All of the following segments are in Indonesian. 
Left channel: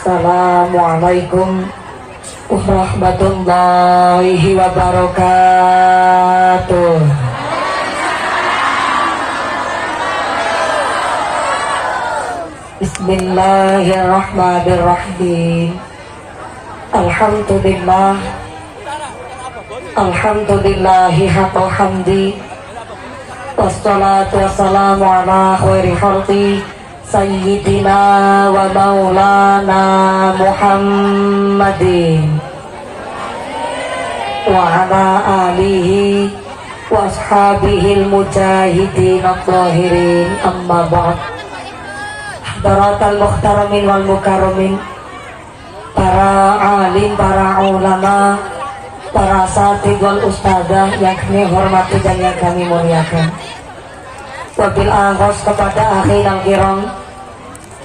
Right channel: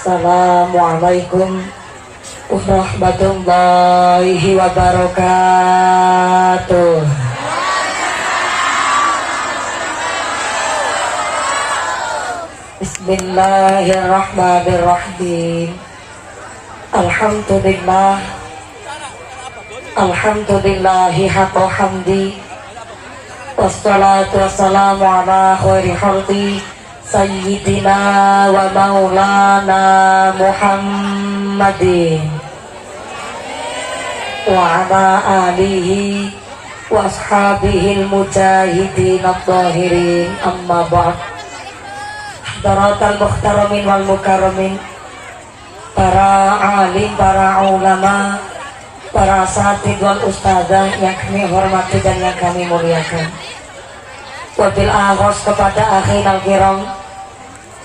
Assalamualaikum warahmatullahi wabarakatuh. Bismillahirrahmanirrahim. Alhamdulillah, alhamdulillahi haqqal hamdi, wassalatu wassalamu ala khairi khalqi Sayyidina wa maulana Muhammadin wa ala alihi wa ashabihil mujahidin at-tahirin, amma ba'd. Hadaratal muhtaramin wal mukarramin, para alim, para ulama, para asatidz wal ustadzah yang kami hormati dan yang kami muliakan. Wabil akhos kepada akhir al-kiram,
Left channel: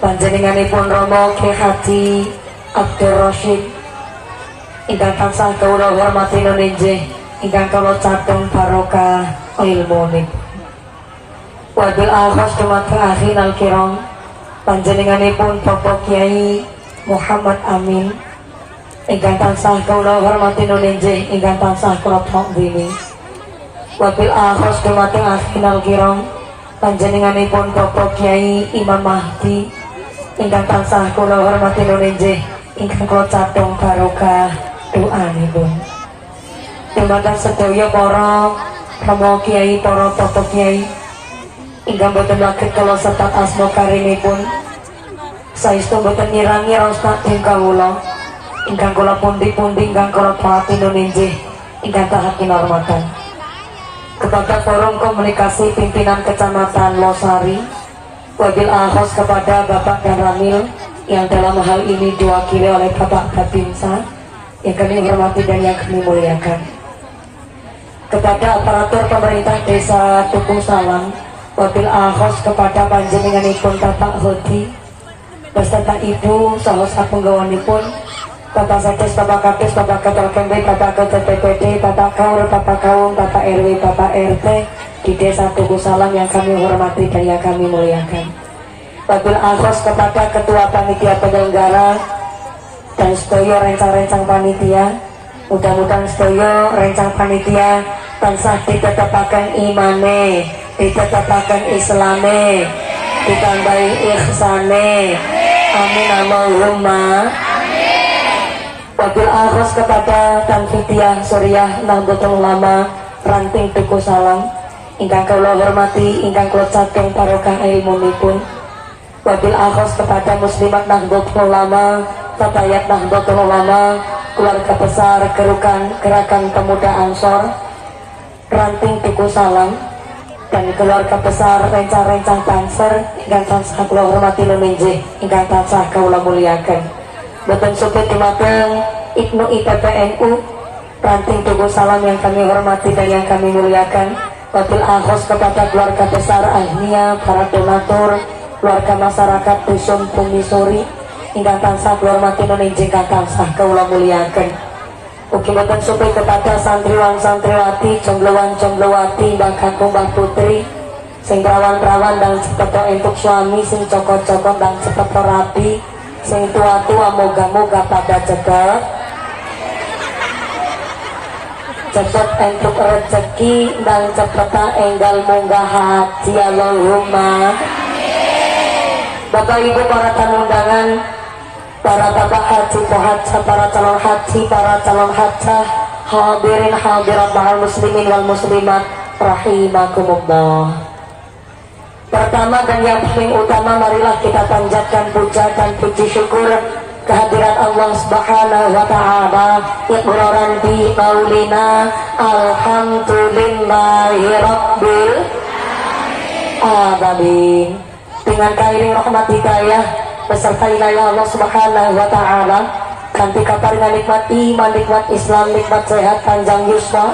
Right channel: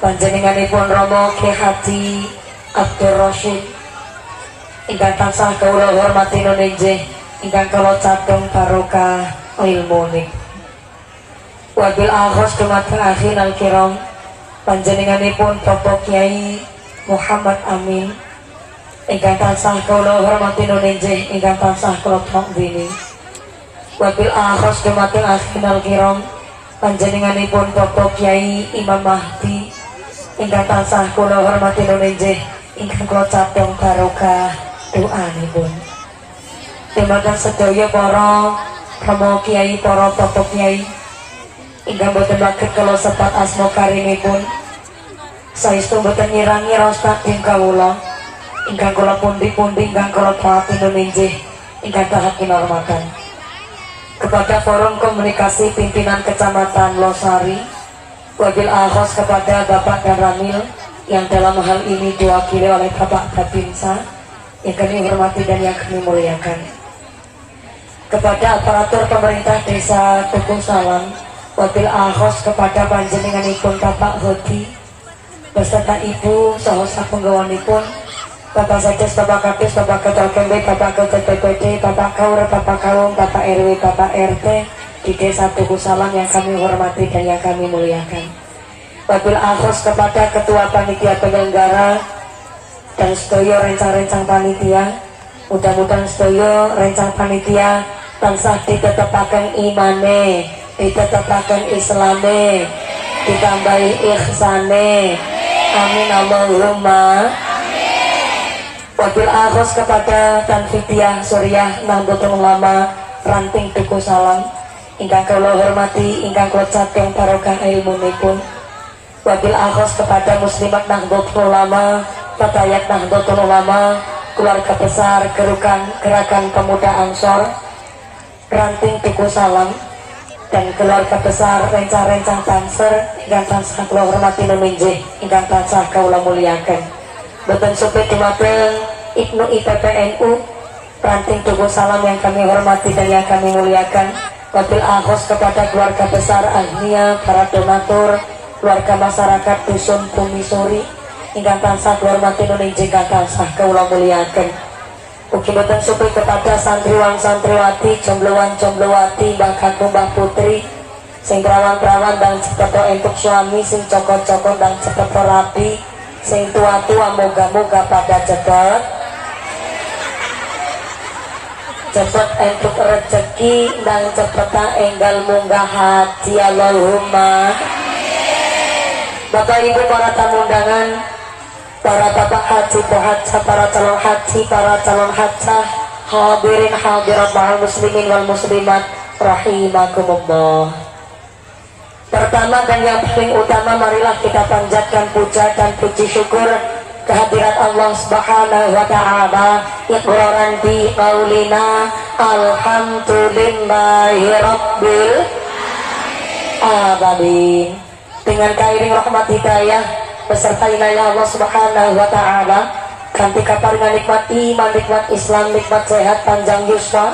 panjenenganipun Romo Kyai Haji Abdul Rasyid ingkang tansah kawula hormati nuninjih, ingkang kula catung barokah ilmu. Wabil akhos kepada akhir al-kiram, panjenenganipun Bapak Kyai Muhammad Amin ingkang tansah kula hormati nuninjih, ingkang tansah kula takzimi. Wabil akhos kepada akhir al-kiram, panjenenganipun Bapak Kyai Imam Mahdi ingkang tansah kula hormati nuninjih, ingkang kula catung barokah doanipun. Dumateng sedaya para Rama Kyai, para Bapak Kyai ingkang boten saged kula sebat asma karimipun, saestu boten ngirangi raos takdim kawula ingkang kula pundi-pundi ingkang kula pangati nuninjih, ingkang tahat kinurmatan. Kepada forum komunikasi pimpinan kecamatan Losari, wabil akhos kepada Bapak dan Ramil yang dalam hal ini diwakili oleh Bapak Babinsa yang kami hormati dan yang kami muliakan. Kepada aparatur pemerintah desa Tuku Salam, wabil akhos kepada panjenenganipun Bapak Hodi beserta Ibu saha sapunggawanipun, Bapak Sedes, Bapak Kadis, Bapak Ketua KMB, Bapak Ketua PPD, Bapak Kaur, Bapak Kawung, Bapak RW, Bapak RT di Desa Tugu Salam yang kami hormati dan yang kami muliakan. Wabil akhos kepada Ketua Panitia Penyelenggara dan sedaya rencang-rencang panitia, mudah-mudahan sedaya rencang panitia tansah ditetepaken imane, ditetepaken islame, ditambahi ihsane. Amin Allahumma. Wabil akhos kepada Tanfidiyah Suriah Nahdlatul Ulama Ranting Tuku Salam ingkang kula hormati, ingkang kula catung barokah ilmunipun. Wabil akhos kepada Muslimat Nahdlatul Ulama, Fatayat Nahdlatul Ulama, keluarga besar Gerakan Pemuda Ansor Ranting Tuku Salam, dan keluarga besar rencang-rencang Banser ingkang tansah kula hormati nuninjih, ingkang tansah kula muliakan. Boten supit dumateng Ibnu IPPNU Ranting Tugu Salam yang kami hormati dan yang kami muliakan. Wabil akhos kepada keluarga besar Ahmia, para donatur, keluarga masyarakat Dusun Bumi Suri ingkang tansah kula hormati nuninjih, ingkang tansah kula muliakan. Ugi boten supit kepada santriwan santriwati, jomblowan-jomblowati, mbah kakung mbah putri, sing perawan-perawan dan cepet entuk suami, sing cokot-cokot dan cepet rapi, sing tua-tua moga-moga pada cepet entuk rezeki dan cepeta enggal munggah haji, Allahumma. Bapak Ibu para tamu undangan, para bapak haji, pohaja, para calon haji, para calon hajah, hadirin hadirat ma'al muslimin wal muslimat rahimakumullah. Pertama dan yang paling utama, marilah kita panjatkan puja dan puji syukur kehadirat Allah Subhanahu wa ta'ala, iqraran bi qaulina alhamdulillahi rabbil alamin. Dengan kairing rahmat hidayah beserta inayah Allah Subhanahu wa ta'ala, kanthi kaparingan nikmat iman, nikmat Islam, nikmat sehat panjang yuswa,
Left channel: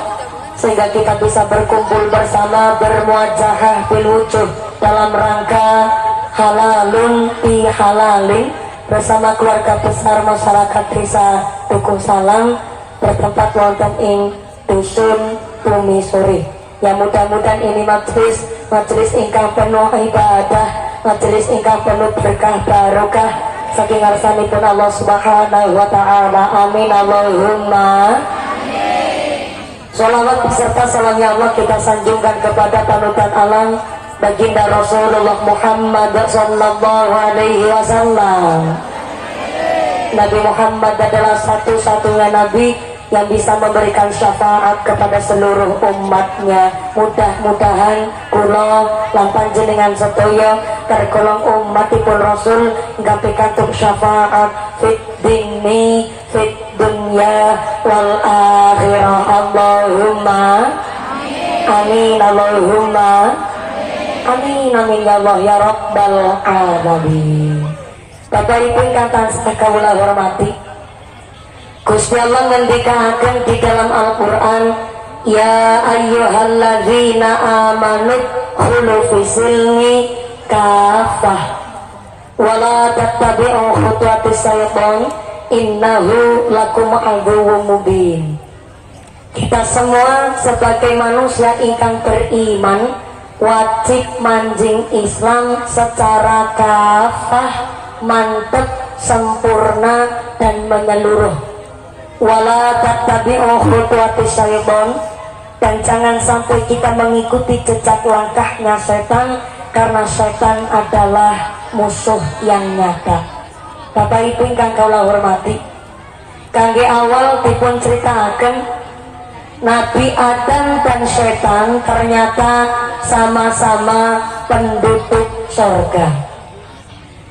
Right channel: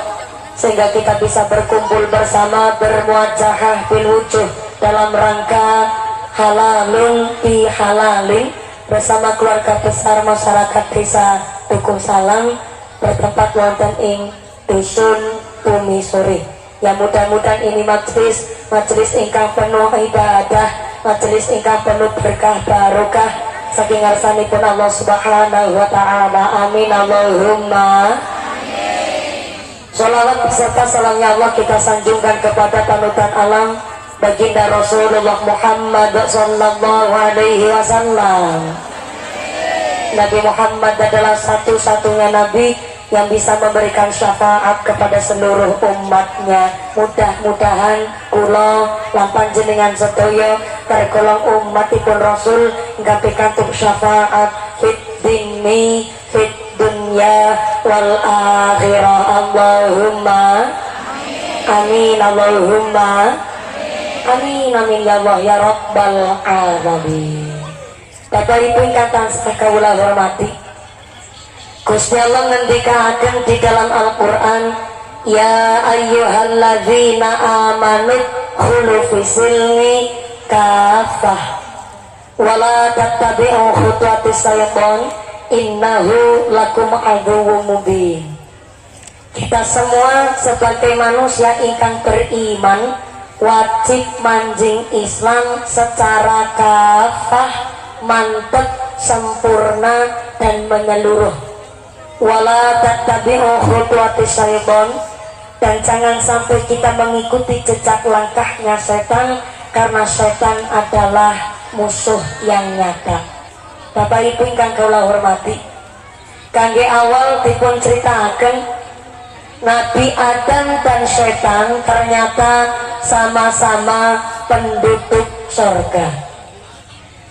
sehingga kita bisa berkumpul bersama, bermuajahah bil wujuh dalam rangka halalun fi halalin bersama keluarga besar masyarakat Desa Tuku Salam bertempat wonten ing Dusun Bumi Suri. Ya, mudah-mudahan ini majelis ingkang penuh ibadah, majelis ingkang penuh berkah barokah, saking ngarsanipun Allah Subhanahu wa taala. Amin Allahumma. Shalawat beserta salamnya Allah kita sanjungkan kepada panutan alam baginda Rasulullah Muhammad sallallahu alaihi wasallam. Nabi Muhammad adalah satu-satunya nabi yang bisa memberikan syafaat kepada seluruh umatnya. Mudah-mudahan kula lan panjenengan sedaya tergolong umatipun Rasul ingkang pikantuk syafaat fit dini fit dunya wal akhirah. Allahumma amin Allahumma amin amin ya Allah ya rabbal alamin. Bapak Ibu ingkang tansah kawula hormati, Gusti Allah ngendikaken di dalam Al-Qur'an, ya ayyuhalladzina amanu khulu fisilmi kafah wala tattabi'u khutuwatis syaitan innahu lakum aduwwum mubin. Kita semua sebagai manusia ingkang beriman wajib manjing Islam secara kafah, mantep, sempurna dan menyeluruh. Wala tattabi'u khutuwatis syaitan, dan jangan sampai kita mengikuti jejak langkahnya setan, karena setan adalah musuh yang nyata. Bapak Ibu ingkang kula hormati, kangge awal dipun ceritaken Nabi Adam dan setan ternyata sama-sama penduduk surga.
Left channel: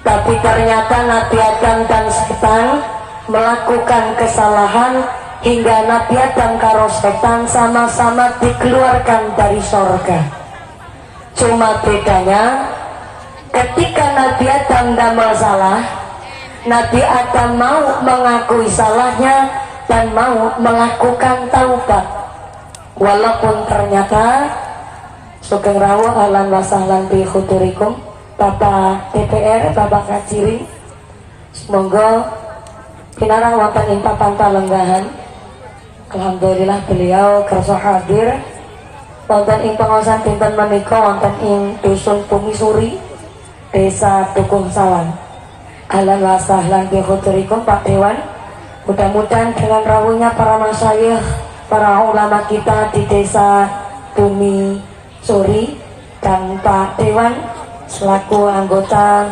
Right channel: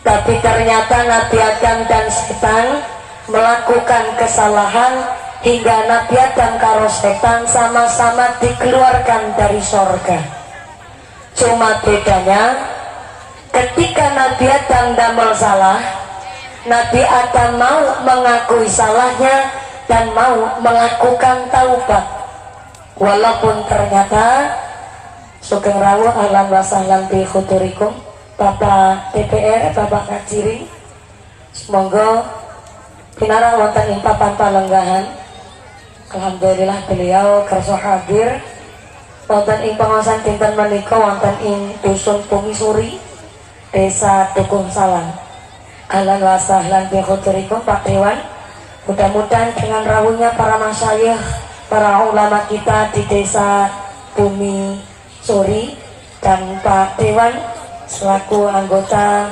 Tapi ternyata Nabi Adam dan setan melakukan kesalahan hingga Nabi Adam karo setan sama-sama dikeluarkan dari surga. Cuma bedanya ketika Nabi Adam damel salah, Nabi Adam mau mengakui salahnya dan mau melakukan taubat. Walaupun ternyata sugeng rawuh ahlan wa sahlan bi khuturikum Bapak DPR, Bapak Kaciri, semoga pinarang wonten ing papan palenggahan. Alhamdulillah beliau kersa hadir wonten ing pengawasan dinten menika wonten ing dusun Pumisuri, Desa Dukuh Salang. Ahlan wa sahlan bi khuturikum Pak Dewan. Mudah-mudahan dengan rawuhnya para masyayikh, para ulama kita di Desa Pumisuri dan Pak Dewan selaku anggota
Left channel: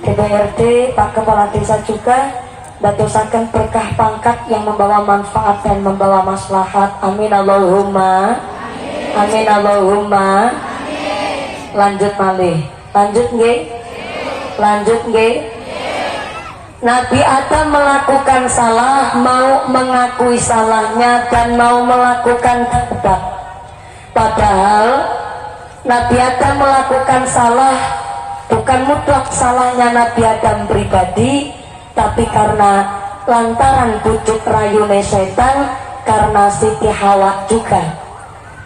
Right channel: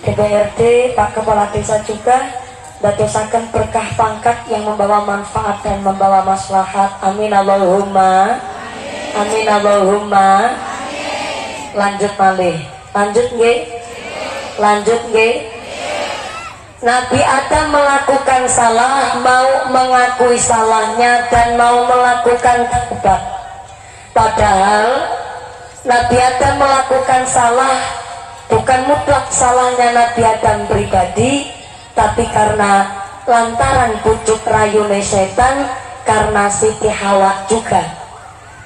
DPRD, Pak Kepala Desa juga dadosaken berkah pangkat yang membawa manfaat dan membawa maslahat. Amin Allahumma amin Allahumma. Lanjut malih, lanjut nggih, lanjut nggih. Nabi Adam melakukan salah, mau mengakui salahnya dan mau melakukan taubat. Padahal Nabi Adam melakukan salah bukan mutlak salahnya Nabi Adam pribadi, tapi karena lantaran bujuk rayune setan, karena Siti Hawa juga.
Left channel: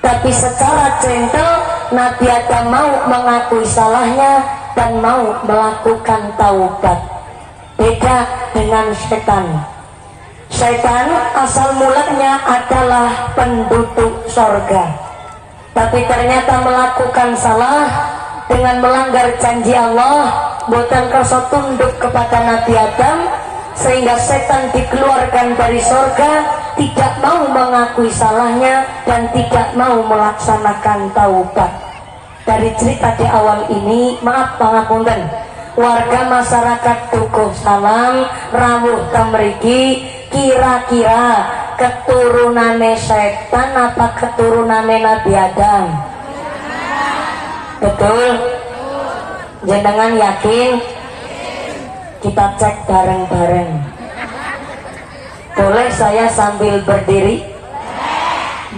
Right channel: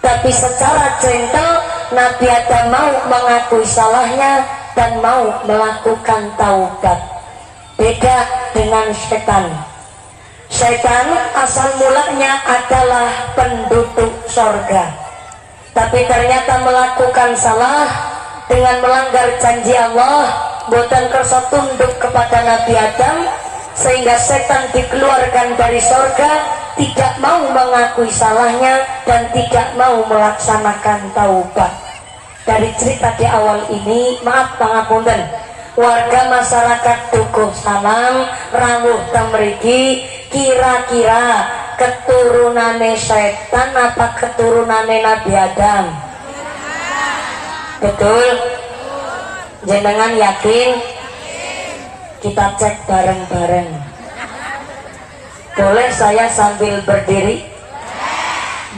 Tapi secara gentle Nabi Adam mau mengakui salahnya dan mau melakukan taubat. Beda dengan setan. Setan asal mulanya adalah penduduk sorga, tapi ternyata melakukan salah dengan melanggar janji Allah, boten kersa tunduk kepada Nabi Adam, sehingga setan dikeluarkan dari sorga, tidak mau mengakui salahnya dan tidak mau melaksanakan taubat. Dari cerita di awal ini, maaf pangapunten, warga masyarakat Dukuh Salang rawuh temriki kira-kira keturunane setan apa keturunane Nabi Adam? Betul? Jenengan yakin? Kita cek bareng-bareng. Boleh saya sambil berdiri?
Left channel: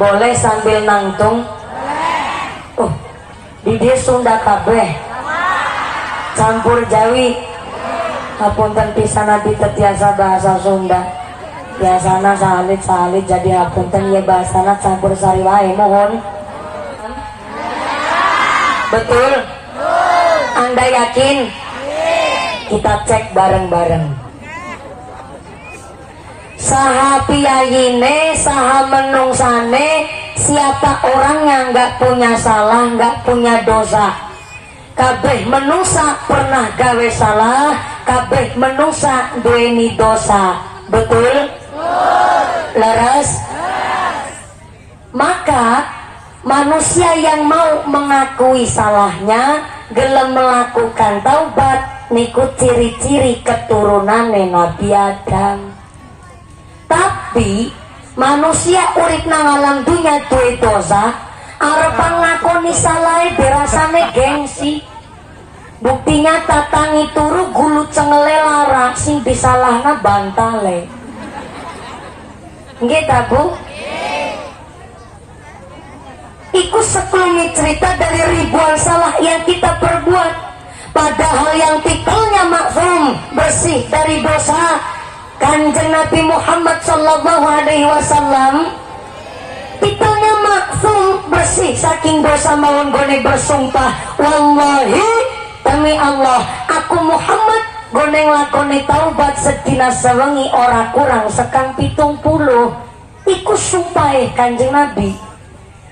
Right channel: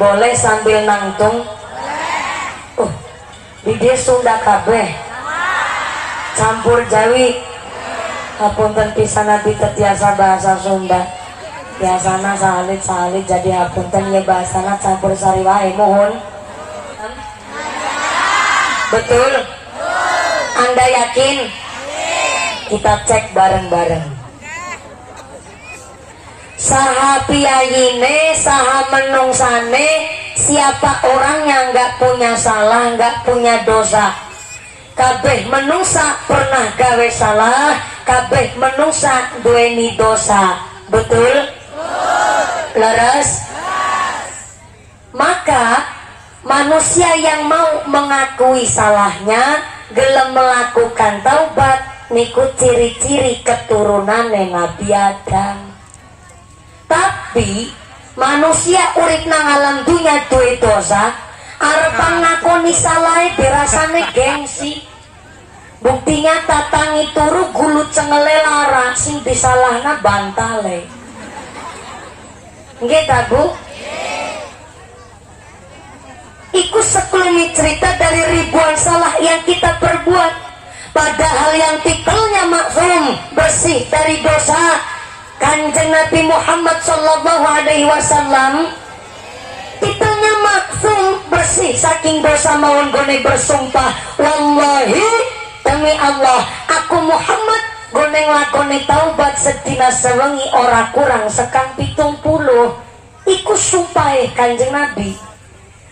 Boleh sambil nangtung? Di dia Sunda kabeh campur Jawi, hapunten pisan nabi tetiasa bahasa Sunda, biasana salit jadi hapunten ya bahasana campur sari wae. Mohon. Betul? Anda yakin? Kita cek bareng-bareng. Saha piyayine, saha menungsane, siapa orang yang nggak punya salah, nggak punya dosa, kabeh menungsa pernah gawe salah, kabeh menungsa duweni dosa. Betul? Laras? Maka manusia yang mau mengakui salahnya, gelem melakukan taubat, niku ciri-ciri keturunan Nabi Adam. Tapi manusia urip nang alam dunya duwe dosa, arep ngakoni salah dirasane gengsi. Buktinya tatangi turu gulu cengele lara, sing disalahna bantale. Nggih ta, Bu? Iku sekelumit cerita dari ribuan salah yang kita perbuat, padahal yang titelnya maksum, bersih dari dosa. Kanjeng Nabi Muhammad sallallahu alaihi wasallam titelnya maksum, bersih saking dosa, mawon gone bersumpah, wallahi demi Allah aku Muhammad gone nglakoni taubat sedina sewengi ora kurang sekang 70. Iku sumpahe Kanjeng Nabi.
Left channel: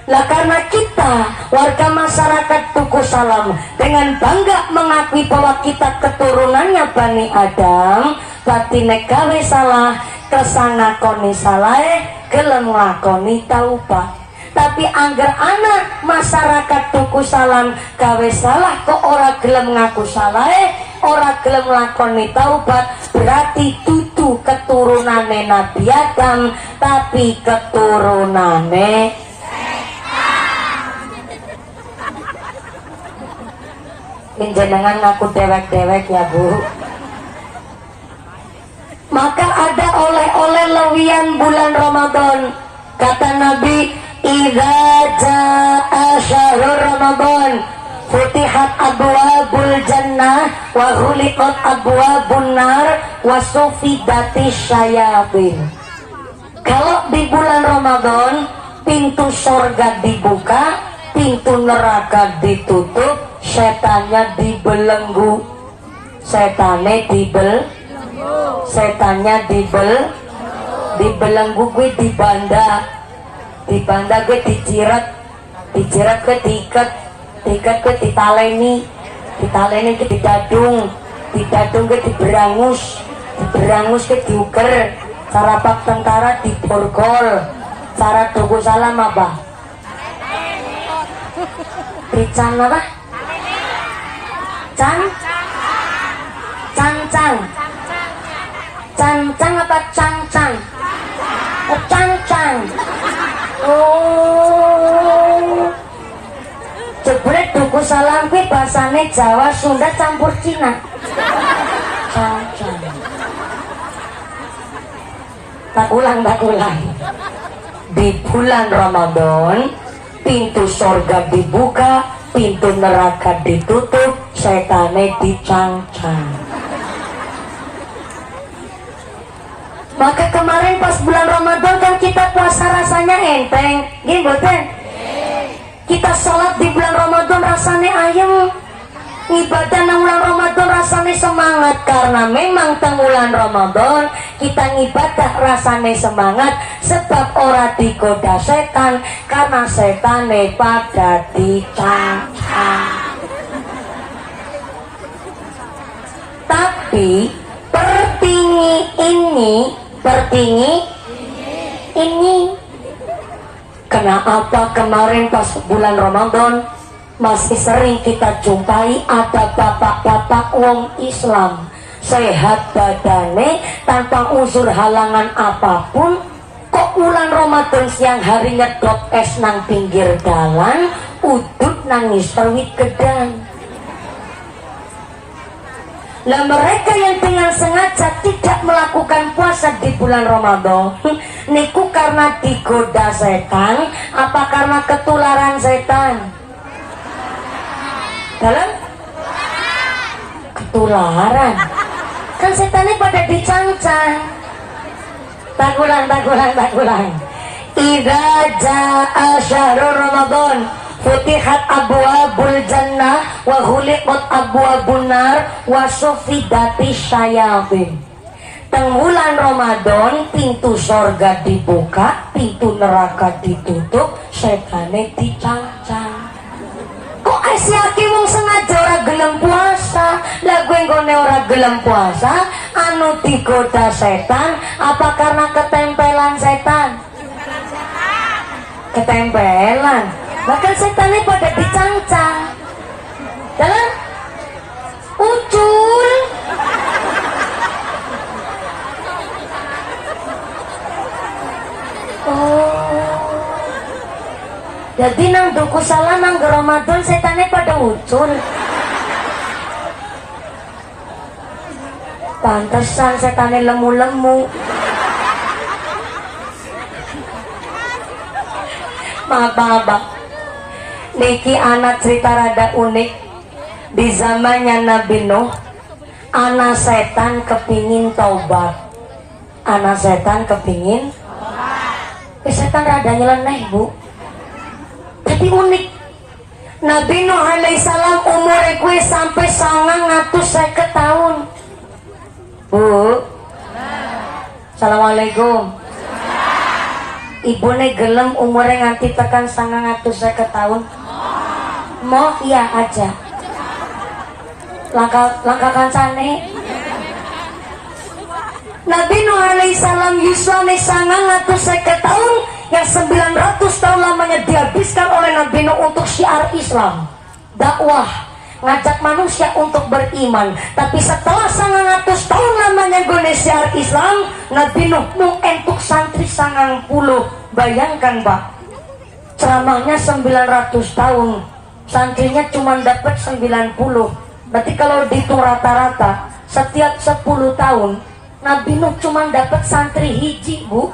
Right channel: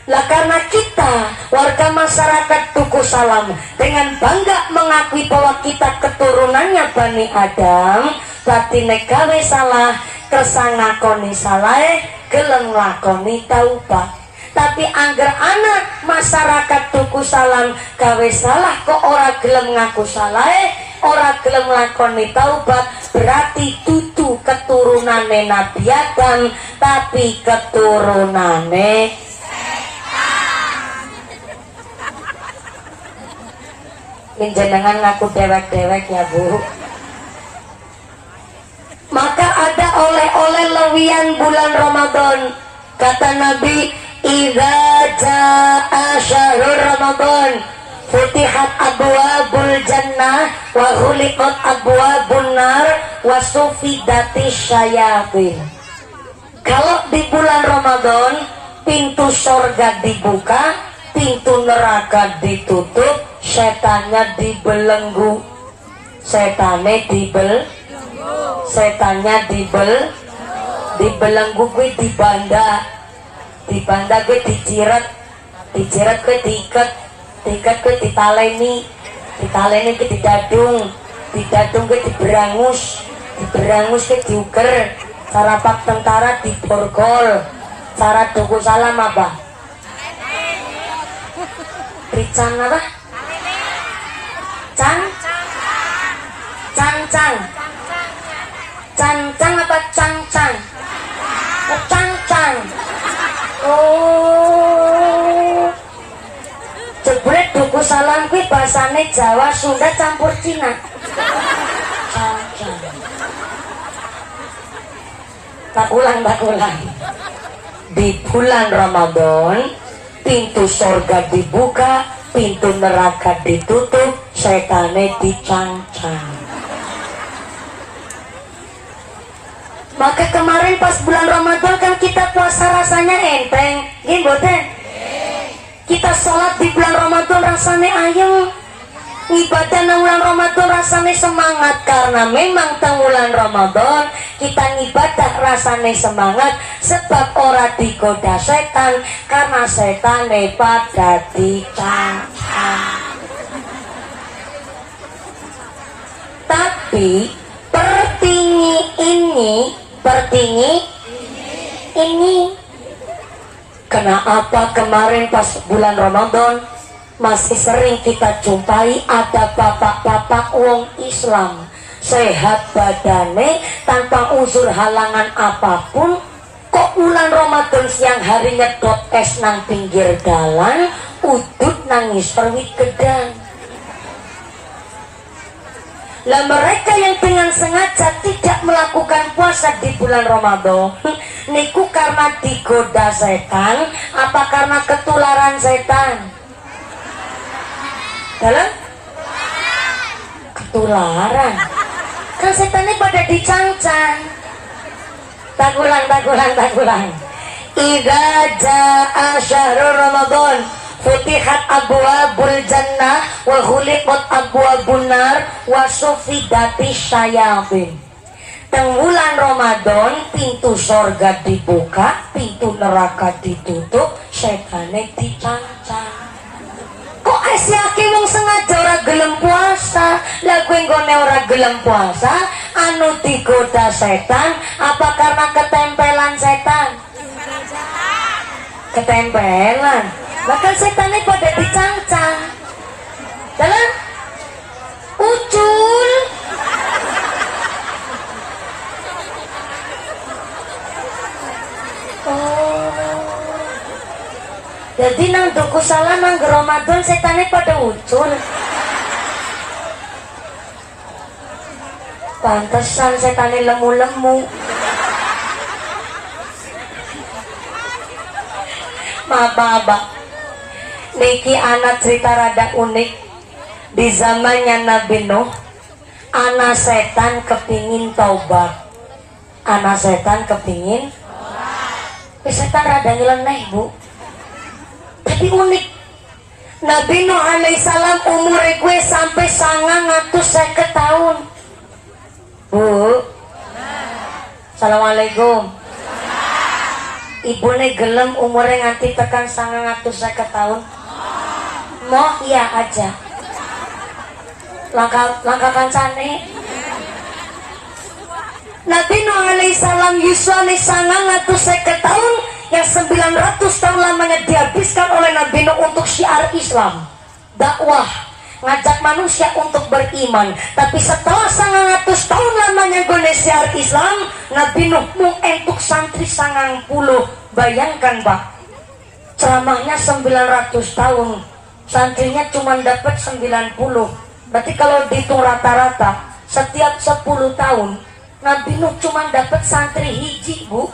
Lah karena kita warga masyarakat Tugu Salam dengan bangga mengakui bahwa kita keturunannya Bani Adam, berarti nek gawe salah kersa ngakoni salah, gelem nglakoni taubat. Tapi angger anak masyarakat Tugu Salam gawe salah kok ora gelem ngaku salah, ora gelem nglakoni taubat, berarti dudu keturunane Nabi Adam, tapi keturunane jenengan ngaku dewek-dewek ya, Bu. Maka ada oleh-oleh lewian bulan Ramadan. Kata Nabi, idza jaa syahrul Ramadan futihat abwabul jannah wa ghuliqat abwabun nar wa sufidatis syayatin. Kalau di bulan Ramadan pintu surga dibuka, pintu neraka ditutup, setannya dibelenggu. Setannya dibelenggu gue dibanda gue dijirat gue diikat gue ditaleni gue didadung gue diberangus gue diuker, cara pak tentara diborgol, cara Tugu Salam apa? Berican apa? Cancang apa cancang? Cancang. Oh. Jebule Tugu Salam kuwi basane Jawa Sunda campur Cina. Cancang. Tak ulang. Di bulan Ramadan pintu surga dibuka, pintu neraka ditutup, setane dicancang. Maka kemarin pas bulan Ramadan kan kita puasa rasanya enteng, gini boten? Kita sholat di bulan Ramadan rasanya ayo, ibadah nang bulan Ramadan rasanya semangat, karena memang tang bulan Ramadan kita ngibadah rasanya semangat, sebab ora digoda setan, karena setane pada dicancang. Tapi pertingi ini kenapa kemarin pas bulan Ramadan masih sering kita jumpai ada bapak-bapak wong Islam sehat badane tanpa unsur halangan apapun, kok bulan Ramadan siang hari nyedot es nang pinggir dalan, udut nangis perwit gedang. Lah mereka yang dengan sengaja tidak melakukan puasa di bulan Ramadan niku karena digoda setan apa karena ketularan setan? Dalam? Ketularan. Kan setannya pada dicancang. Tak ulang. Idza jaa syahrul Ramadan futihat abwabul jannah wa ghuliqat abwabun nar wa sufidatis syayatin. Teng bulan Ramadan pintu surga dibuka, pintu neraka ditutup, setane dicancang. Kok asiake wong sengaja ora ora gelem puasa. Lah kowe nggone ora gelem puasa, anu digoda setan apa karena ketempelan setan? Ketempelan. Bahkan setannya pada dicancang. Dalam ucul. Jadi nang duku salah nang Ramadan setannya pada ucul. Pantesan setannya lemu-lemu. Maaf. Niki anak cerita rada unik. Di zamannya Nabi Nuh, anak setan kepingin taubat. Anak setan kepingin setan rada nyeleneh, Bu. Tapi unik. Nabi Nuh alaihissalam umurnya gue sampai 950 tahun. Bu. Assalamualaikum. Ibu gelem umurnya nganti tekan 950 tahun. Mau iya aja. Langkah kancane. Nabi Nuh alaihissalam yuswane 950 tahun, yang 900 tahun lamanya dihabiskan oleh Nabi Nuh untuk syiar Islam, dakwah, ngajak manusia untuk beriman. Tapi setelah 900 tahun lamanya gone syiar Islam, Nabi Nuh mau entuk santri 90. Bayangkan Pak, ceramahnya 900 tahun, santrinya cuma dapat 90. Berarti kalau dihitung rata-rata setiap 10 tahun Nabi Nuh cuma dapat santri hiji, Bu.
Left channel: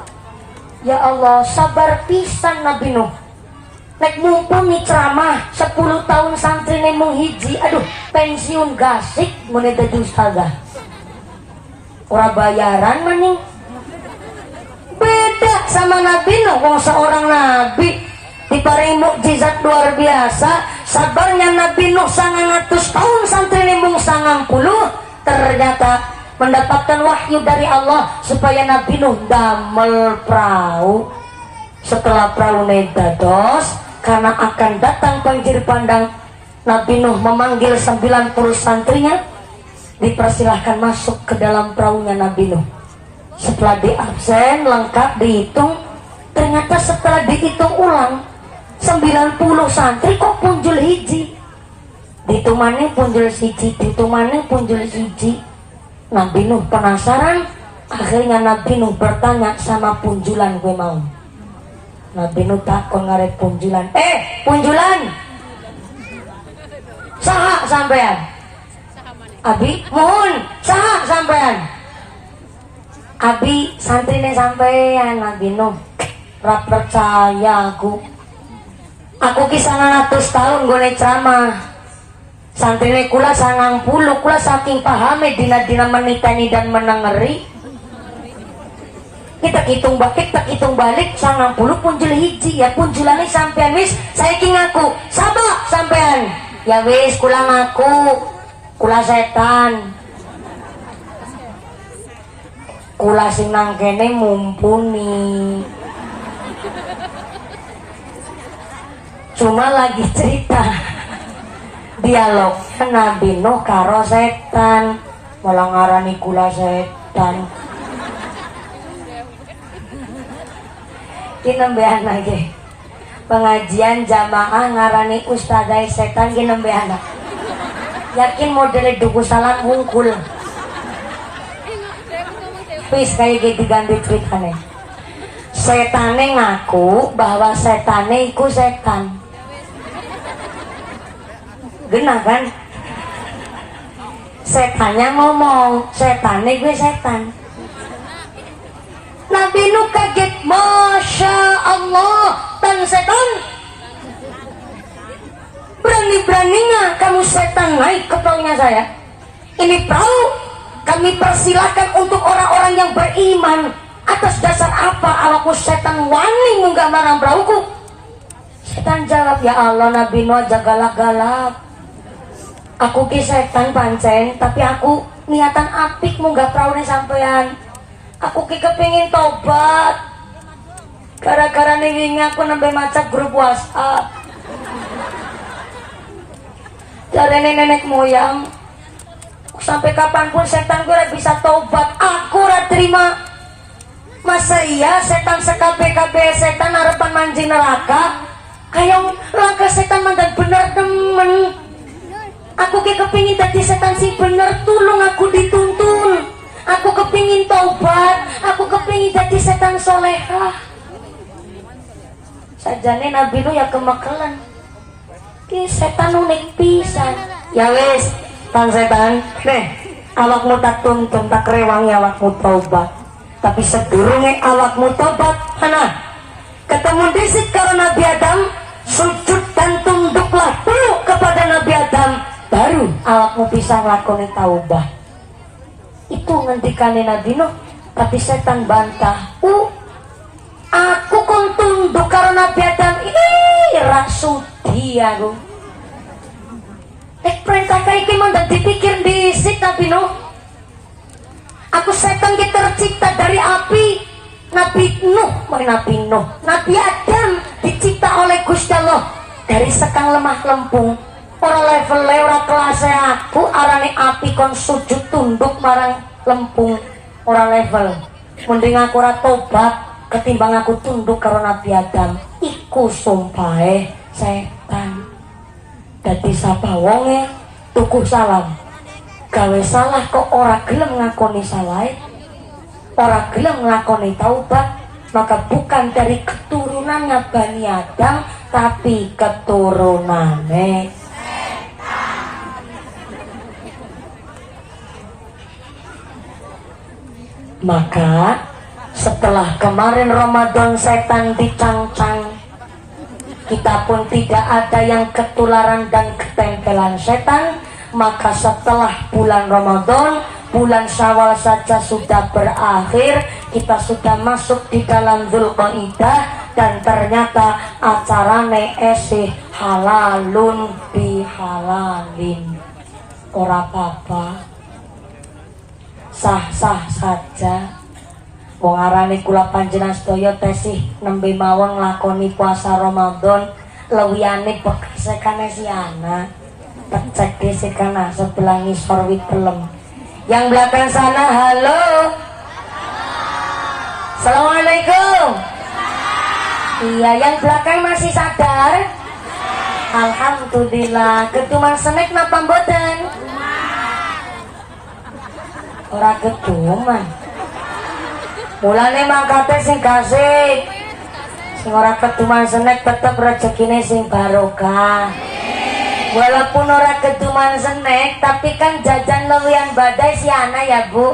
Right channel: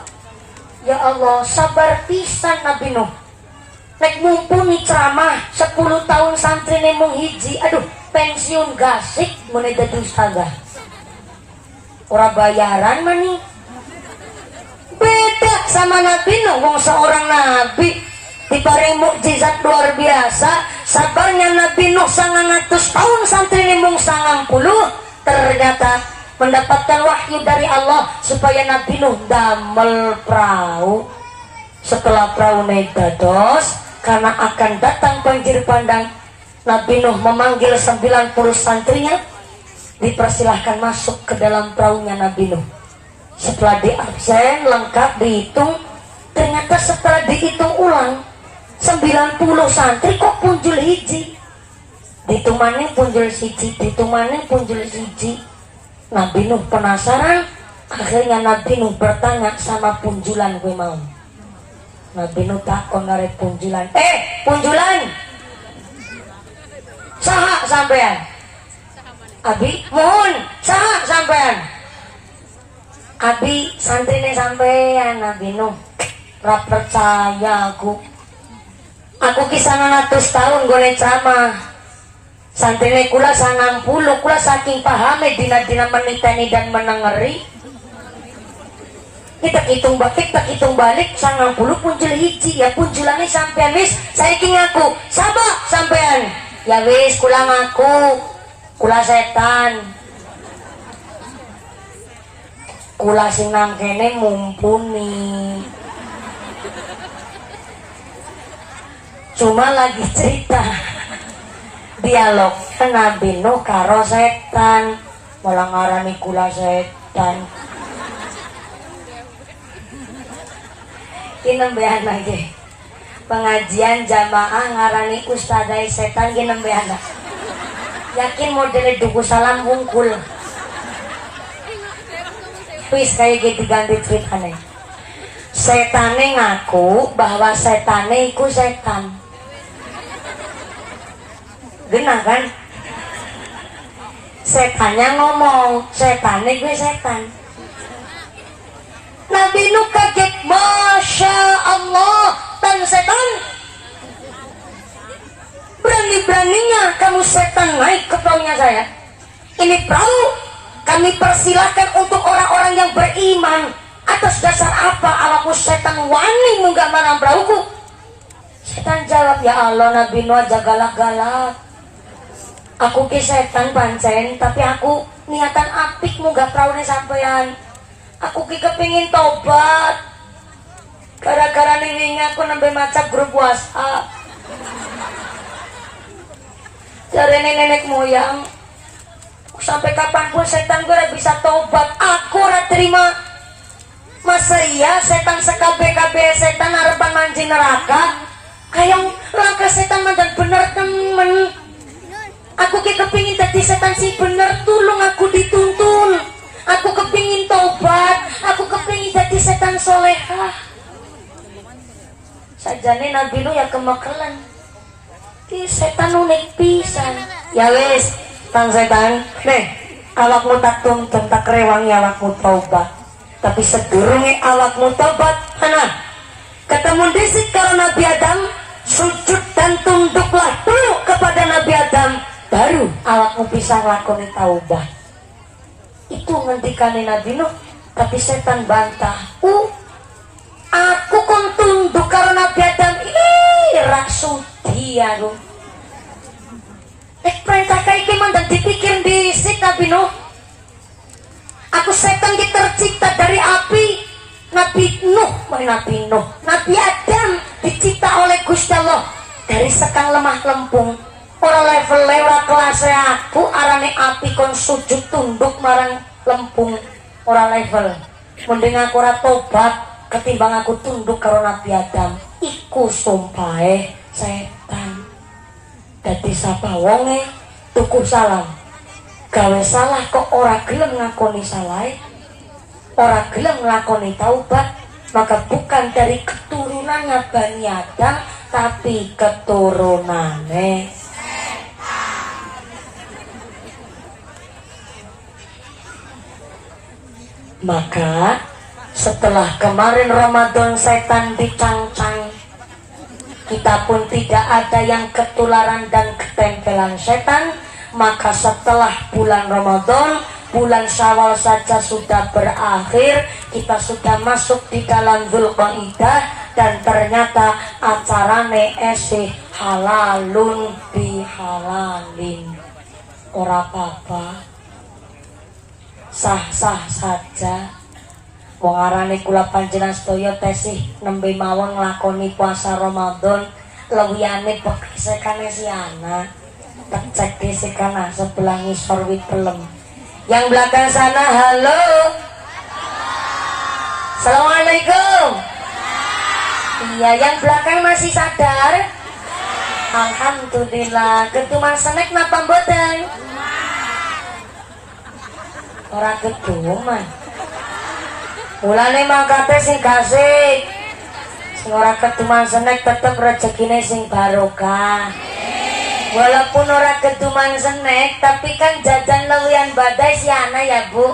Ya Allah, sabar pisan Nabi Nuh. Nek mumpuni ceramah 10 tahun santri nemung hiji, aduh, pensiun gasik mulai dadi ustazah. Ora bayaran mani. Beda sama Nabi Nuh, wong seorang nabi diparing mukjizat luar biasa. Sabarnya Nabi Nuh 900 tahun santri nemung 90. Ternyata mendapatkan wahyu dari Allah supaya Nabi Nuh damel perahu. Setelah perahu naik dados, karena akan datang banjir bandang, Nabi Nuh memanggil 90 santrinya, dipersilahkan masuk ke dalam perahunya Nabi Nuh. Setelah diabsen lengkap dihitung, ternyata setelah dihitung ulang 90 santri kok punjul hiji. Ditumane punjul siji, ditumane punjul hiji. Nabi Nuh penasaran, akhirnya Nabi Nuh bertanya sama punjulan gue mau. Nabi Nuh takon ngarep punjulan, punjulan saha sampean? Abi mohon saha sampean? Abi santrine sampean. Nabi Nuh ora percaya aku kisah 100 tahun gue ceramah. Santrine kula 90, kula saking pahame dina-dina menitani dan menengeri. Kita hitung balik 90 punjul hiji, ya punjulannya sampean wis saiki ngaku sabak sampean. Ya wis kula ngaku, kula setan. Kula sing nang kene mumpuni. Cuma lagi cerita dialog Nabi Nuh karo setan, malah ngarani kula setan. Ki nembean aja pengajian jamaah ngarani ustadzai setan, ki nembean. Yakin model duku salam wungkul. Wis kayak gitu ganti ceritane. Setane ngaku bahwa setane iku setan. Genah kan? Setannya ngomong, setane gue setan. Nabi Nuh kaget, Masya Allah, tan setan. Berani-beraninya kamu setan naik ke perahunya saya. Ini perahu kami persilahkan untuk orang-orang yang beriman. Atas dasar apa alaku setan wani munggah marang perahuku? Setan jawab, ya Allah, Nabi Nuh aja galak-galak. Aku ki setan pancen, tapi aku niatan apik munggah perahunya sampean. Aku ki kepingin tobat. Gara-gara nih aku nambah maca grup WhatsApp. Jare nenek moyang, sampai kapanpun setan gue bisa tobat, aku ora terima. Masa iya setan sekabe-kabe setan harapan manji neraka? Hayang langkah setan mandan bener temen. Aku kepingin dadi setan sing bener, tulung aku dituntun. Aku kepingin tobat, aku kepingin dadi setan solehah. Sajane Nabi lu ya kemekelan. Ki setan unik pisan. Ya wis, Kang setan, nih awakmu tak tuntun, tak rewangi awakmu tobat. Tapi sedurunge awakmu tobat, mana? Ketemu disit karo Nabi Adam, sujud dan tunduklah dulu kepada Nabi Adam, baru awakmu bisa nglakoni taubat. Itu ngendikane Nabi Nuh, tapi setan bantah. Aku kon tunduk karo Nabi Adam, ra sudi aku. Perintah kayak gimana dipikir bisik Nabi Nuh. Aku setan ki tercipta dari api. Nabi Nuh, Nabi Adam dicipta oleh Gusti Allah dari sekang lemah lempung. Ora level ora kelas aku arane api kon sujud tunduk marang lempung, ora level. Mending aku ora tobat ketimbang aku tunduk karo Nabi Adam. Iku sumpahe setan. Dadi sapa wonge tuku salam, gawe salah kok ora gelem ngakoni salah, ora gelem ngakoni taubat, maka bukan dari keturunannya Bani Adam, tapi keturunannya setan. Maka setelah kemarin Ramadan setan dicancang, kita pun tidak ada yang ketularan dan ketempelan setan. Maka setelah bulan Ramadan, bulan Syawal saja sudah berakhir, kita sudah masuk di dalam Dzulqa'dah, dan ternyata acarane esih halalun bihalalin. Ora apa-apa, sah-sah saja. Wong arane kula panjenengan sedaya tesih nembe mawon nglakoni puasa Ramadan, lewiyane bekesekane si anak. Cek desekana sebelah ngisor wit pelem. Yang belakang sana, halo. Assalamualaikum. Iya, yang belakang masih sadar? Alhamdulillah. Ketuman senek napa mboten? Ora ketuman. Mulane mangkate sing gasik, sing ora ketuman senek tetep rezekine sing barokah. Walaupun ora ketuman senek, tapi kan jajan lewian badai si ana ya Bu.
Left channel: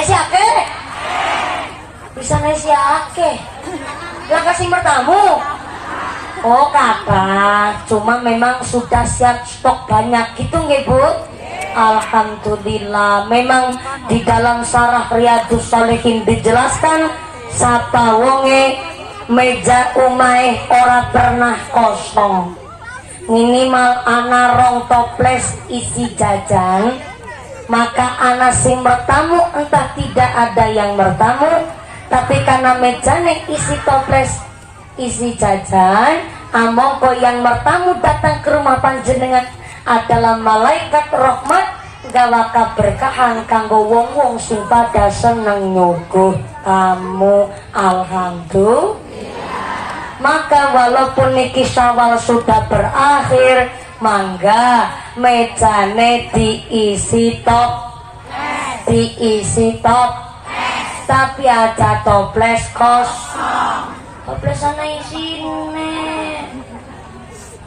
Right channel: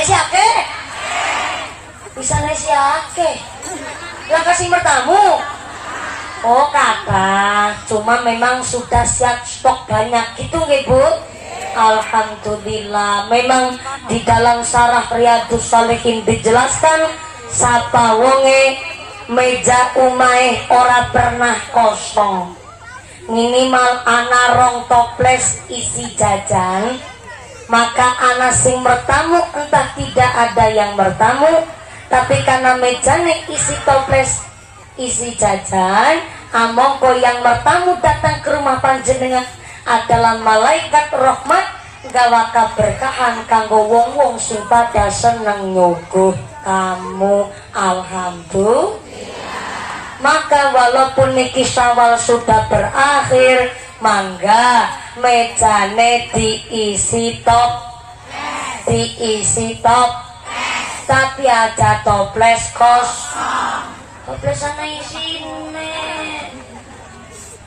Si ake? Bisa naik si ake? Lah kasih bertamu. Oh kakak, cuma memang sudah siap stok banyak gitu nggih Bu? Alhamdulillah. Memang di dalam Syarah Riyadhus Shalihin dijelaskan sapa wonge meja umahe ora pernah kosong, minimal ana rong toples isi jajan. Maka ana sing bertamu entah tidak ada yang bertamu, tapi karena mejane isi toples isi jajan, amangka yang bertamu datang ke rumah panjenengan adalah malaikat rahmat gawa keberkahan kanggo wong-wong sing pada seneng nyuguh kamu. Alhamdulillah. Maka walaupun niki Syawal sudah berakhir, mangga mejane diisi tapi aja toples kosong. Toples ana isine.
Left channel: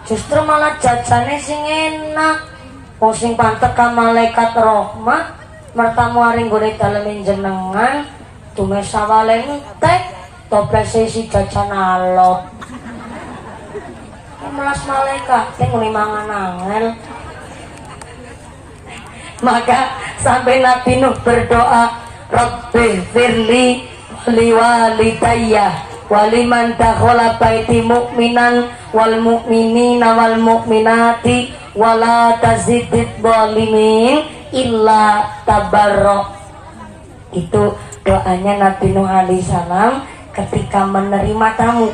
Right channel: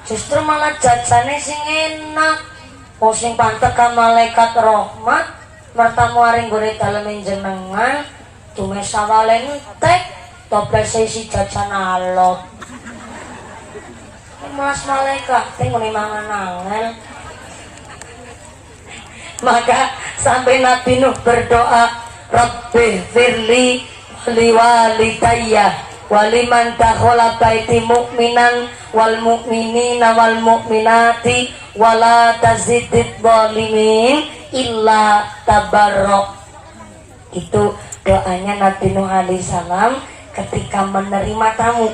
Justru malah jajane sing enak. Oh sing pantek ka malaikat rahmat mertamu aring gone dalem jenengan tume sawale entek toples isi jajan alok. Mas malaikat teng ngene mangan angel. Maka sampai Nabi Nuh berdoa, Rabbi firli liwalidayya waliman dakhala baiti mu'minan wal mu'minina wal mu'minati wala tazidid zalimin illa tabarrok. Itu doanya Nabi Nuh alaihi salam ketika menerima tamu.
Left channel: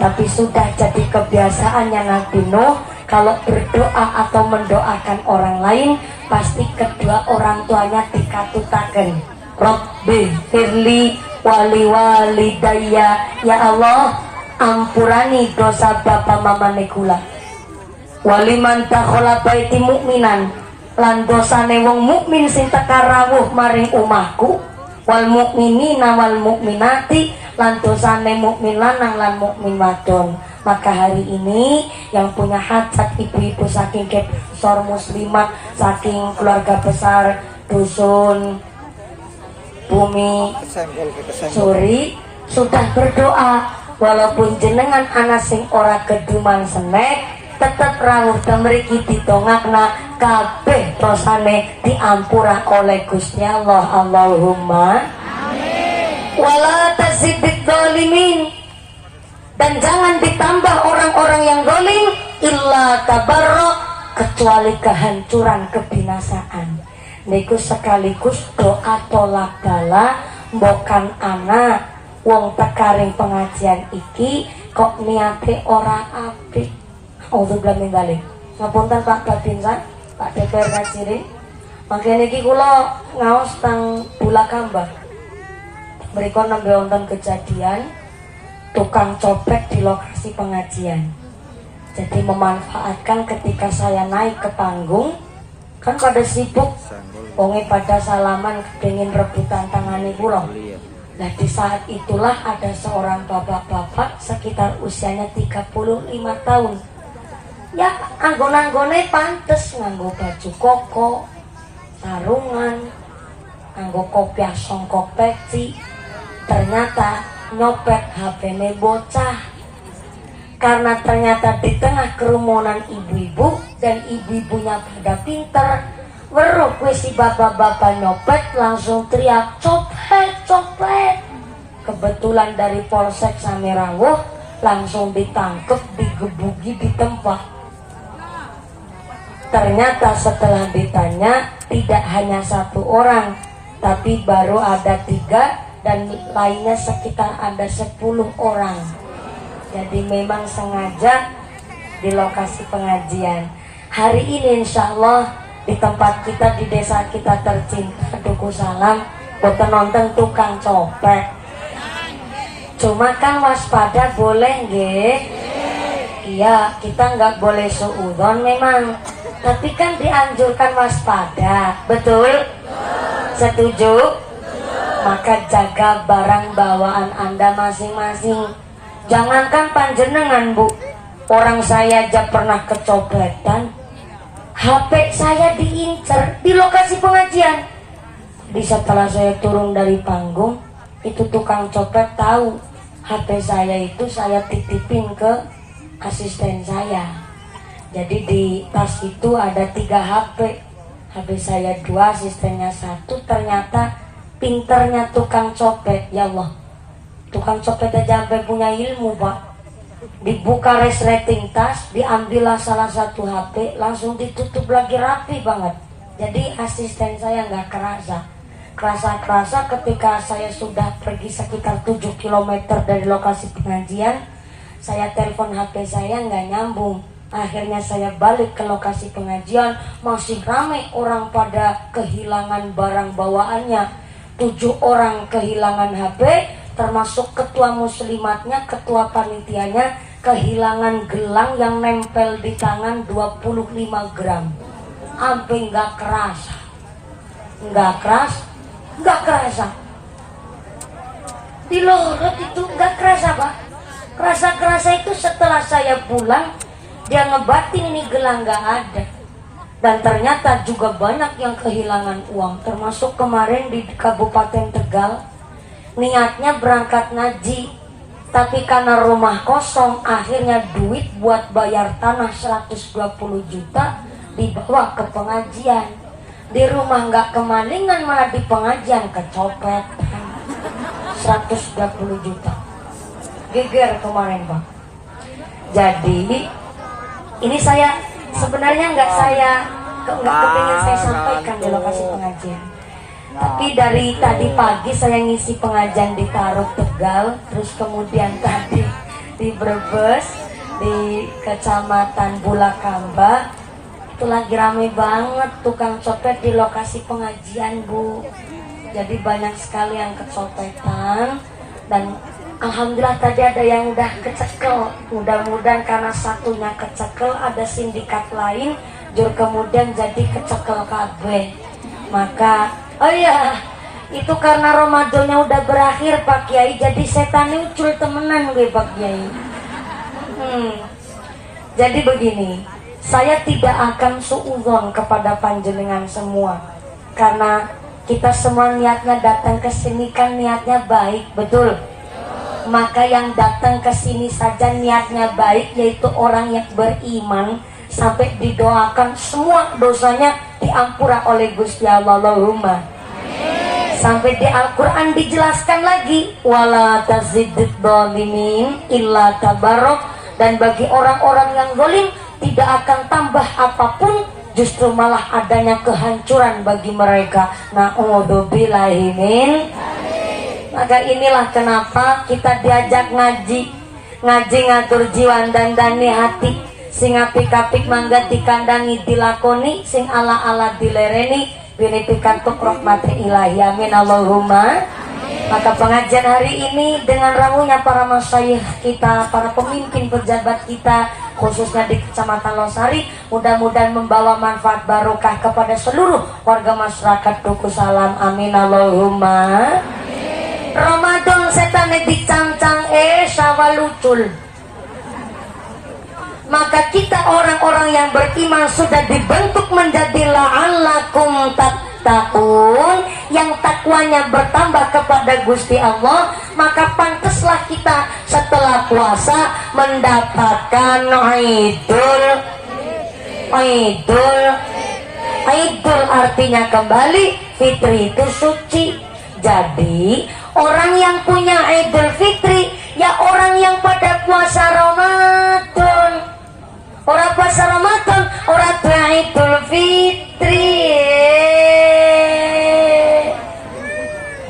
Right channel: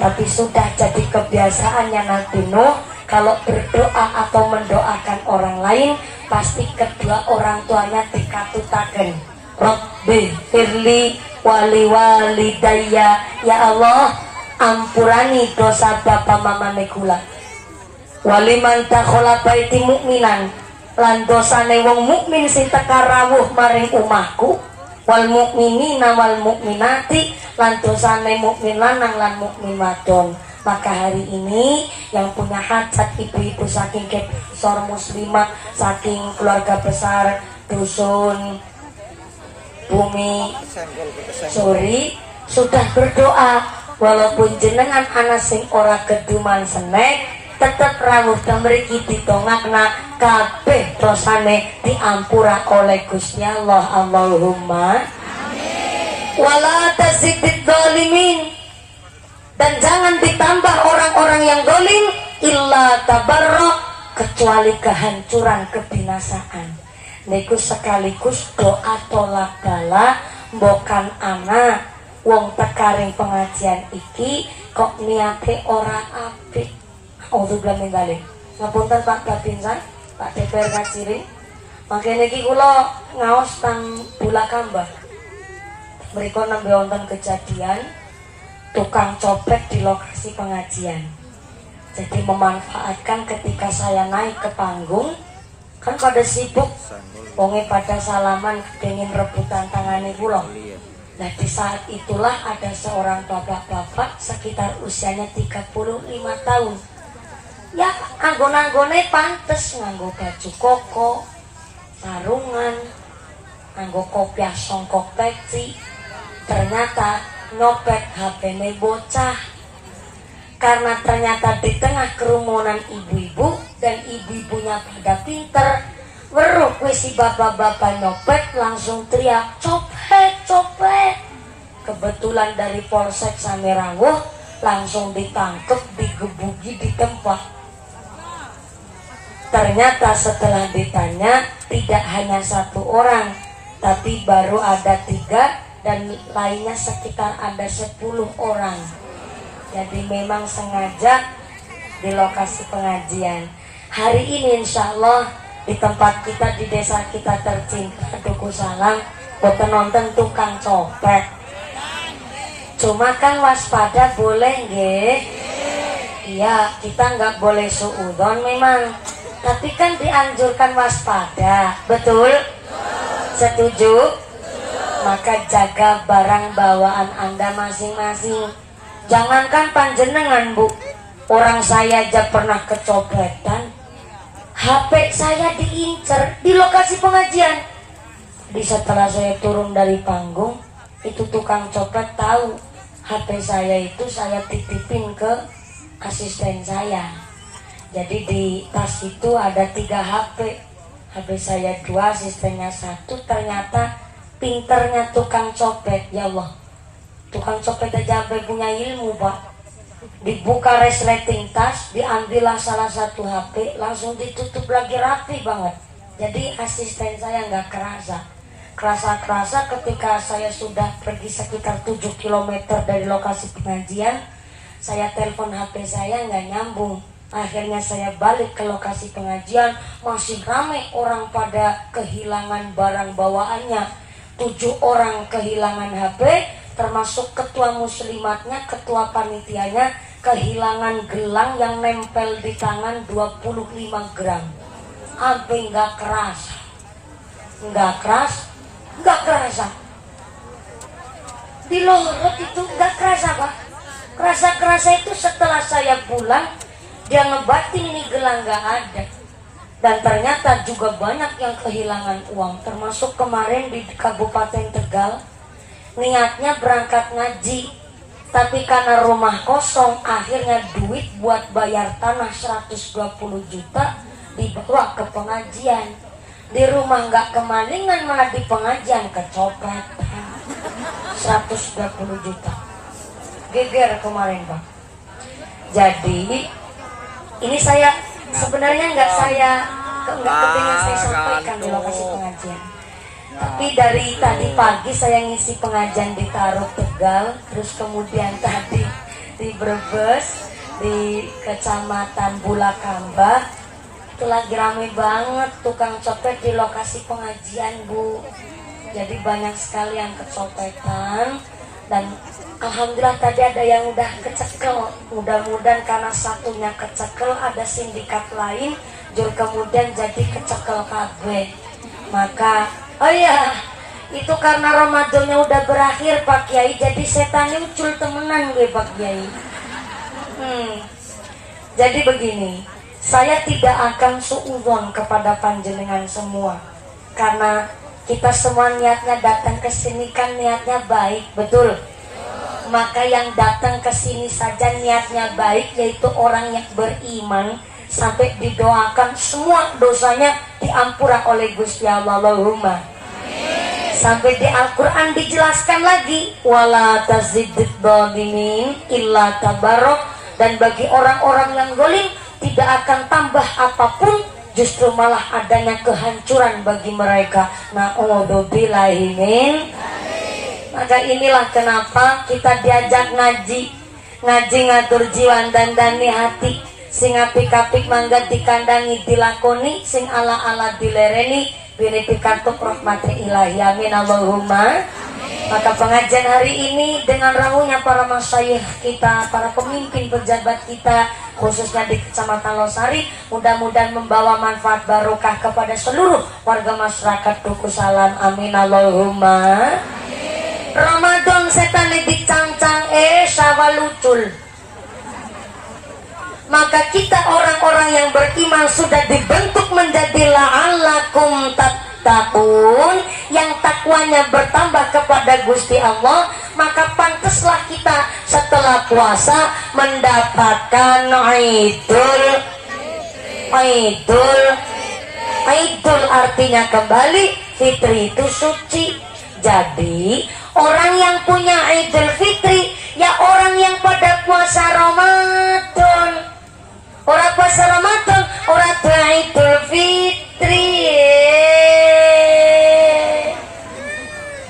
Tapi sudah jadi kebiasaannya Nabi Nuh kalau berdoa atau mendoakan orang lain pasti kedua orang tuanya dikatutaken. Rabbi firli wali walidayya, ya Allah ampurani dosa bapa mama kula. Waliman takhola baiti mukminan, lan dosane wong mukmin sing teka rawuh maring omahku. Wal mukminina wal mukminati, lan dosane mukmin lanang lan mukmin wadon. Maka hari ini yang punya hajat ibu-ibu saking besar muslimah, saking keluarga besar dusun Bumi Suri sudah berdoa, walaupun jenengan anak sing ora keduman senek tetap rawuh dan mriki ditongakna kabeh dosane diampura oleh Gusti Allah. Allahumma amin. Wala tazidid zalimin, dan jangan ditambah orang-orang yang zalim illa tabarra, kecuali kehancuran kebinasaan. Niku sekaligus doa tolak bala mbokan anak wong tekaring pengajian iki kok niate ora apik. Auzubillahi min dzalik. Ngapunten Pak Babinsa, Pak DPR Kaciring. Mangkene iki kula ngaos teng Bulakamba. Mriku nembe wonten kejadian tukang copet di lokasi pengajian. Jadi memanfaatkan ketika saya naik ke panggung, kan pada sibuk, wonge pada salaman kepengin rebutan tangane kula. Nah di saat itulah ada seorang bapak-bapak sekitar usianya 35 tahun. Ya anggon-anggone pantes nganggo baju koko, sarungan, nganggo kopiah songkok peci. Ternyata nyopet HP-ne bocah. Karena ternyata di tengah kerumunan ibu-ibu dan ibu-ibunya pada pinter, weruh si bapak-bapak nyopet langsung teriak copet copet. Kebetulan dari Polsek Samerawuh langsung ditangkap, digebuki di tempat. Ternyata setelah ditanya tidak hanya satu orang, tapi baru ada 3 dan lainnya sekitar ada 10 orang. Jadi memang sengaja di lokasi pengajian. Hari ini insya Allah di tempat kita, di desa kita tercinta Duku Salam, boten nonton tukang copet. Cuma kan waspada boleh nggih? Iya, kita nggak boleh suudzon memang. Tapi kan dianjurkan waspada, betul? Setuju? Maka jaga barang bawaan Anda masing-masing. Jangankan panjenengan Bu, orang saya aja pernah kecopetan, HP saya diincar di lokasi pengajian. Di setelah saya turun dari panggung, itu tukang copet tahu HP saya itu saya titipin ke asisten saya. Jadi di tas itu ada 3 HP. HP saya 2, asistennya 1. Ternyata pinternya tukang copet, ya Allah. Tukang copet aja sampai punya ilmu Pak. Dibuka resleting tas, diambillah salah satu HP, langsung ditutup lagi rapi banget. Jadi asisten saya nggak kerasa. Kerasa ketika saya sudah pergi sekitar 7 km dari lokasi pengajian, saya telepon HP saya nggak nyambung. Akhirnya saya balik ke lokasi pengajian, masih ramai orang pada kehilangan barang bawaannya. 7 orang kehilangan HP, termasuk ketua muslimatnya, ketua panitianya kehilangan gelang yang nempel di tangan 25 gram. Sampai nggak kerasa. Di lorot itu nggak kerasa Pak. Kerasa itu setelah saya pulang, dia ngebatin ini gelang nggak ada. Dan ternyata juga banyak yang kehilangan uang, termasuk kemarin di Kabupaten Tegal. Niatnya berangkat ngaji, tapi karena rumah kosong, akhirnya duit buat bayar tanah 120 juta dibawa ke pengajian. Di rumah nggak kemalingan, malah di pengajian kecopet 120 juta. Geger kemarin Pak. Jadi ini saya sebenarnya nggak kepingin saya sampaikan di lokasi pengajian. Tapi dari tadi pagi saya ngisi pengajian di Tarut Tegal, terus kemudian tadi di Brebes, di Kecamatan Bulakamba. Itu lagi ramai banget tukang copet di lokasi pengajian, Bu. Jadi banyak sekali yang kecopetan. Dan alhamdulillah tadi ada yang udah kecekel. Mudah-mudahan karena satunya kecekel, ada sindikat lain jur kemudian jadi kecekel kabeh. Maka oh iya, itu karena Ramadannya udah berakhir Pak Kiai, jadi setan muncul temenan gue Pak Kiai. Jadi begini, saya tidak akan suudzon kepada panjenengan semua, karena kita semua niatnya datang ke sini kan niatnya baik, betul? Maka yang datang ke sini saja niatnya baik, yaitu orang yang beriman, sampai didoakan semua dosanya diampura oleh Gusti Allah. Allahumma. Sampai di Al-Quran dijelaskan lagi, wala tazidid dhalimin illa tabarok. Dan bagi orang-orang yang zalim tidak akan tambah apapun, justru malah adanya kehancuran bagi mereka. Na'udzubillahi min. Maka inilah kenapa kita diajak ngaji ngatur jiwa dan dani hati. Sing apik-apik mangga dikandangi dilakoni, sing ala-ala dilereni, binipikan tuk rahmati ilahi, amin Allahumma. Maka pengajian hari ini dengan ramunya para masyayikh kita, para pemimpin pejabat kita, khususnya di Kecamatan Losari, mudah-mudahan membawa manfaat barokah kepada seluruh warga masyarakat Duku Salam, amin Allahumma. Ramadan setan dicangcang Syawal lucul. Maka kita orang-orang yang beriman sudah dibentuk menjadi la'allakum tattaqun, yang takwanya bertambah kepada Gusti Allah. Maka pantaslah kita setelah puasa mendapatkan Idul artinya kembali, Fitri itu suci. Jadi orang yang punya Idul Fitri ya orang yang pada puasa Ramadan. Orang puasa Ramadan, orang tua Idul Fitri.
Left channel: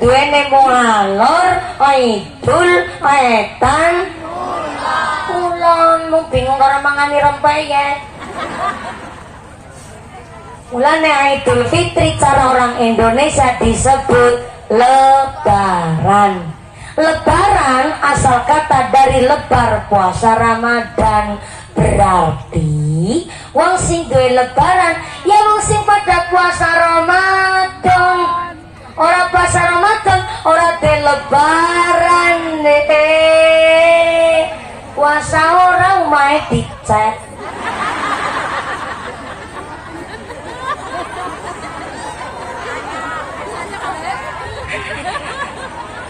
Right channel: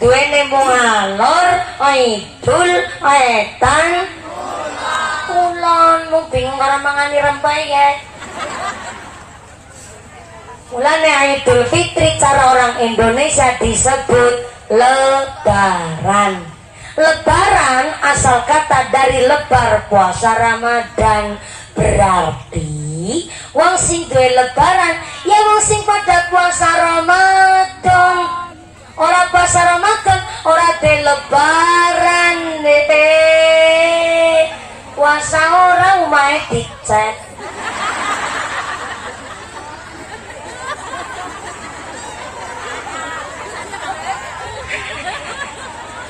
Duene mau ngalor, Idul, Wetan, Kulon. Mau bingung orang mangani rempeyek. Mulane Idul Fitri cara orang Indonesia disebut Lebaran. Lebaran asal kata dari lebar puasa Ramadan. Berarti wong sing duwe lebaran ya wong sing pada puasa Ramadan. Ora puasa Ramadan ora duwe lebaran. Puasa ora umahe dicek.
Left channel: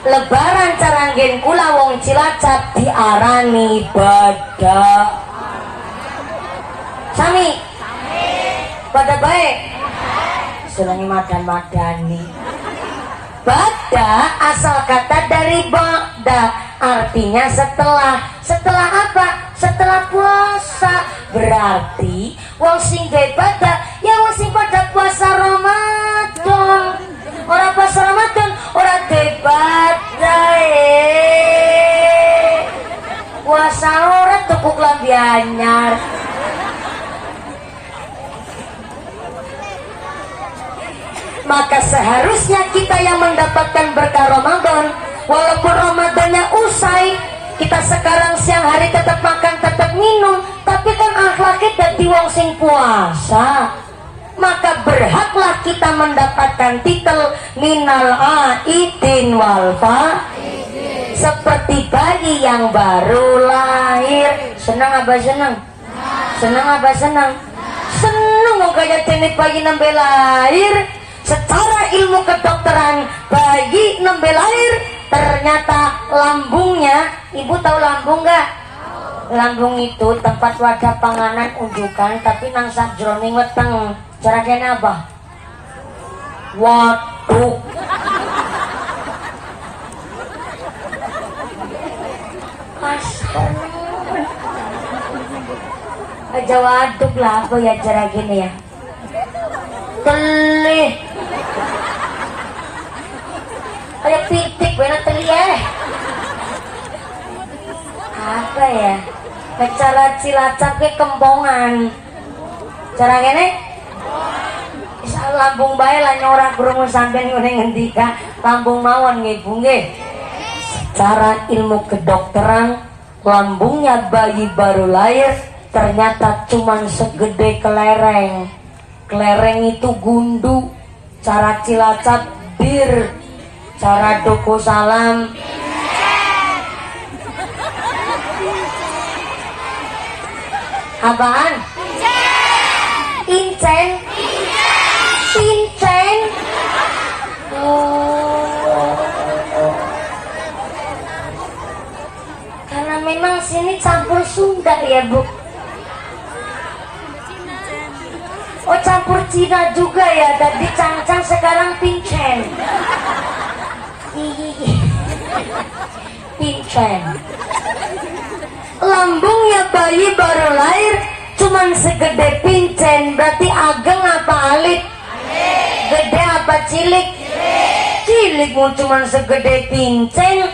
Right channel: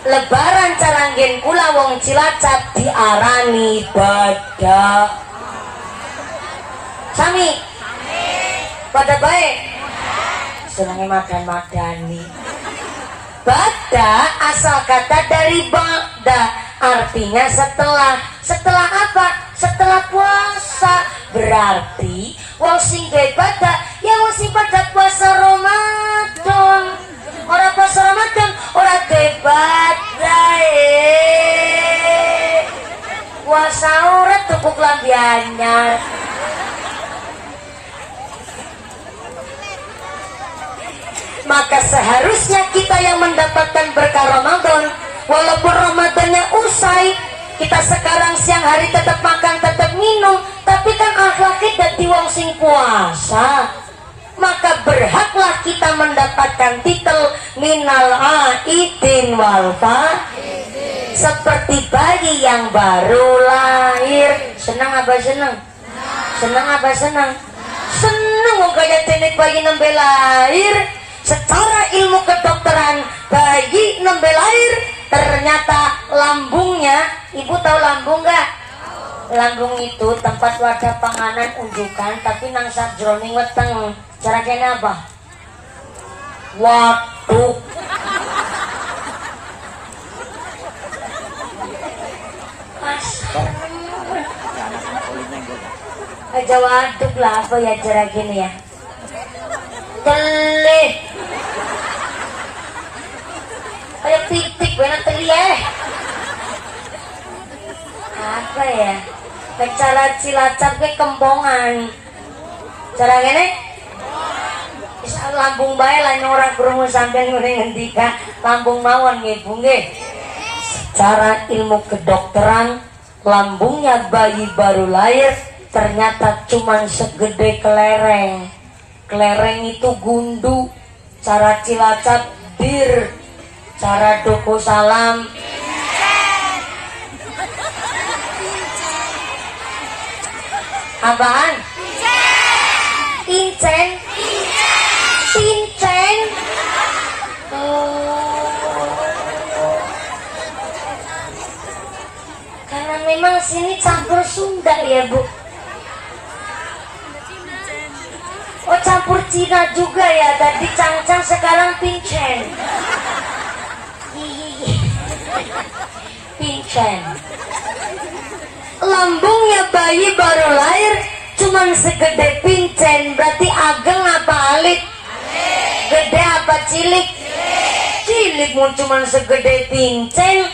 Lebaran caranggen kula wong Cilacap diarani badak. Sami pada baik senangnya madan-madani. Badak asal kata dari ba'da, artinya setelah apa? Setelah puasa. Berarti wong sing gawe badak ya wong sing pada puasa Ramadan. Orang puasa Ramadan orang gawe badak. Puasa orang tepuk lambi anyar. Maka seharusnya kita yang mendapatkan berkah Ramadan, walaupun Ramadannya usai, kita sekarang siang hari tetap makan, tetap minum, tapi kan akhlaknya jadi wong sing puasa. Maka berhaklah kita mendapatkan titel minal aidin wal faidin, seperti bayi yang baru lahir. Senang apa senang? Senang apa senang? Senang mau gaya tenik bayi nembe lahir. Secara ilmu kedokteran, bayi nembe lahir ternyata lambungnya, ibu tahu lambung nggak? Lambung itu tempat wadah panganan unjukan, tapi nang sakjroning weteng. Cara kene apa? Waduk. Aja waduk lah, apa ya cara gini ya? Telih. Kayak pitik benar teli ya. Apa ya? nek cara Cilacap ke Kempongan cara ngene bisa lambung bae lah nyorak krungu sampeyan ngene ngendika lambung mawon nggih Bu nggih. Secara ilmu kedokteran lambungnya bayi baru lahir ternyata cuman segede kelereng. Kelereng itu gundu. Cara Cilacap bir, cara Doko Salam apaan? Pincen. Pincen. Karena memang sini campur Sunda ya Bu. Oh campur Cina juga ya, tadi cangcang sekarang pincen. Pincen. Lambungnya bayi baru lahir cuman segede pincen, berarti ageng apa alit? Gede apa cilik? Cilik mau cuman segede pincen.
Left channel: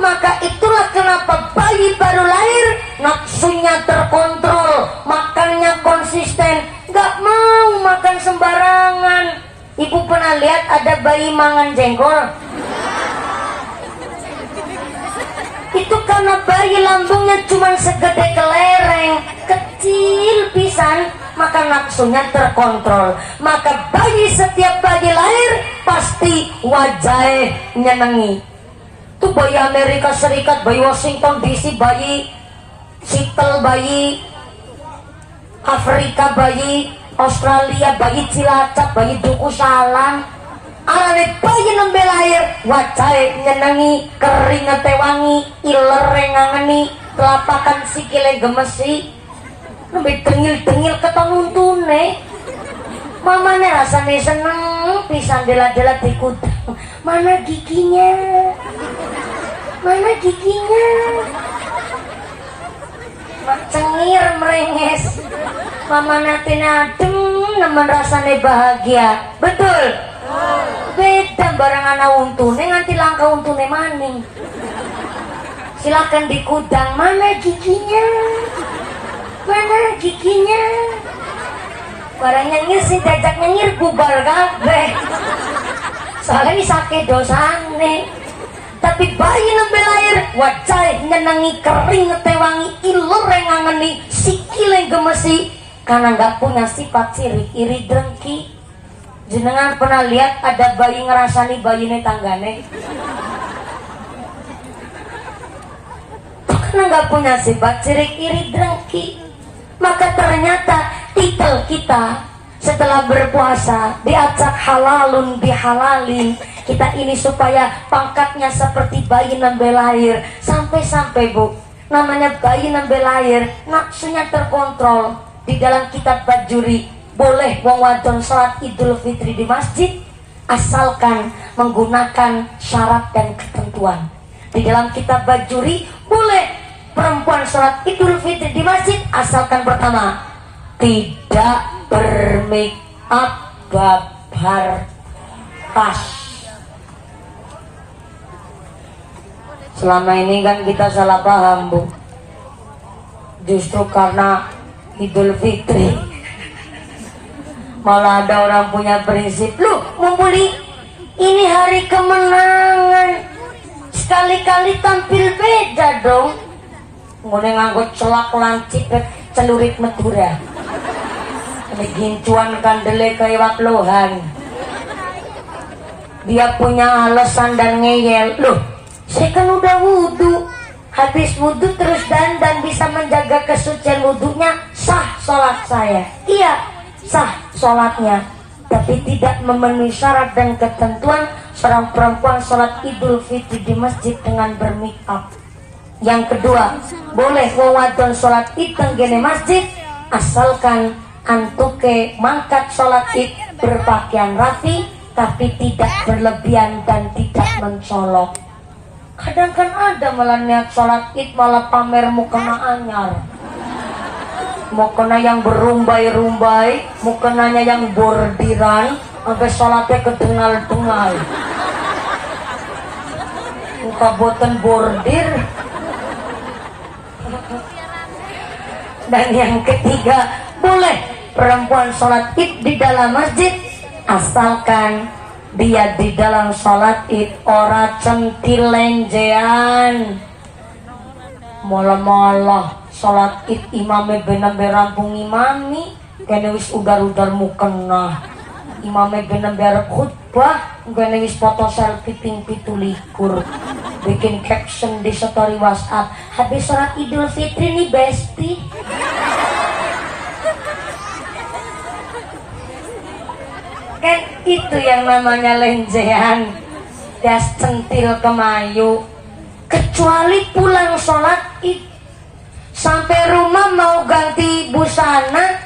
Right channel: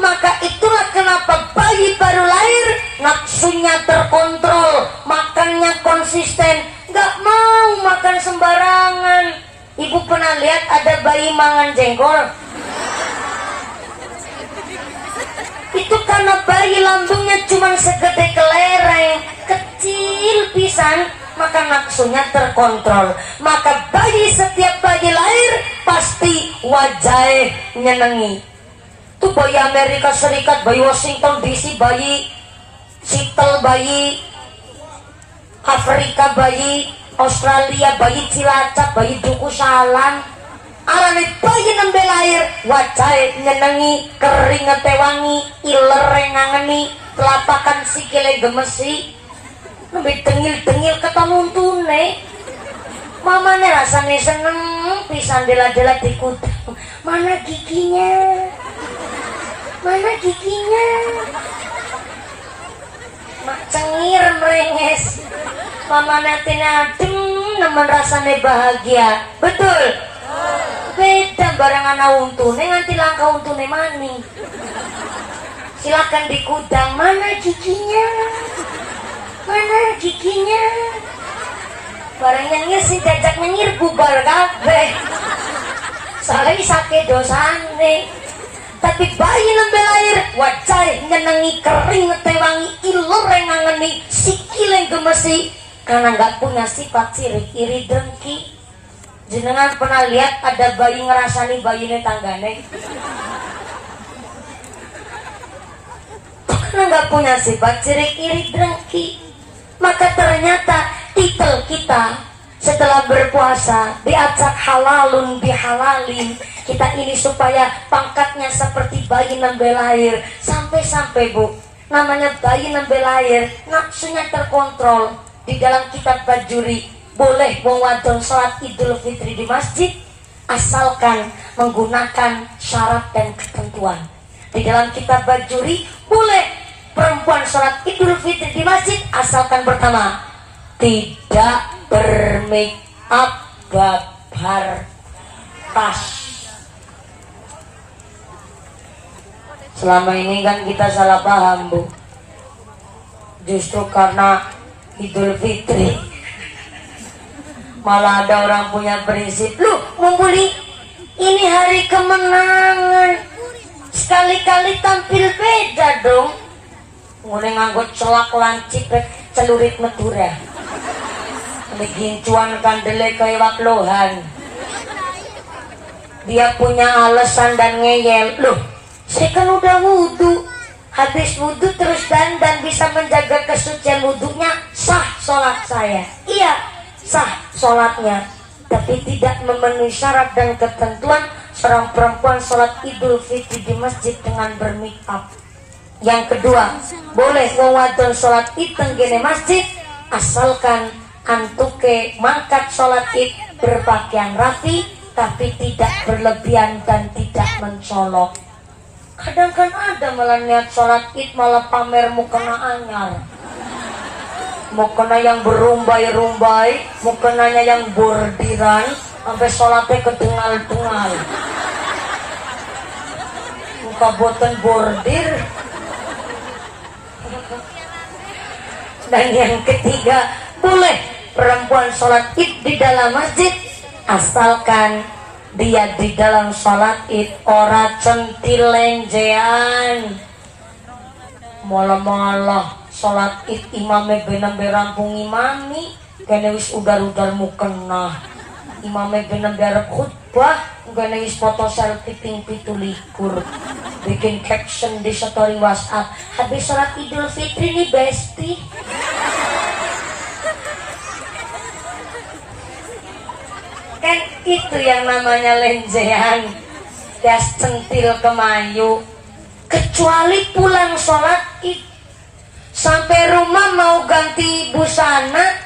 Maka itulah kenapa bayi baru lahir nafsunya terkontrol, makannya konsisten, gak mau makan sembarangan. Ibu pernah lihat ada bayi mangan jengkol? Itu karena bayi lambungnya cuma segede kelereng, kecil pisan, maka nafsunya terkontrol. Maka bayi setiap bayi lahir pasti wajahnya nyenengi. Itu bayi Amerika Serikat, bayi Washington DC, bayi Seattle, bayi Afrika, bayi Australia, bayi Cilacap, bayi Duku Salam. Alane bayi nembe lahir wajahnya nyenengi, keringet wangi, ilere ngangeni, telapakan sikile gemesi, nembe dengil-dengil ketenuntune. Mamane rasane seneng pisan dela-dela dikudang. Mana giginya? Mana giginya? Cengir merenges. Mama nanti adem nemen rasane bahagia. Betul? Beda barang anak untune nganti langka untune maning. Silakan dikudang. Mana giginya? Mana giginya? Barang nyengir sih jajak nyengir bubar kabeh. Soalnya sakit dosane. Tapi bayi nembe lahir wajah nyenengi, keringet wangi, ilur ngangeni, sikile gemesi. Karena nggak punya sifat sirik, iri, dengki. Jenengan pernah lihat ada bayi ngerasani bayine tanggane? Karena nggak punya sifat sirik, iri, dengki. Maka ternyata titel kita setelah berpuasa diacak halalun bihalalin, kita ini supaya pangkatnya seperti bayi nembe lahir. Sampai-sampai Bu, namanya bayi nembe lahir nafsunya terkontrol. Di dalam kitab Bajuri boleh wong wadon sholat Idul Fitri di masjid asalkan menggunakan syarat dan ketentuan. Di dalam kitab Bajuri boleh perempuan sholat Idul Fitri di masjid asalkan pertama tidak bermake up, babar tas. Selama ini kan kita salah paham Bu. Justru karena Idul Fitri malah ada orang punya prinsip, lu ngumpuli ini hari kemenangan, sekali-kali tampil beda dong. Ngene nganggo celak lancip celurit Madura. Gincuan kandele kayak lohan. Dia punya alasan dan ngeyel. Loh, saya kan udah wudhu. Habis wudhu terus dandan bisa menjaga kesucian wudhunya, sah sholat saya. Iya, sah sholatnya. Tapi tidak memenuhi syarat dan ketentuan seorang perempuan sholat Idul Fitri di masjid dengan bermake up. Yang kedua, boleh wawadon sholat id tenggene masjid asalkan antuke mangkat sholat id berpakaian rapi tapi tidak berlebihan dan tidak mencolok. Kadang kan ada malah niat sholat id malah pamer mukena anyar, mukena yang berumbai-rumbai, mukenanya yang bordiran sampai sholatnya kedungal-dungal. Muka boten bordir. Dan yang ketiga, boleh perempuan sholat id di dalam masjid asalkan dia di dalam sholat id ora centilenjean. Mola-mola sholat id imame bener-bener rampung imami kene wis udar-udar mukena. Imame bener-bener khutbah kene wis foto selfie ping 17 bikin caption di story WhatsApp habis sholat Idul Fitri nih besti. Kan itu yang namanya lenjean, gas centil kemayu. Kecuali pulang sholat id sampai rumah mau ganti busana,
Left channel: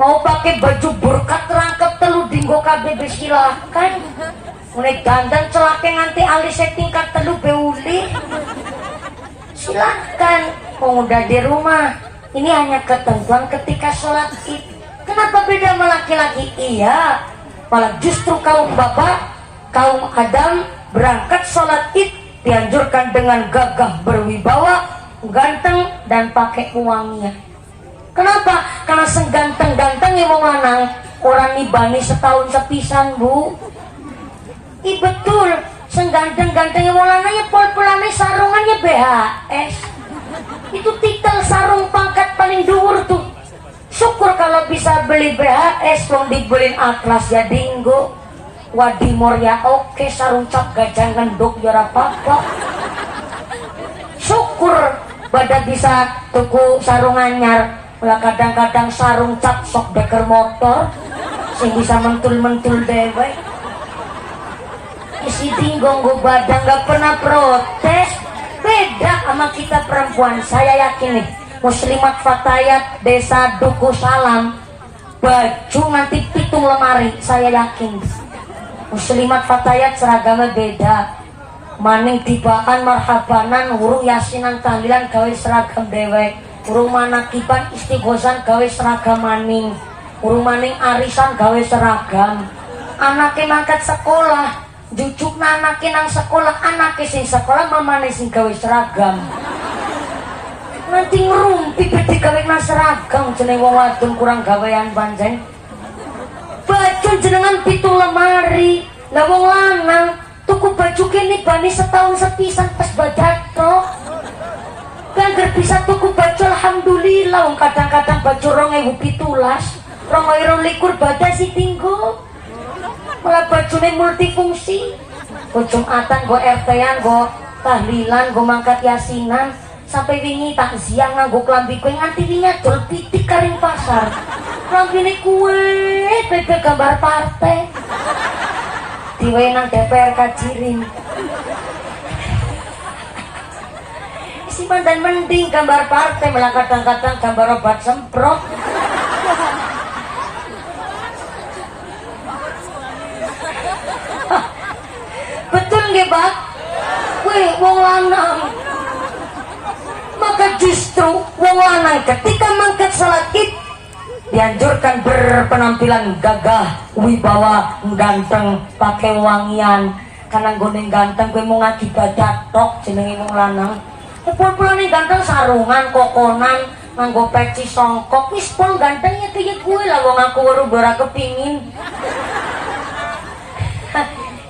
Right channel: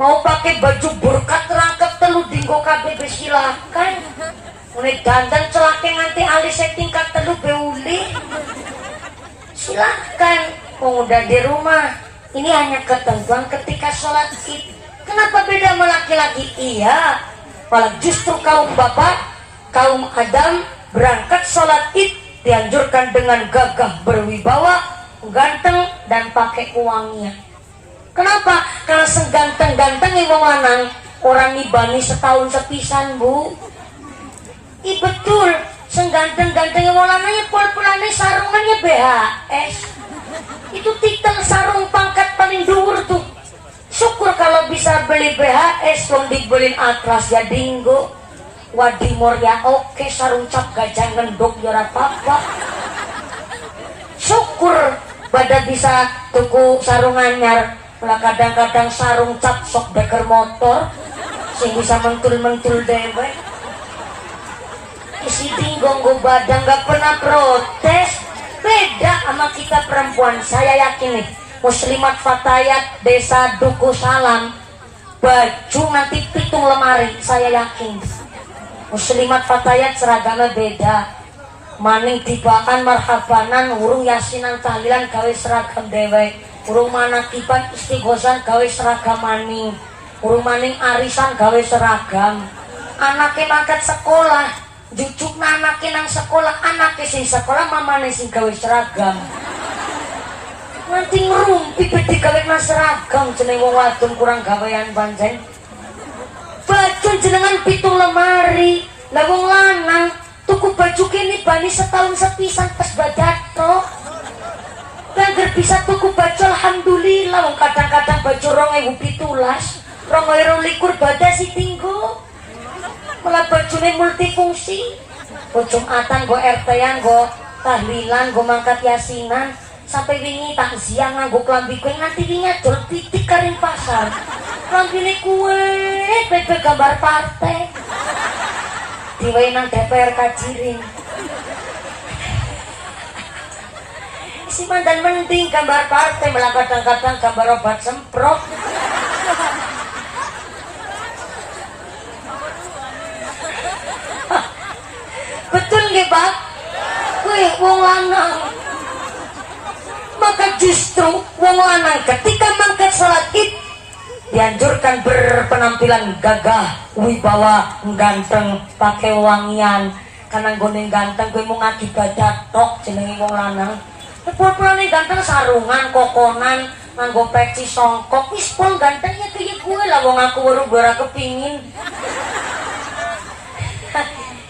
mau pakai baju berkat rangkep telu dinggo KBB silakan. Mulai dandan celake nganti alisnya tingkat telu beuli silakan. Mau udah di rumah, ini hanya ketentuan ketika sholat id. Kenapa beda sama laki-laki? Iya, malah justru kaum bapak, kaum Adam berangkat sholat id dianjurkan dengan gagah berwibawa, ganteng dan pakai uangnya. Kenapa? Karena seganteng-ganteng yang mau lanang orang nibani setahun sepisan bu. Betul, seganteng-ganteng yang mau lanangnya pol-polannya sarungannya BHS. Itu titel sarung pangkat paling dhuwur tuh. Syukur kalau bisa beli BHS, belum dibeliin Atlas ya dinggo. Wadimor ya oke, sarung cap gajah ngendok ya apa-apa. Syukur pada bisa tuku sarung anyar. Ulah kadang-kadang sarung cap sok deker motor sing bisa mentul-mentul dewe. Si dinggo nggo badan gak pernah protes. Beda sama kita perempuan, saya yakin nih. Muslimat Fatayat Desa Duku Salam baju nanti pitung lemari, saya yakin. Muslimat Fatayat seragamnya beda. Maning tibakan marhabanan urung yasinan tahlilan gawe seragam dewe. Urung manakiban istighosan gawe seragam maning. Urung maning arisan gawe seragam. Anake mangkat sekolah, jucukna anake nang sekolah, anake sing sekolah mamane sing gawe seragam. Nanti ngerumpi bedi gawe mas seragam jeneng wong wadon kurang gawean pancen. Baju jenengan pitung lemari. Lah wong lanang tuku baju kene bani setahun sepisan pas badato. Kan bisa tuku baju alhamdulillah wong kadang-kadang baju 2017, 2021 badasi tinggo. Malah bajune multifungsi. Go Jumatan, go RT-an, go tahlilan, go mangkat yasinan. Sampai wingi takziah nganggo klambi kue nganti wingi dol titik karing pasar. Klambine kue bebek gambar partai. Diwehi nang DPR Kajiring. Si mandan mending gambar partai, malah kadang-kadang gambar obat semprot. Betul nggih, Pak? Kue wong lanang. Maka justru wong lanang ketika mangkat salat id dianjurkan berpenampilan gagah, wibawa, ganteng, pakai wangian. Karena goneng ganteng gue mau ngakibadat tok jenengi wong lanang. Pul-pulane ganteng sarungan, kokonan, nganggo peci songkok, wis pol gantengnya kaya gue lah wong aku ora kepingin.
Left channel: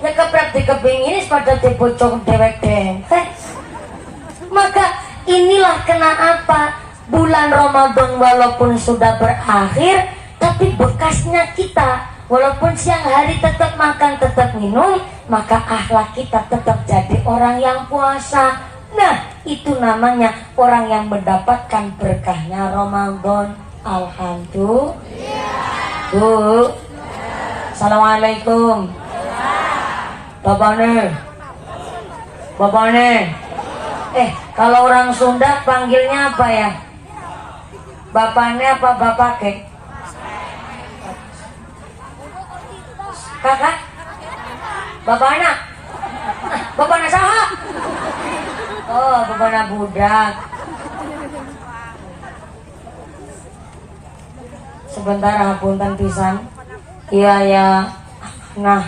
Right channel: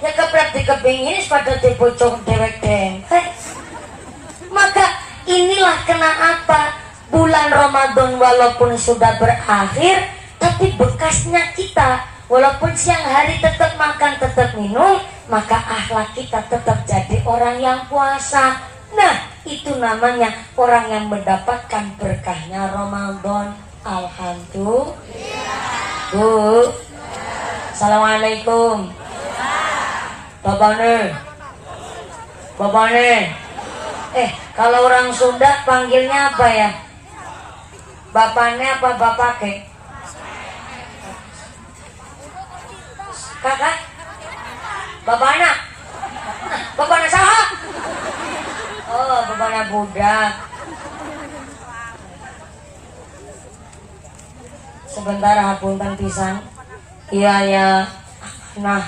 Ya kepret dikepingin pada dibocong dewek dengkek. Maka inilah kenapa bulan Ramadan walaupun sudah berakhir, tapi bekasnya kita walaupun siang hari tetap makan, tetap minum, maka akhlak kita tetap jadi orang yang puasa. Nah, itu namanya orang yang mendapatkan berkahnya Ramadan. Alhamdulillah. Bu, Assalamualaikum. Bapaknya. Kalau orang Sunda panggilnya apa ya? Bapaknya apa bapake? Kakak? Bapaknya? Bapaknya saha? Oh, bapaknya budak. Sebentar hapunten pisan. Iya ya. Nah,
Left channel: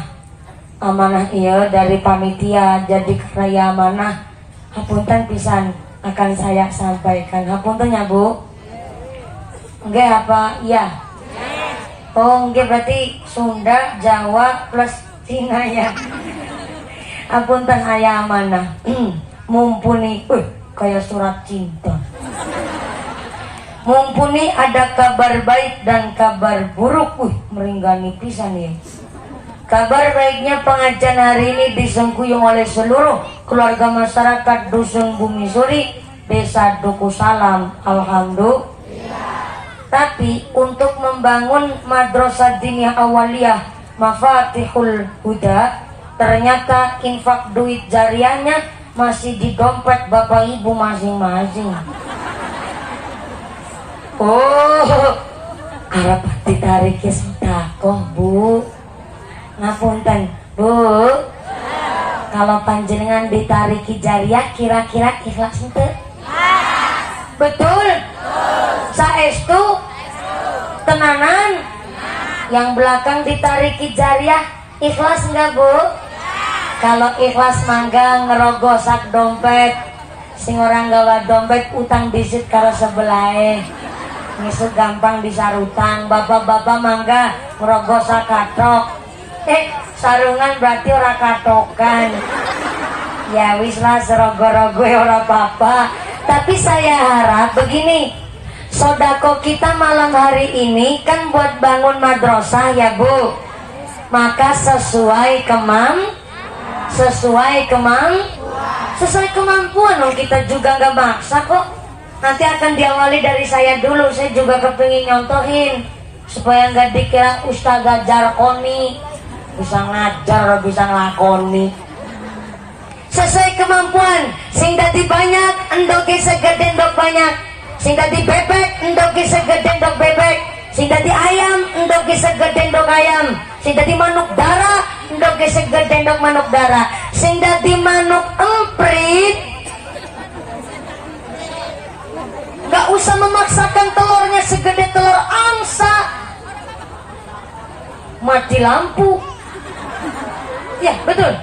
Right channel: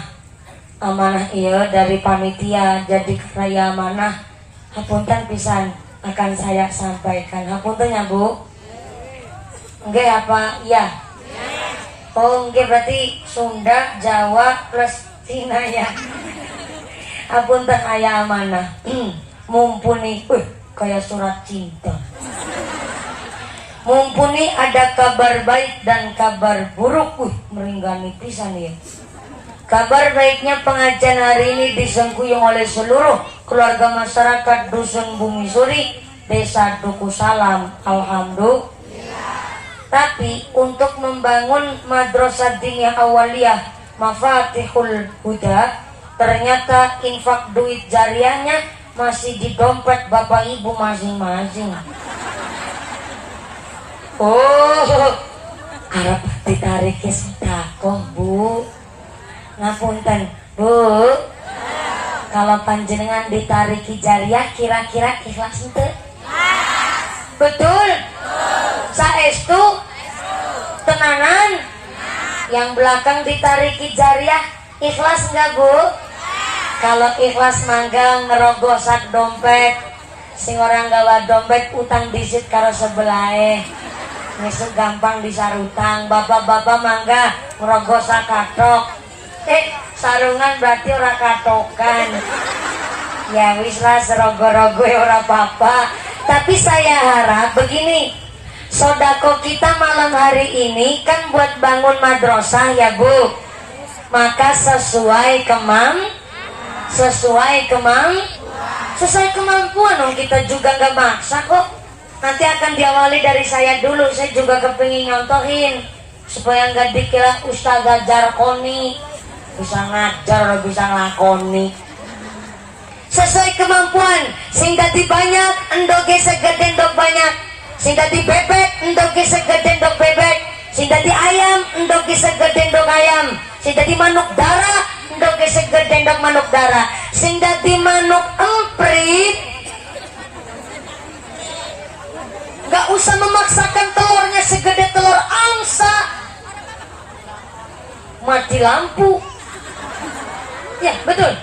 amanah iya dari panitia jadi kerja amanah. Hapunten pisan akan saya sampaikan. Hapunten ya Bu. Enggak apa? Iya. Oh, enggak berarti Sunda, Jawa plus Cina ya. Apunten aya amanah. Mumpuni, kayak surat cinta. Mumpuni ada kabar baik dan kabar buruk. Meringgani pisan ya. Kabar baiknya pengajian hari ini disengkuyung oleh seluruh keluarga masyarakat Dusun Bumi Suri, Desa Duku Salam. Alhamdulillah. Tapi untuk membangun Madrasah Diniyah Awaliyah Mafatihul Huda, ternyata infak duit jariahnya masih di dompet bapak ibu masing-masing. Oh, harap ditarik ke sedekah, Bu. Ngapunten, Bu. Kalau panjenengan ditariki jariah kira-kira ikhlas ente? Betul? Saestu? Tenanan? Yang belakang ditariki jariah ikhlas enggak, Bu? Kalau ikhlas mangga ngerogosak dompet. Sing orang gawa dompet utang disit karo sebelahe. Ngesut gampang disarutang. Bapak-bapak mangga ngerogosak katok. Sarungan berarti ora katokan. Ya wis lah serogo-rogo ora apa-apa. Tapi saya harap begini, sodako kita malam hari ini kan buat bangun madrasah ya Bu. Maka sesuai kemampuan dong, kita juga nggak maksa kok. Nanti akan diawali dari saya dulu. Saya juga kepingin nyontohin supaya nggak dikira Ustazah Jarkoni bisa ngajar, bisa ngelakoni. Sesuai kemampuan. Sing dadi banyak endoke segede endok banyak. Sing dadi bebek endoke segede endok bebek. Sing dadi ayam endoke segede endok ayam. Sing dadi manuk dara endoke segede endok manuk dara. Sing dadi manuk emprit nggak usah memaksakan telurnya segede telur angsa. Mati lampu. Ya betul.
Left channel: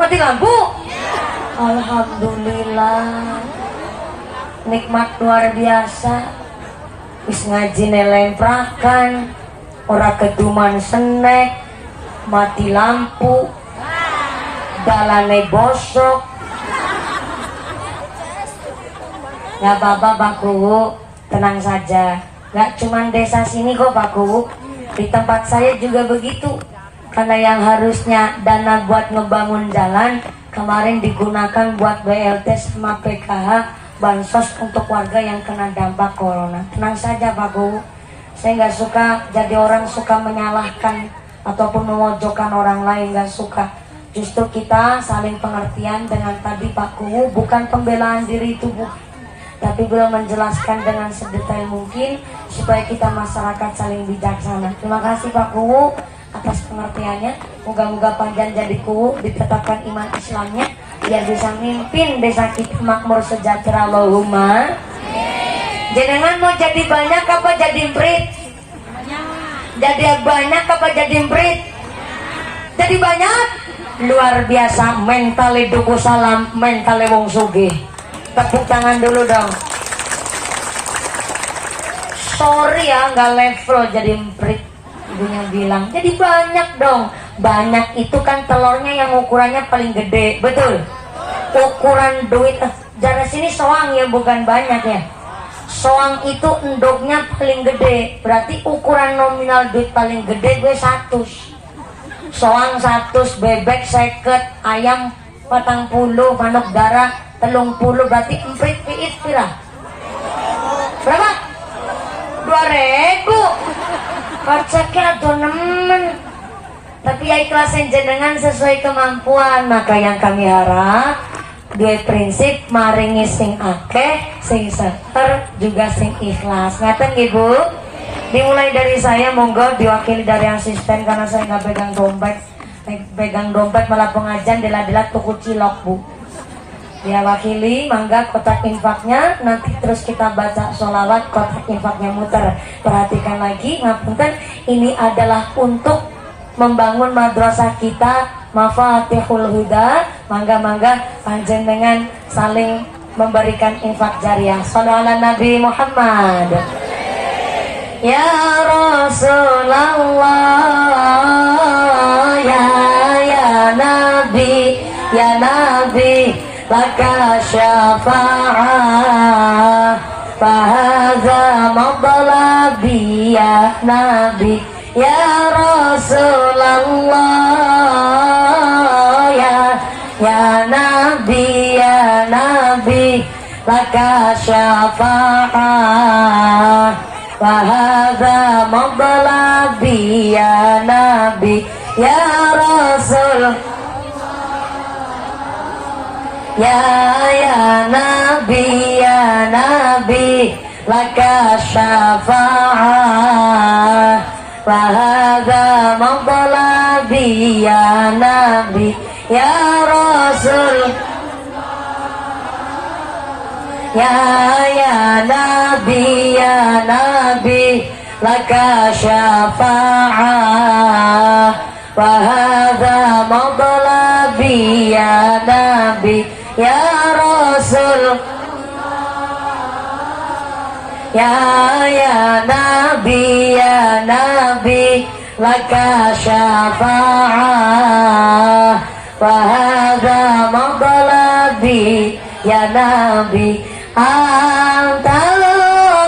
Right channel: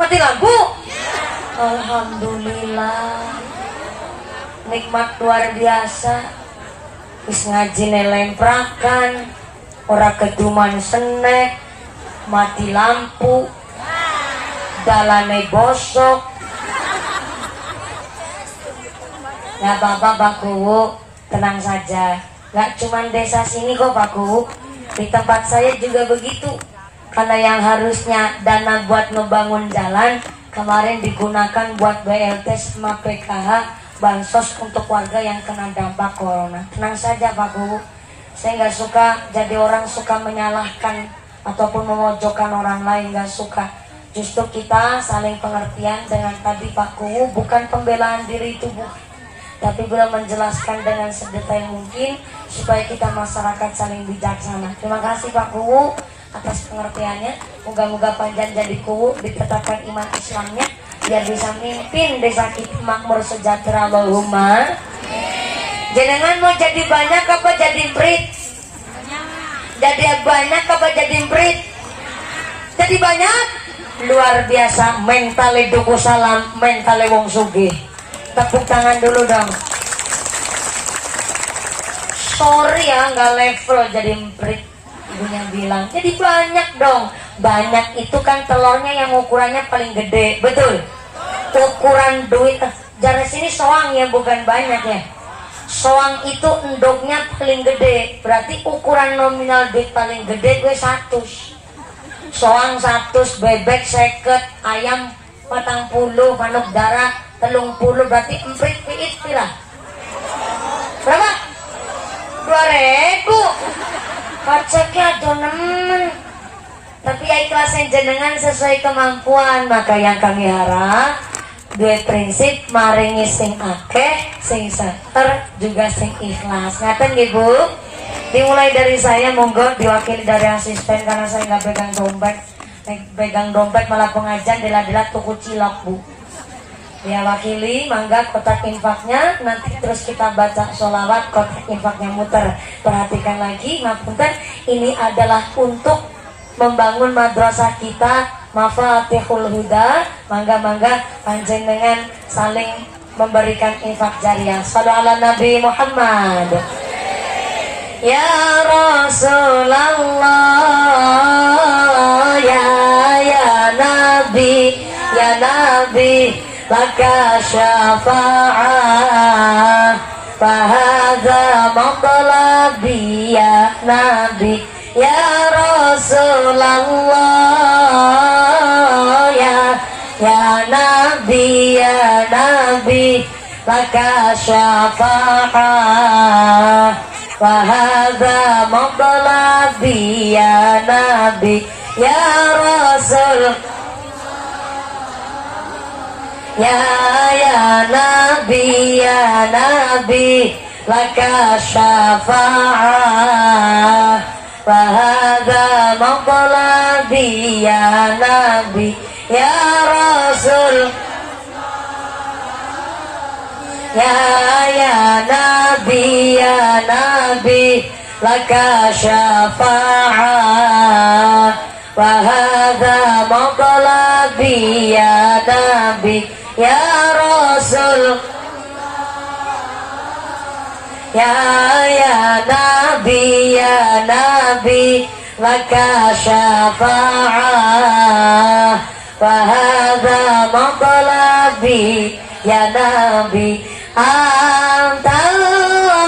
Mati lampu. Alhamdulillah. Nikmat luar biasa. Wis ngaji nelemprakan, ora keduman senek, mati lampu, dalane bosok. Gak apa-apa Pak Kuwu, tenang saja. Gak cuman desa sini kok Pak Kuwu, di tempat saya juga begitu. Karena yang harusnya dana buat ngebangun jalan kemarin digunakan buat BLT sama PKH, bansos untuk warga yang kena dampak corona. Tenang saja Pak Kuwu, saya nggak suka jadi orang suka menyalahkan ataupun memojokkan orang lain, nggak suka. Justru kita saling pengertian dengan tadi Pak Kuwu, bukan pembelaan diri tubuh, tapi beliau menjelaskan dengan sedetail mungkin supaya kita masyarakat saling bijaksana. Terima kasih Pak Kuwu atas pengertiannya. Moga-moga panjang jadi Kuwu, ditetapkan iman Islamnya biar bisa mimpin desa kita makmur sejahtera. Allahumma. Jenengan mau jadi banyak apa jadi emprit? Jadi banyak apa jadi emprit? Jadi banyak. Luar biasa, mentale Duku Salam, mentale wong sugih. Tepuk tangan dulu dong. Sorry ya nggak level jadi emprit. Ibunya bilang jadi banyak dong. Banyak itu kan telurnya yang ukurannya paling gede, betul? Ukuran duit jarak sini soang ya, bukan banyak ya. Soang itu endoknya paling gede, berarti ukuran nominal duit paling gede gue 100. Soang 100, bebek 50, ayam 40, manuk darah 30, berarti emprit piit pira? Berapa? 2000. Paceknya tuh nemen. Tapi ya ikhlasin jenengan sesuai kemampuan. Maka yang kami harap dua prinsip, maringi sing akeh, sing seter, juga sing ikhlas. Ngapain Ibu? Dimulai dari saya, monggo diwakili dari asisten karena saya nggak pegang dompet. Pegang dompet malah pengajian dila-dila tuku cilok Bu. Dia wakili, mangga kotak infaknya, nanti terus kita baca sholawat, kotak infaknya muter. Perhatikan lagi, ngapunten, ini adalah untuk membangun madrasah kita, Mafatihul Huda. Mangga-mangga panjenengan saling memberikan infak jariah. Shallallahu ala Nabi Muhammad. ya Rasulullah, ya Nabi, ya Nabi, laka syafa'ah, fahadha matlabi ya Nabi, ya Rasulullah, ya Nabi, ya Nabi, laka syafa'ah, fahadha matlabi ya Nabi, ya Rasul, ya Nabi, ya Nabi, laka syafa'ah, fahadha matlabi ya Nabi, ya Rasul, ya Nabi, ya Nabi, laka syafa'ah, fahadha matlabi ya Nabi, ya Rasul, ya Nabi, ya Nabi, laka syafa'ah, fahadha matlabi ya Nabi, antal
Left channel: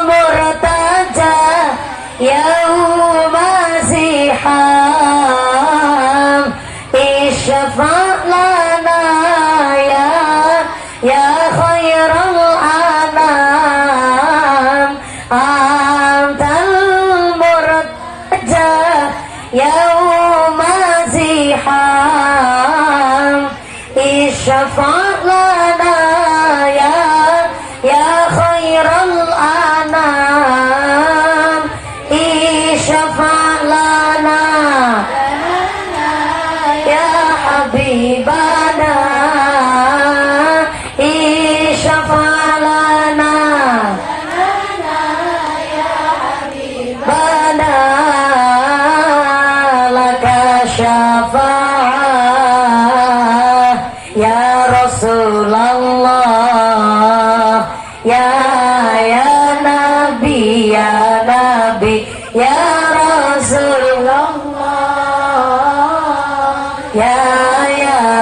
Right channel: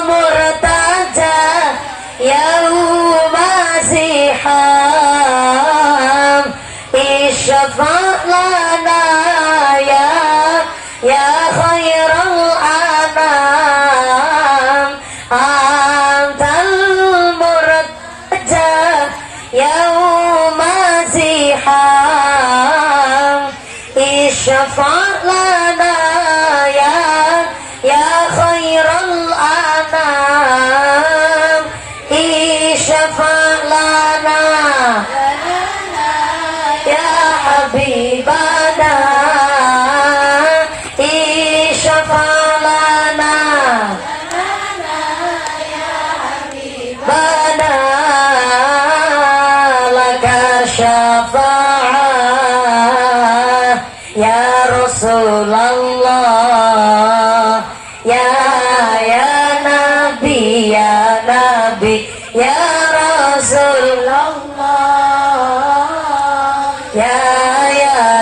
murtaja yauma ziham, isyafa' lana ya khairal anam, antal murtaja yauma ziham, isyafa' lana ya khairal anam, isyafa' lana ya habibana, isyafa' lana bana, laka syafa'ah ya Rasulullah, ya Nabi, ya Nabi, ya Rasulullah, ya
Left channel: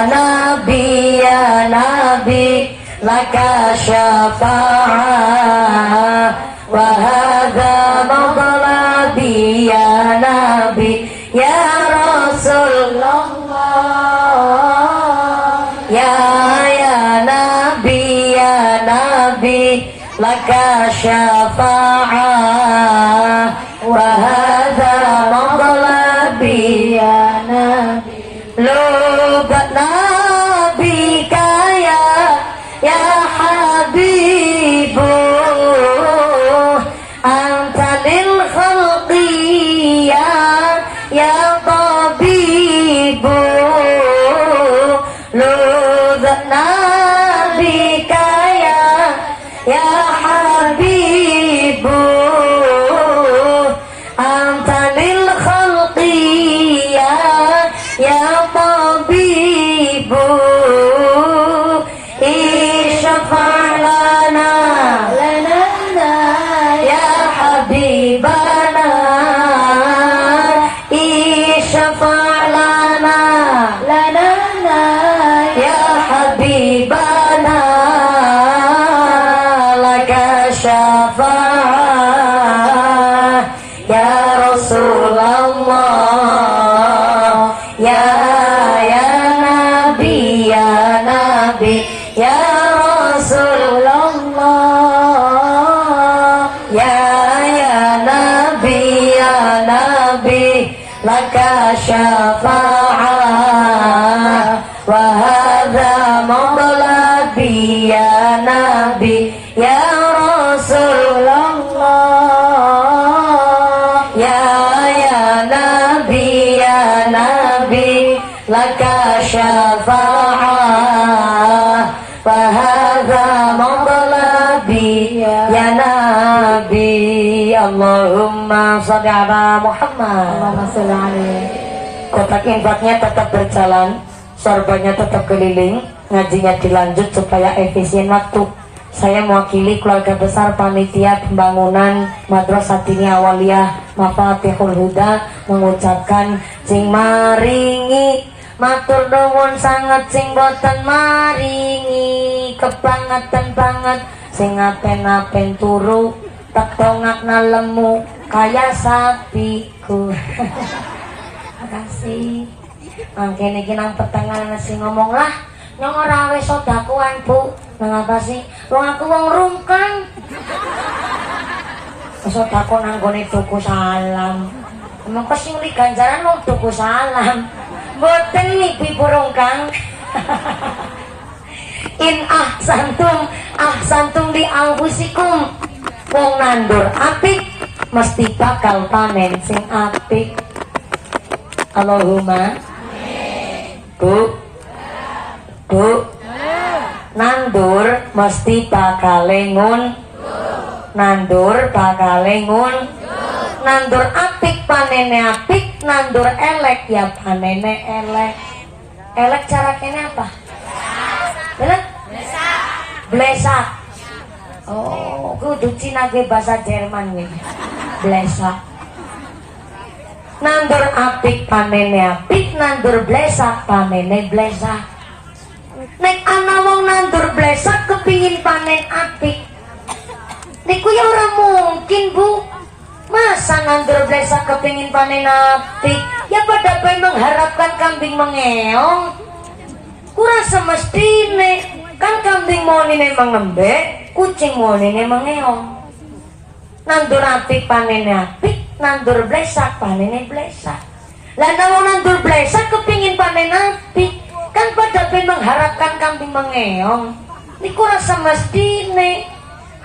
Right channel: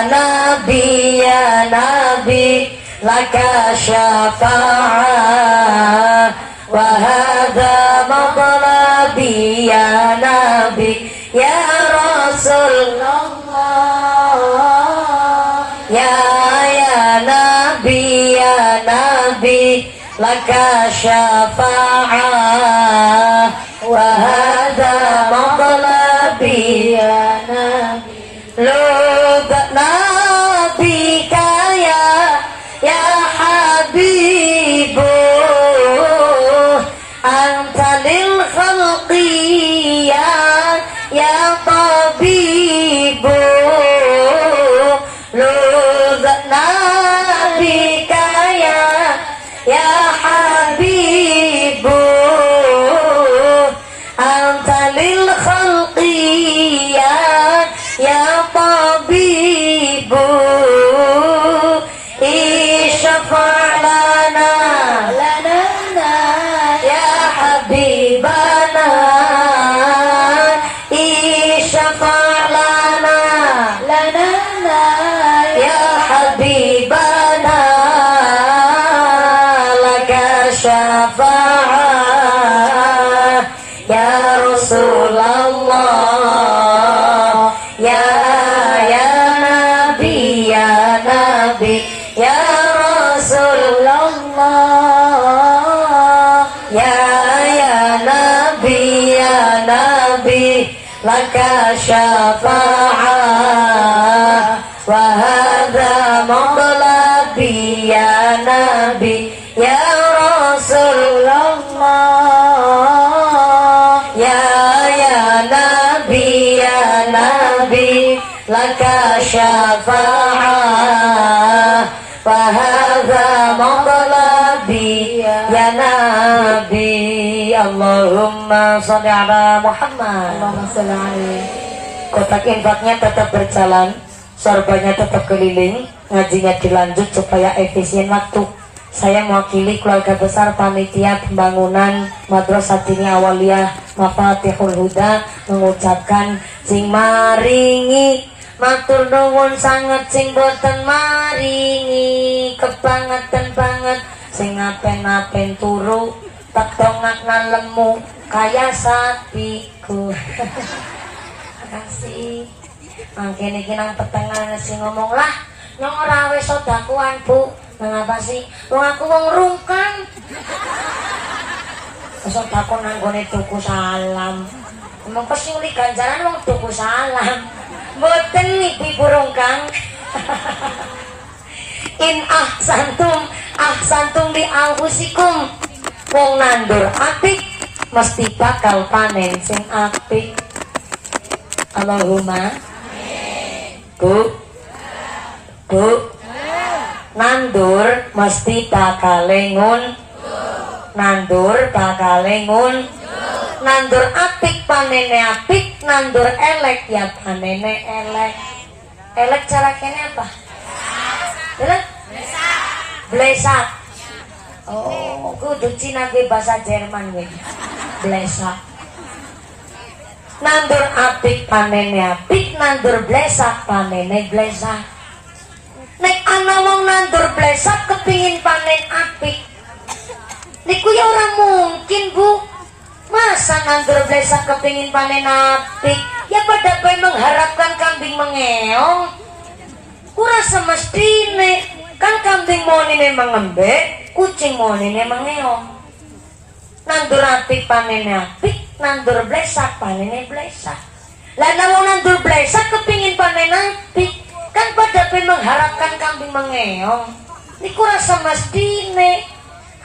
Nabi, ya Nabi, laka syafa'ah, wa hadha matlabi ya Nabi, ya Rasulullah, ya Nabi, ya Nabi, laka syafa'ah, wa hadha matlabi ya Nabi, lubat Nabi kaya ya Habibu, anta lil khalqi ya tabibu, lubat Nabi kaya ya Habibu, anta lil khalqi ya tabibu, isyafa' lana ya habibana, isyafa' lana ya habibana, laka syafa'ah ya Rasulullah, ya Nabi, ya Nabi, ya Rasulullah, ya Nabi, ya Nabi, laka syafa'ah, wa hadha matlabi ya Nabi, ya Rasulullah, ya Nabi, ya Nabi, laka syafa'ah, wa hadha matlabi ya Nabi. Allahumma sholli ala Muhammad. Allahumma sholli alaihi. Kotak infaknya tetap berjalan, sorbannya tetap keliling, ngajinya dilanjut supaya efisien waktu. Saya mewakili keluarga besar panitia pembangunan Madrasah Diniyah Awaliyah Mafatihul Huda mengucapkan sing maringi matur nuwun sangat sing boten maringi kebangetan banget sing ngapen-ngapen turu tek dongakna lemu kaya sapiku. Makasih. Mangkene iki nang petengan sing ngomong lah nyong ora wis sedakuan Bu. Mengapa sih? Wong aku wong rungkang. Sedako nang gone tuku salam. Emang kesing di ganjaran wong tuku salam. Mboten ibu rungkang. In ahsantum li anfusikum. Wong nandur apik mesti bakal panen sing apik. Allahumma Bu nandur mesti bakal lengun nandur nandur apik panene apik nandur elek ya panene elek cara kene apa blesak oh kudu Cina ke bahasa Jerman we blesak nandur apik panene apik nandur blesak panene blesak. Nek ana wong nandur blesak kepingin panen apik niku ya ora mungkin Bu. Masa nandur blesak kepingin panen apik ya pada bae mengharapkan kambing mengeong. Kurang semestine kan kambing moni memang ngembek kucing moni memang ngeong. Nandur apik panen apik nandur blesak panen blesak. Lah wong nandur blesak kepingin panen apik kan pada mengharapkan kambing mengeong. Niku rasa mestine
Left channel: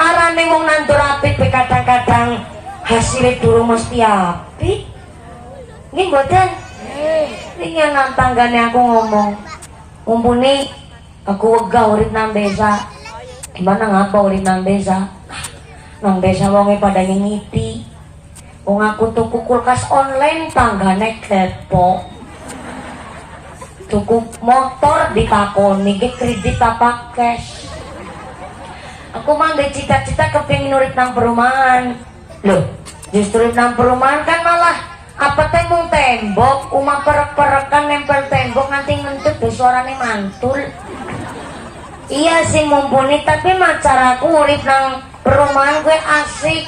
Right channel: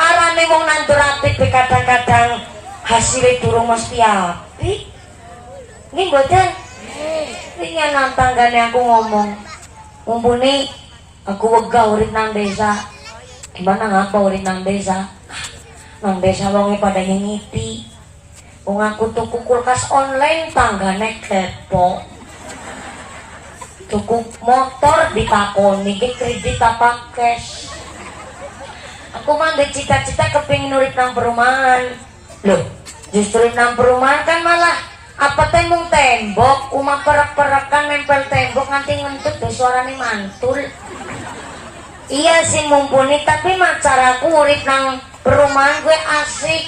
arane wong nandur apik kadang-kadang hasilnya durung mesti apik. Nggih mboten? Nggih. Nang tanggane aku ngomong, mumpuni aku wegah urip nang desa. Gimana ngapa urip nang desa? Nang desa wonge pada nyengiti. Wong aku tuku kulkas online tanggane kepo. Tuku motor ditakoni ke kredit apa cash. Aku mah ndek cita-cita kepengin urip nang perumahan. Loh, justru nang perumahan kan malah apa tembok tembok, umah perek-perekan nempel tembok nganti ngentut do suarane mantul. Iya sih mumpuni tapi macaraku urip nang perumahan gue asik.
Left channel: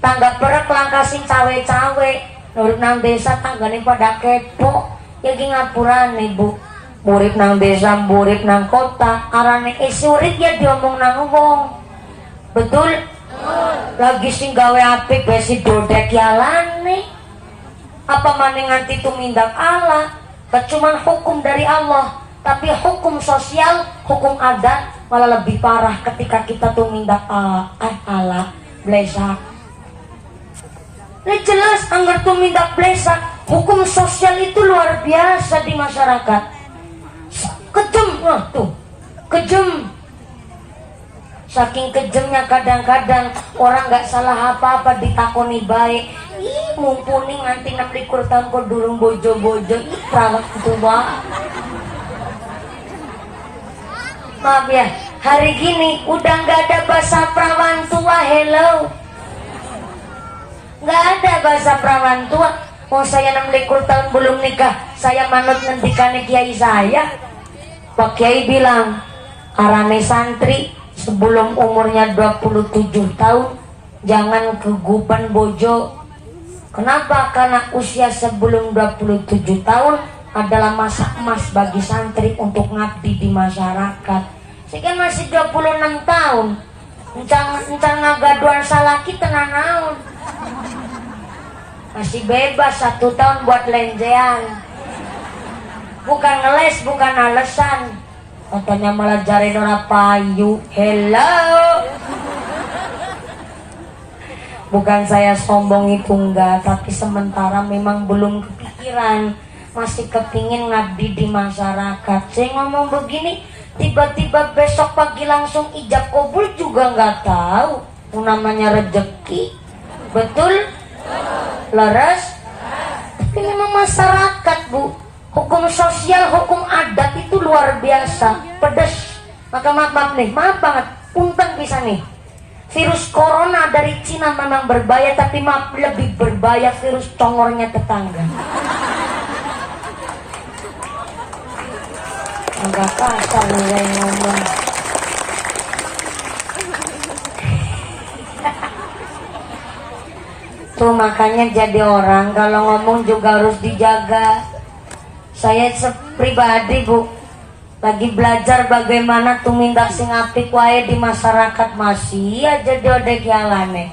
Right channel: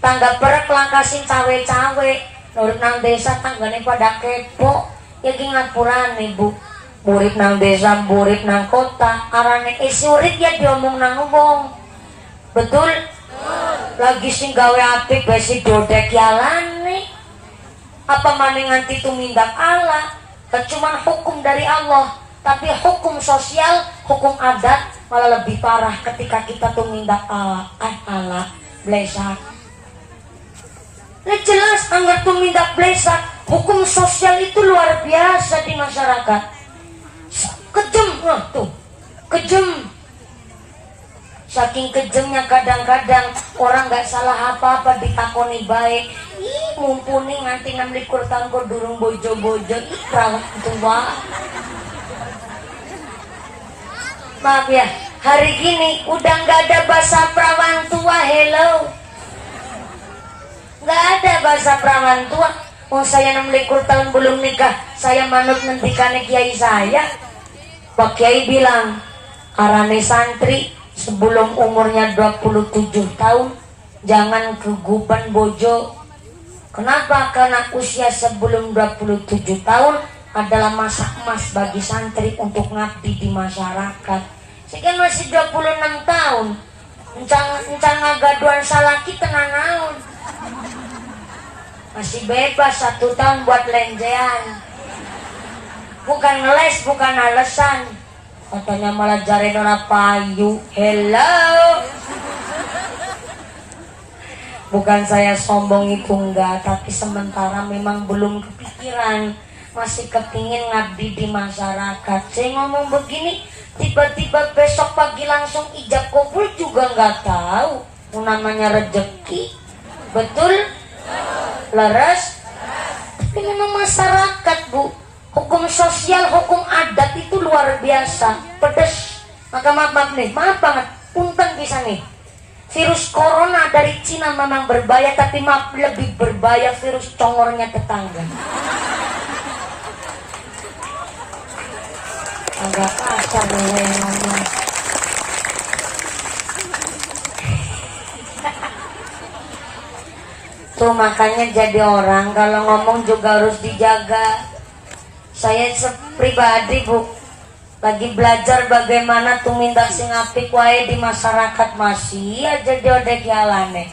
Tangga perek langkah sing cawe-cawe. Urip nang desa tanggane pada kepo. Ya ki ngapurane Bu. Murid nang desa, murid nang kota, arane urip ya diomong nang wong. Betul? Lagi sing gawe apik bae si dodek yalane. Apa maning nganti tumindak Allah? Cuman hukum dari Allah, tapi hukum sosial, hukum adat malah lebih parah ketika kita tumindak Allah blesak. Ini jelas anggar tumindak blesak. Hukum sosial itu luar biasa di masyarakat. Kejem, wah tuh, kejem. Saking kejemnya kadang-kadang orang nggak salah apa-apa ditakoni baik. Ih, mumpuni nganti 6 tahun kok durung bojo-bojo. Ih, perawat tua. Maaf ya, hari gini udah nggak ada bahasa perawan tua. Hello, nggak ada bahasa perawan tua. Oh saya 6 tahun belum nikah, saya manut ngendikane kiai saya. Pak Kiai bilang, arane santri sebelum umurnya 27 tahun jangan keguban bojo. Kenapa? Karena usia sebelum 27 tahun adalah masa emas bagi santri untuk ngabdi di masyarakat. Sehingga masih 26 tahun encang ngagaduan salah kita naon. Masih bebas 1 tahun buat lenjean. Bukan ngeles, bukan alasan. Katanya malah jari orang payu. Hello. Bukan saya sombong itu enggak, tapi sementara memang belum kepikiran. Masih kepingin ngabdi di masyarakat. Saya ngomong begini, tiba-tiba besok pagi langsung ijab kabul juga nggak tahu. Namanya rezeki. Betul? Laras? Tapi memang masyarakat Bu, hukum sosial, hukum adat itu luar biasa pedes. Maka maaf nih, maaf banget, punten bisa nih. Virus corona dari Cina memang berbahaya, tapi maaf lebih berbahaya virus congornya tetangga. Enggak kasar nih ngomong. Tuh makanya jadi orang kalau ngomong juga harus dijaga. Saya pribadi Bu, lagi belajar bagaimana tumindak sing apik wae di masyarakat, masih aja diodek yalane.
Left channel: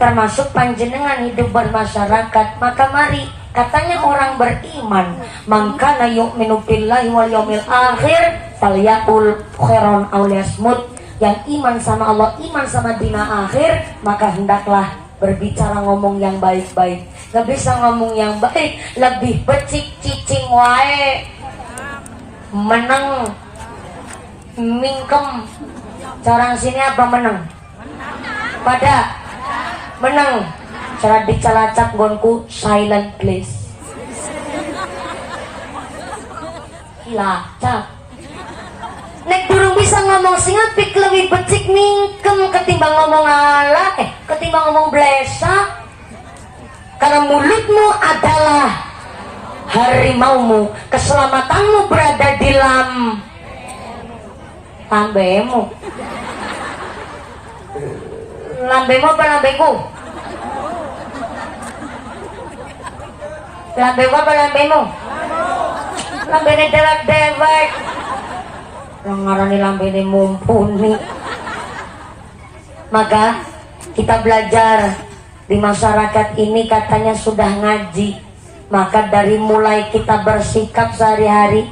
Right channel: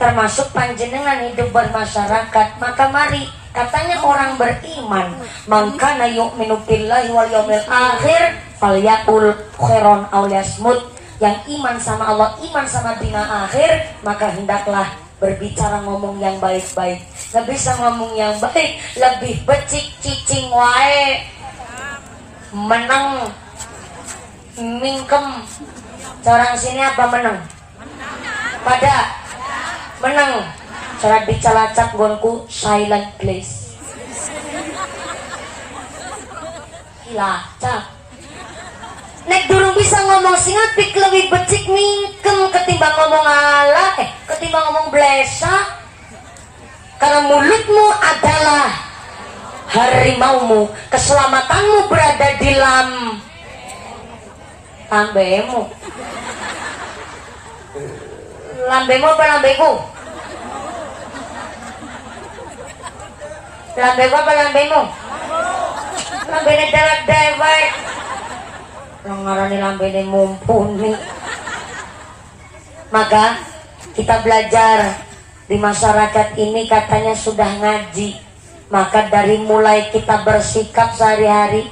Termasuk panjenengan hidup bermasyarakat. Maka mari, katanya orang beriman, maka na yu'minu billahi wal yaumil akhir falyaqul khairan aw liyasmut. Yang iman sama Allah, iman sama dina akhir, maka hendaklah berbicara ngomong yang baik-baik. Gak bisa ngomong yang baik, lebih becik cicing wae. Menang mingkem. Orang sini apa menang? Pada menang. Cara dicalacak gonku silent please. Lacak. Nek durung bisa ngomong sing apik lebih becik mingkem ketimbang ngomong ala, ketimbang ngomong blesa. Karena mulutmu adalah harimaumu, keselamatanmu berada di lambemu. Lambemu apa lambeku? Lambemu apa lambemu? Lambene dewek. Ngarani lambene mumpuni. Maka kita belajar di masyarakat ini katanya sudah ngaji. Maka dari mulai kita bersikap sehari-hari,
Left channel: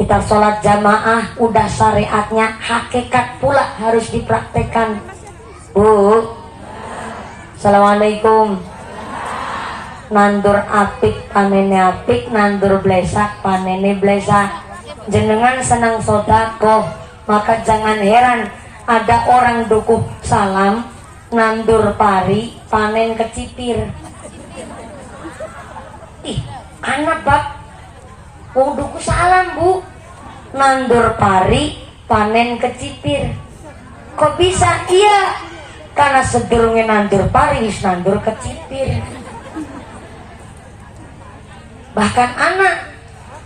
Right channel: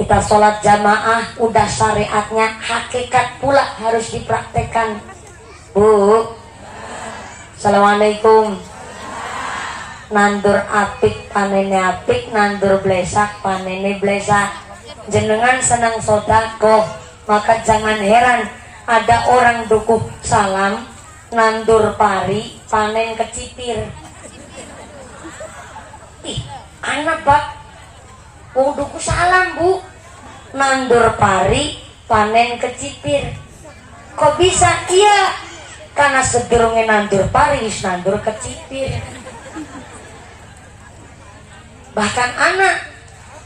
kita sholat jamaah, udah syariatnya, hakikat pula harus dipraktekkan. Bu, assalamualaikum. Nandur apik panene apik, nandur blesak panene blesak. Jenengan senang sodako, maka jangan heran ada orang dukuh salam, nandur pari, panen kecipir. Ih, anak Pak, dukuh salam Bu, nandur pari, panen kecipir. Kok bisa? Iya, karena sedurungnya nandur pari, nandur kecipir. Bahkan anak,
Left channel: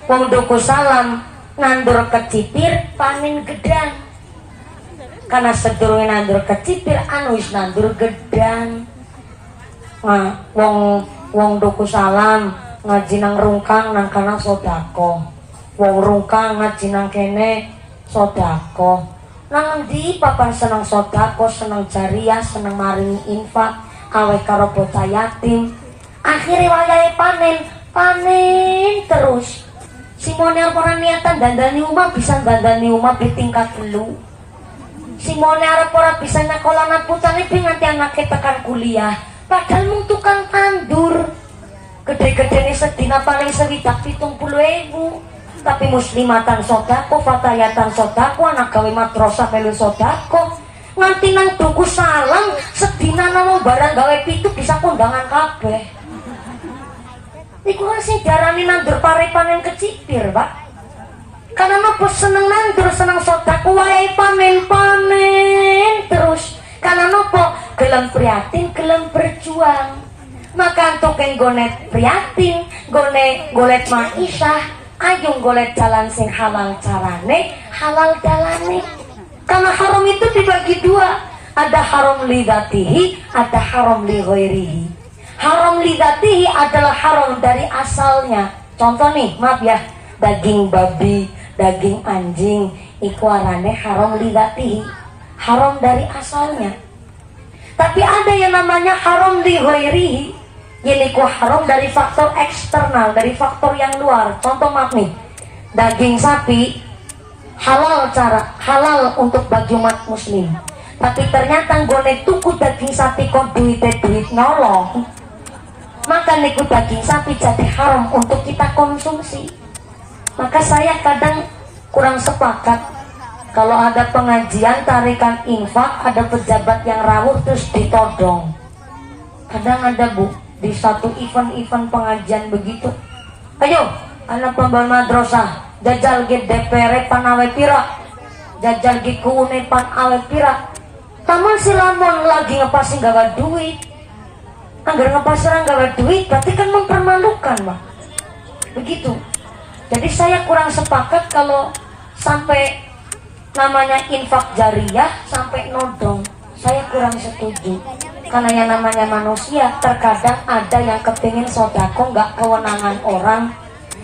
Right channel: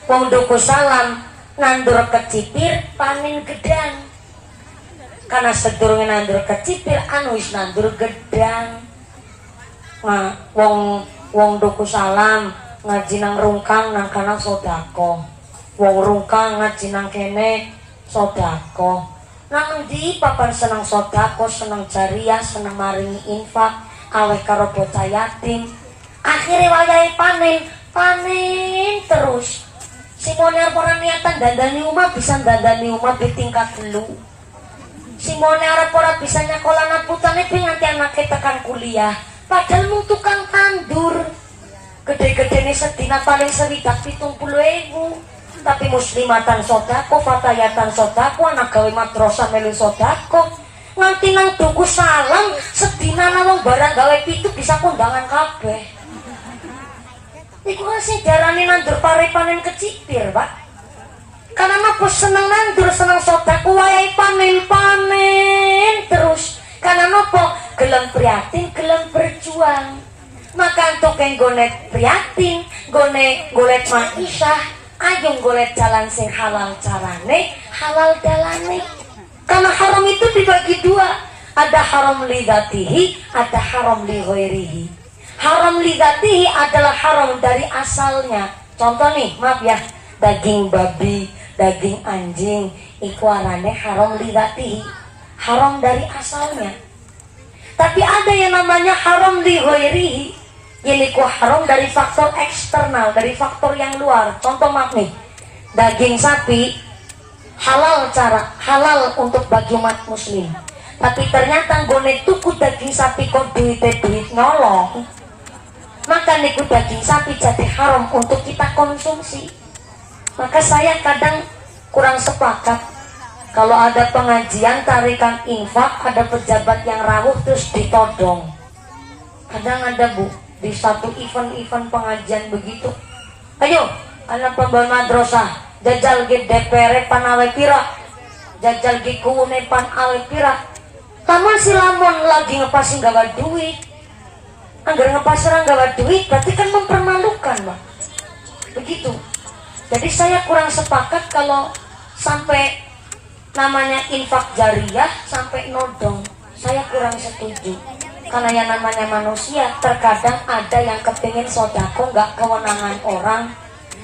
dukuh salam, nandur kecipir panen gedang. Karena sedurunge nandur kecipir anu wis nandur gedang. Nah, wong duku salam ngaji nang rungkang nang kana sodako. Wong rungkang ngaji nang kene sodako. Nang ndi papan senang sodako, senang jariah, senang maringi infak, kaweh karo bocah yatim. Akhire wayahe panen terus. Simone orang niatan dandani umah bisa dandani umah di tingkat telu. Simone arep ora bisa nyakolana putane pi nganti anake tekan kuliah. Padahal mung tukang tandur. Gede-gedene sedina paling 70.000. Tapi muslimatan sodako, fatayatan sodako, anak gawe madrasah melu sodako. Nganti nang tuku salam sedina nang barang gawe pitu bisa kondangan kabeh. Iku sing diarani nandur pari panen kecipir, Pak. Karena aku seneng nandur, seneng sodako, wayahe panen terus. Karena apa? Gelem prihatin, gelem berjuang. Maka untuk yang golet prihatin, golet ma'isyah, ayo golet jalan sing halal carane, halal dalane. Karena haram itu dibagi dua. Ada haram lidatihi, ada haram li ghairihi. Haram lidatihi adalah haram dari asalnya. Contoh nih, maaf ya, daging babi, daging anjing, iku arane haram lidatihi, haram dari asalnya. Tapi ada yang namanya haram li ghairihi, yaitu haram dari faktor eksternal, dari faktor yang luar. Contoh maaf nih, daging sapi halal halal untuk bagi umat muslim. Tapi ternyata gone tuku daging sapi kok duit nyolong. Maka niku daging sapi jadi haram untuk kita konsumsi. Maka saya kadang kurang sepakat kalau ada pengajian tarikan infak, ada pejabat yang rawuh terus ditodong. Kadang ada Bu, di satu event pengajian begitu. Ayo, anak pembawa madrasah, jajal ge DPR pan awe pira, jajal ge kuune pan awe pira. taman si lamun lagi ngepasin gawa duit, anggar ngepasarang gawa duit berarti kan mempermalukan Pak. Begitu. Jadi saya kurang sepakat kalau sampai namanya infak jariyah sampai nodong. Saya kurang setuju. Karena yang namanya manusia terkadang ada yang kepingin sodako nggak kewenangan orang.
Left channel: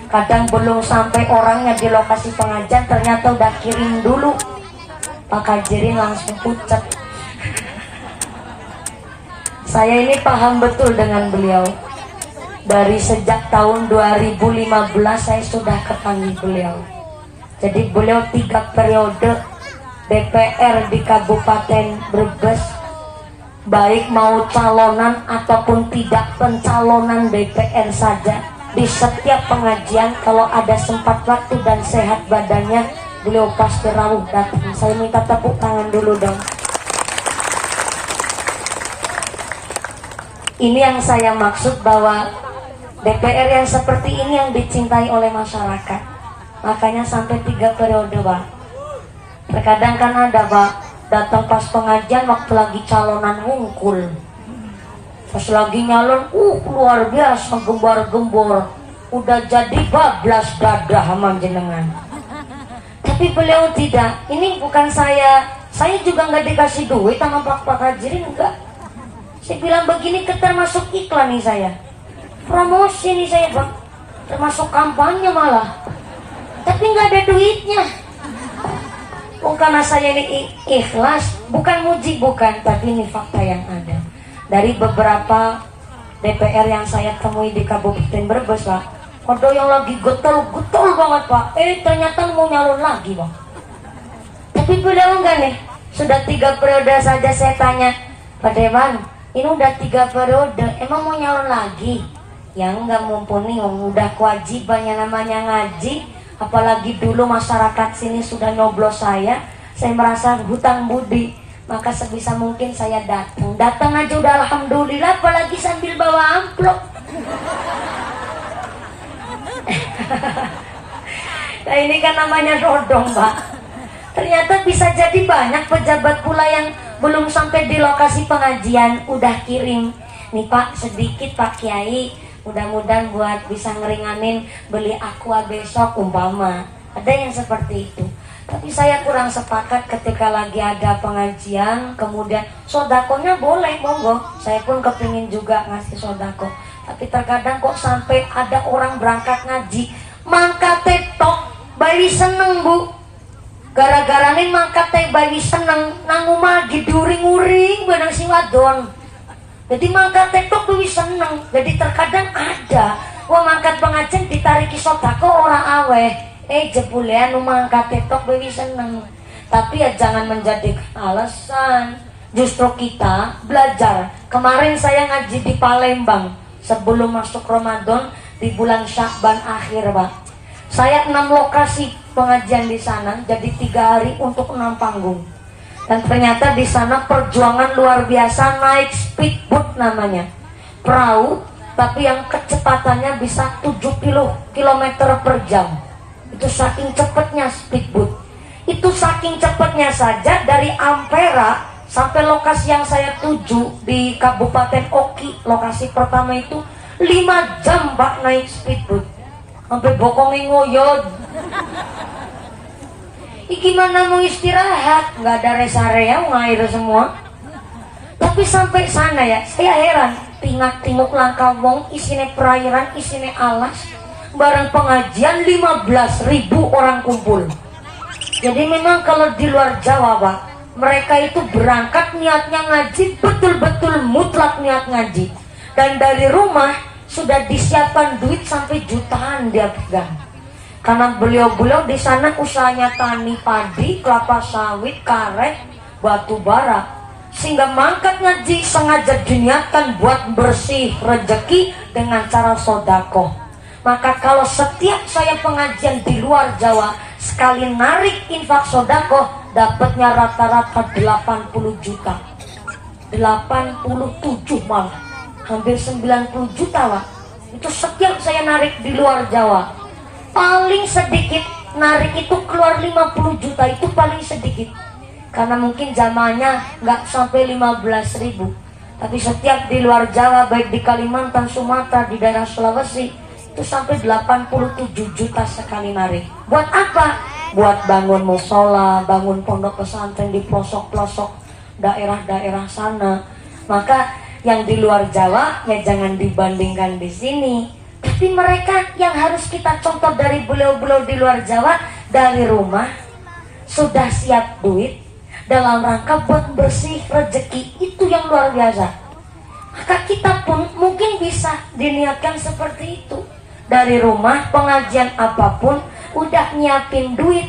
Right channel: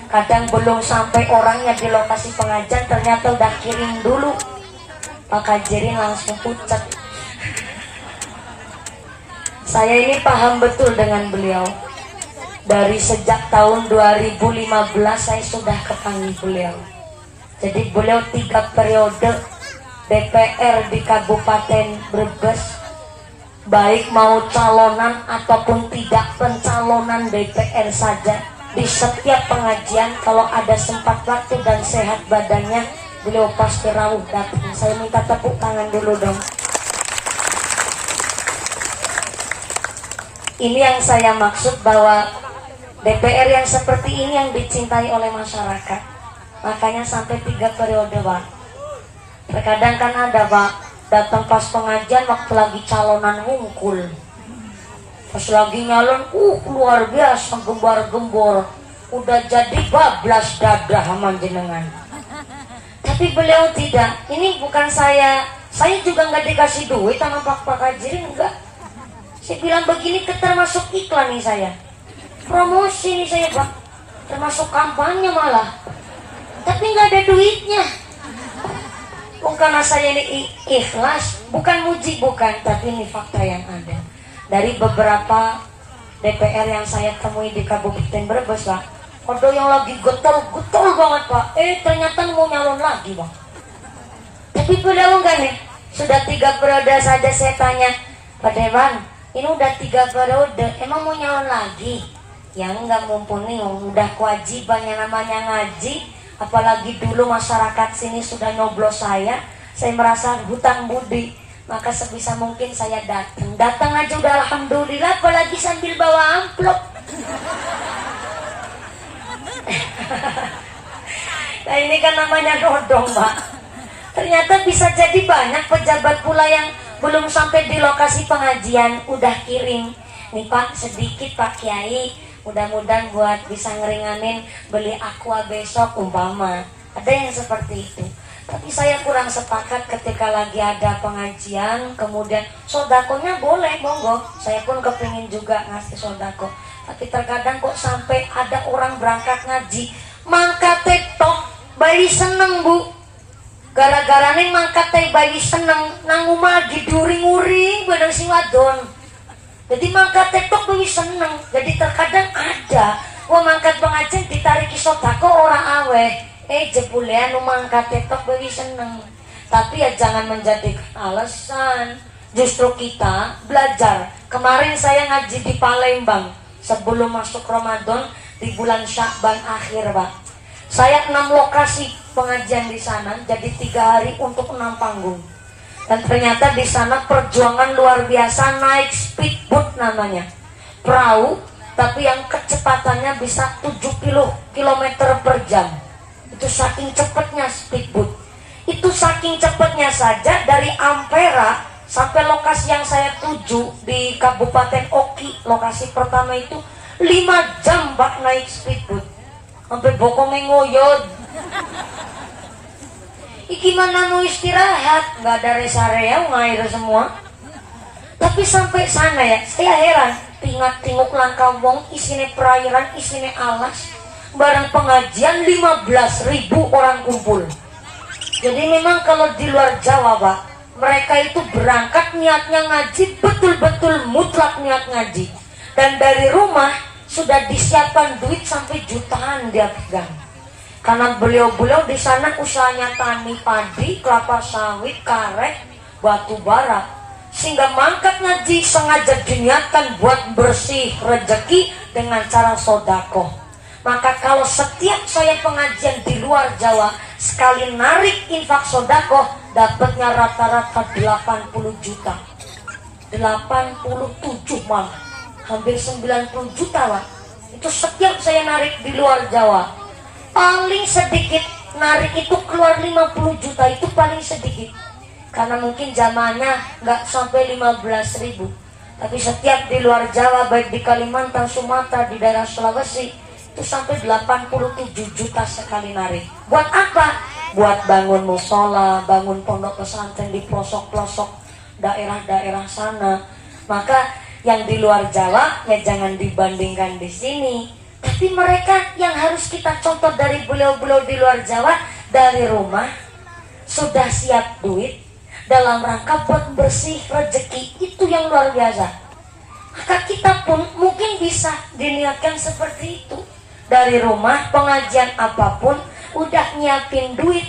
Kadang belum sampai orangnya di lokasi pengajian ternyata udah kirim dulu. Pak Kajirin langsung pucat. Saya ini paham betul dengan beliau. Dari sejak tahun 2015 saya sudah ketemu beliau. Jadi beliau 3 periode DPR di Kabupaten Brebes, baik mau calonan ataupun tidak pencalonan DPR saja, di setiap pengajian kalau ada sempat waktu dan sehat badannya, beliau pasti rawuh datang. Saya minta tepuk tangan dulu dong. Ini yang saya maksud, bahwa DPR yang seperti ini yang dicintai oleh masyarakat. Makanya sampai 3 periode Pak. Terkadang kan ada Pak, datang pas pengajian waktu lagi calonan hungkul, pas lagi nyalon luar biasa gembar-gembor, udah jadi bablas dadah sama jenengan. Tapi beliau tidak. Ini bukan saya juga nggak dikasih duit sama Pak Kajirin, enggak. Saya bilang begini termasuk iklan nih saya, promosi nih saya Pak, termasuk kampanye malah, tapi nggak ada duitnya. Karena saya ini ikhlas, bukan muji, bukan, tapi ini fakta yang ada. Dari beberapa DPR yang saya temui di Kabupaten Brebes Pak, ada yang lagi getol banget Pak, ternyata mau nyalon lagi Pak. Tapi beliau enggak nih, sudah 3 periode saja saya tanya, Pak Dewan, ini udah 3 periode, emang mau nyalon lagi? Ya enggak, mumpuni, udah kewajibannya namanya ngaji. Apalagi dulu masyarakat sini sudah nyoblos saya merasa hutang budi, maka sebisa mungkin saya datang aja udah alhamdulillah, apalagi sambil bawa amplop. Nah ini kan namanya dodong Pak. Ternyata bisa jadi banyak pejabat pula yang belum sampai di lokasi pengajian udah kirim, nih Pak sedikit Pak Kiai, mudah-mudahan buat bisa ngeringanin beli aqua besok umpama. Ada yang seperti itu. Tapi saya kurang sepakat ketika lagi ada pengajian kemudian sodakonya boleh, monggo. Saya pun kepingin juga ngasih sodako. Tapi terkadang kok sampai ada orang berangkat ngaji mangkat tok bayi seneng Bu. Gara-gara nih mangkat bayi seneng nang umah diduring-uring bareng si wadon. Jadi mangkat tok bayi seneng. Jadi terkadang ada mangkat pengajian ditariki sodako orang aweh. Jebulean mangkat tok bayi seneng. Tapi ya jangan menjadi alasan. Justru kita belajar. Kemarin saya ngaji di Palembang sebelum masuk Ramadan di bulan Syakban akhir Pak. Saya 6 lokasi pengajian di sana, jadi 3 hari untuk 6 panggung. Dan ternyata di sana perjuangan luar biasa, naik speedboat namanya, perahu, tapi yang kecepatannya bisa 70 km per jam. Itu saking cepatnya speedboat. Itu saking cepatnya saja dari Ampera sampai lokasi yang saya tuju di Kabupaten Oki, lokasi pertama itu 5 jam Pak naik speedboat. Sampai bokongnya ngoyod. Gimana mau istirahat? Nggak ada rest area, ngair semua. Tapi sampai sana ya, saya heran. Tingak-tinguk langkah wong, isinya perairan, isinya alas. Barang pengajian 15.000 orang kumpul. Jadi memang kalau di luar Jawa Pak, mereka itu berangkat niatnya ngaji, betul-betul mutlak niat ngaji. Dan dari rumah sudah disiapkan duit sampai jutaan dia pegang. Karena beliau-beliau di sana usahanya tani padi, kelapa sawit, karet, batu bara. Sehingga mangkat ngaji sengaja diniatkan buat bersih rezeki dengan cara sodako. Maka kalau setiap saya pengajian di luar Jawa, sekali narik infak sodako, dapatnya rata-rata 80 juta. 87 malah. Hampir 90 juta Pak. Itu setiap saya narik di luar Jawa. Paling sedikit narik itu keluar 50 juta, itu paling sedikit. karena mungkin jamaahnya nggak sampai 15.000, tapi setiap di luar Jawa, baik di Kalimantan, Sumatera, di daerah Sulawesi, itu sampai 87 juta sekali narik. Buat apa? Buat bangun musola, bangun pondok pesantren di pelosok-pelosok daerah-daerah sana. Maka yang di luar Jawa ya jangan dibandingkan di sini. Tapi mereka yang harus kita contoh dari beliau-beliau di luar Jawa, dari rumah sudah siap duit dalam rangka buat bersih rezeki, itu yang luar biasa. Maka kita pun mungkin bisa diniatkan seperti itu. Dari rumah pengajian apapun udah nyiapin duit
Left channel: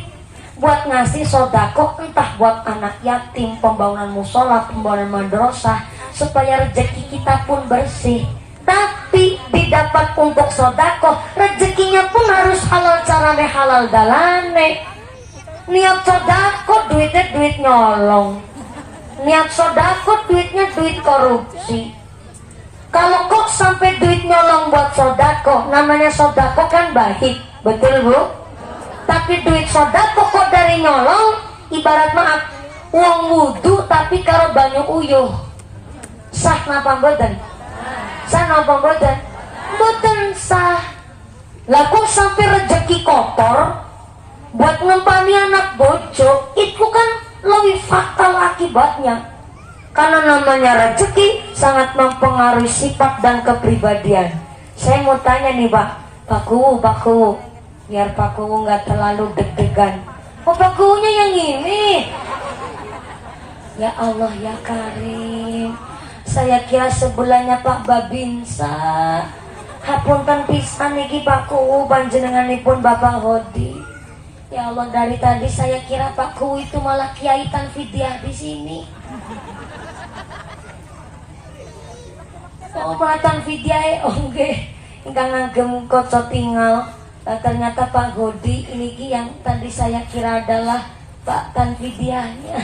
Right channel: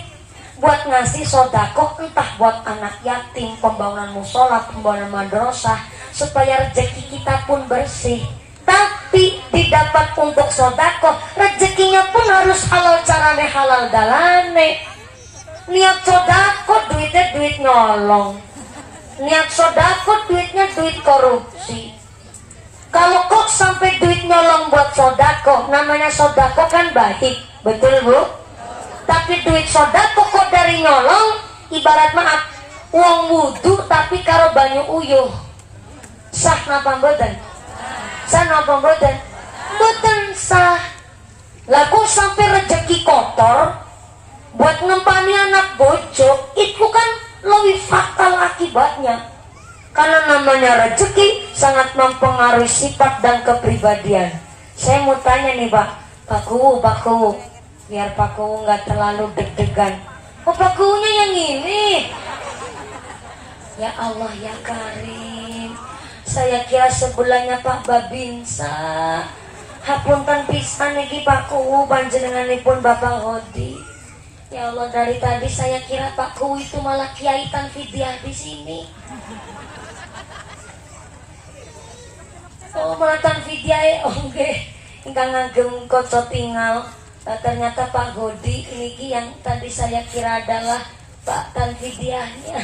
buat ngasih sodako, entah buat anak yatim, pembangunan musola, pembangunan madrasah, supaya rezeki kita pun bersih. Tapi didapat untuk sodako, rezekinya pun harus halal carane, halal dalane. Niat sodako duitnya duit nyolong, niat sodako duitnya duit korupsi. Kalau kok sampai duit nyolong buat sodako, namanya sodako kan baik, betul bu? Tapi duit sodako kok dari nyolong, ibarat maaf, uang wudhu tapi karo banyu uyuh. Sah napa mboten? Sah napa mboten? Mboten sah. Lah kok sampai rezeki kotor buat ngempani anak bojo, itu kan lebih fatal akibatnya. Karena namanya rezeki sangat mempengaruhi sifat dan kepribadian. Saya mau tanya nih Pak Kuwu, biar Pak Kuwu nggak terlalu deg-degan. Oh Pak Kuwunya yang ini. Ya Allah ya Karim, saya kira sebelahnya Pak Babinsa. Hapunten pisan niki Pak Kuwu panjenenganipun Bapak Hodi. Ya Allah, dari tadi saya kira Pak Kuwu itu malah Kiai Tanfidiah di sini. Oh matan video oke, ingkang ngagem kocok tinggal. Ternyata Pak Godi ini yang tadi saya kira adalah Pak Tanfidiahnya.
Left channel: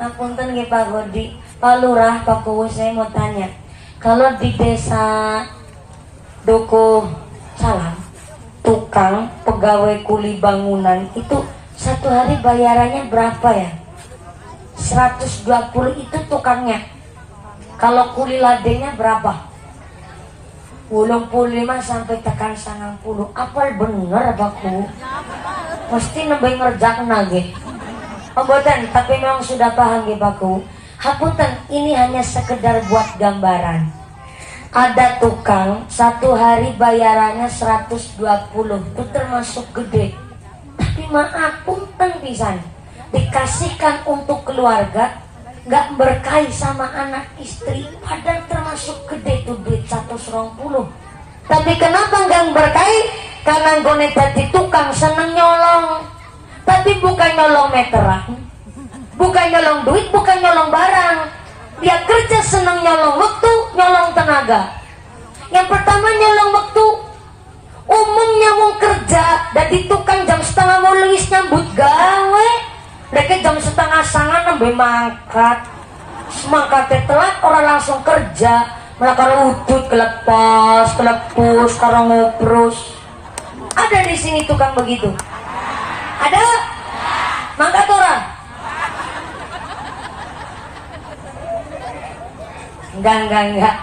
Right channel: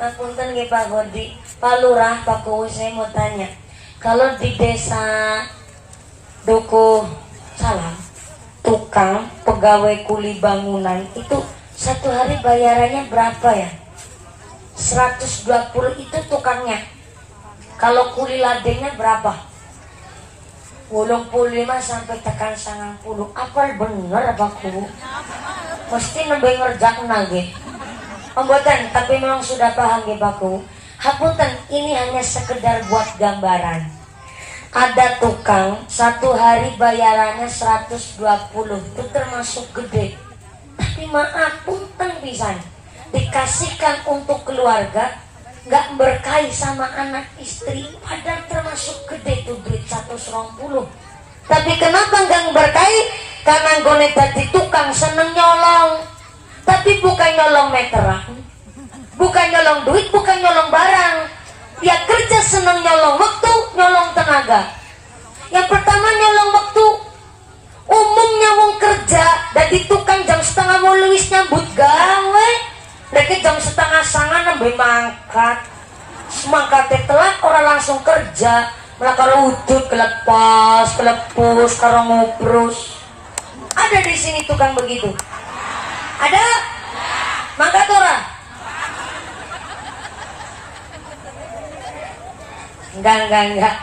Ngapunten nggih Pak Godi, Pak Lurah, Pak Kuwu, saya mau tanya, kalau di desa Duku Salam, tukang pegawai kuli bangunan itu satu hari bayarannya berapa ya? 120 itu tukangnya. Kalau kuli ladengnya berapa? 85 sampai tekan 90. Apa bener apa ku? Mesti nambah ngerjakan lagi. Pembuatan, tapi memang sudah paham ya Baku. Hapunten, ini hanya sekedar buat gambaran. Ada tukang satu hari bayarannya 120, itu termasuk gede. Tapi maaf, punten pisan, dikasihkan untuk keluarga, nggak berkahi sama anak istri, padahal termasuk gede tuh duit 120. Tapi kenapa nggak berkahi? Karena gue jadi tukang seneng nyolong. Tapi bukan nyolong meteran, bukan nyolong duit, bukan nyolong barang. Dia kerja seneng nyolong waktu, nyolong tenaga. Yang pertama nyolong waktu. Umumnya mau kerja dari tukang jam setengah mau luwis nyambut gawe. Mereka jam setengah sangat nambah mangkat. Semangkatnya telat orang langsung kerja. Malah karo udut kelepus, karo ngobrus. Ada di sini tukang begitu? Ada? Mangkat orang? Enggak.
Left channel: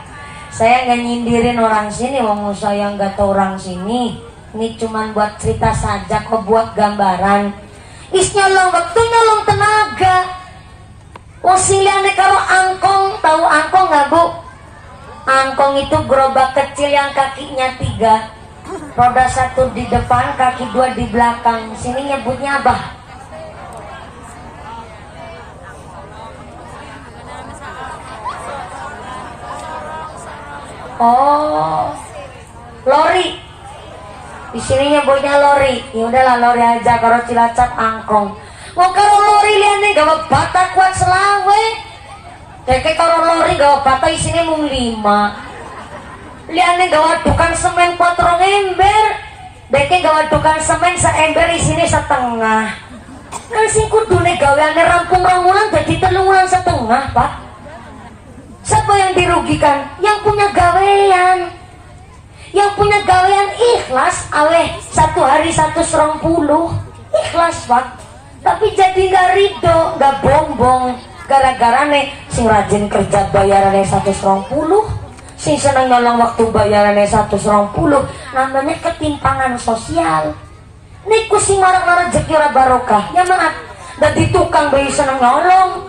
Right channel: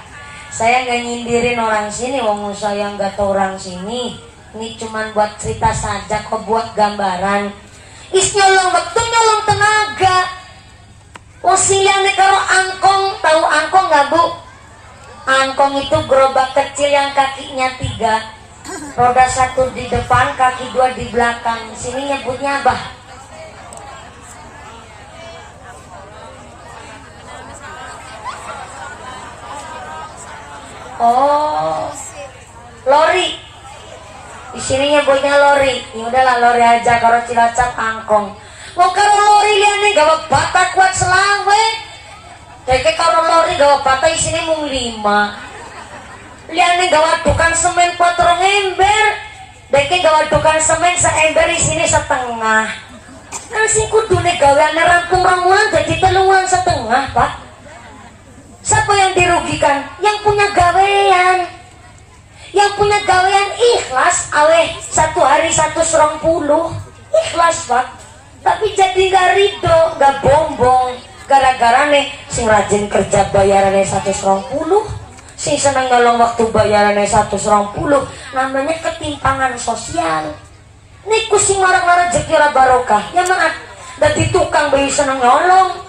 Saya nggak nyindirin orang sini, wong saya nggak tahu orang sini. Ini cuman buat cerita saja, kok buat gambaran. Is nyolong waktu, nyolong tenaga. Wasiliane karo angkong, tahu angkong nggak bu? Angkong itu gerobak kecil yang kakinya 3, roda 1 di depan, kaki 2 di belakang. Sini nyebutnya apa? Oh, lori. Di sini nyebutnya lori. Ya udahlah lori aja, kalau Cilacap angkong. Wong karo lori liane gawe bata kuat selawe. Deke karo lori gawe bata isine mung 5. Liane gawe tukang semen 4 ember. Deke gawe tukang semen seember isine setengah. Nang sing kudune gaweane rampung-rampungan dadi 3,5, Pak. Siapa yang dirugikan? Yang punya gawean. Yang punya gawean ikhlas, aweh 1 hari 120. Ikhlas Pak. Tapi jadi gak ridho, gak bombong. Gara-gara nih sing rajin kerja bayarannya 120, sing seneng nyolong waktu bayarannya 120. Namanya ketimpangan sosial. Niku sing marah-marah rezeki ora barokah. Ya maaf, dadi tukang bayi seneng nyolong.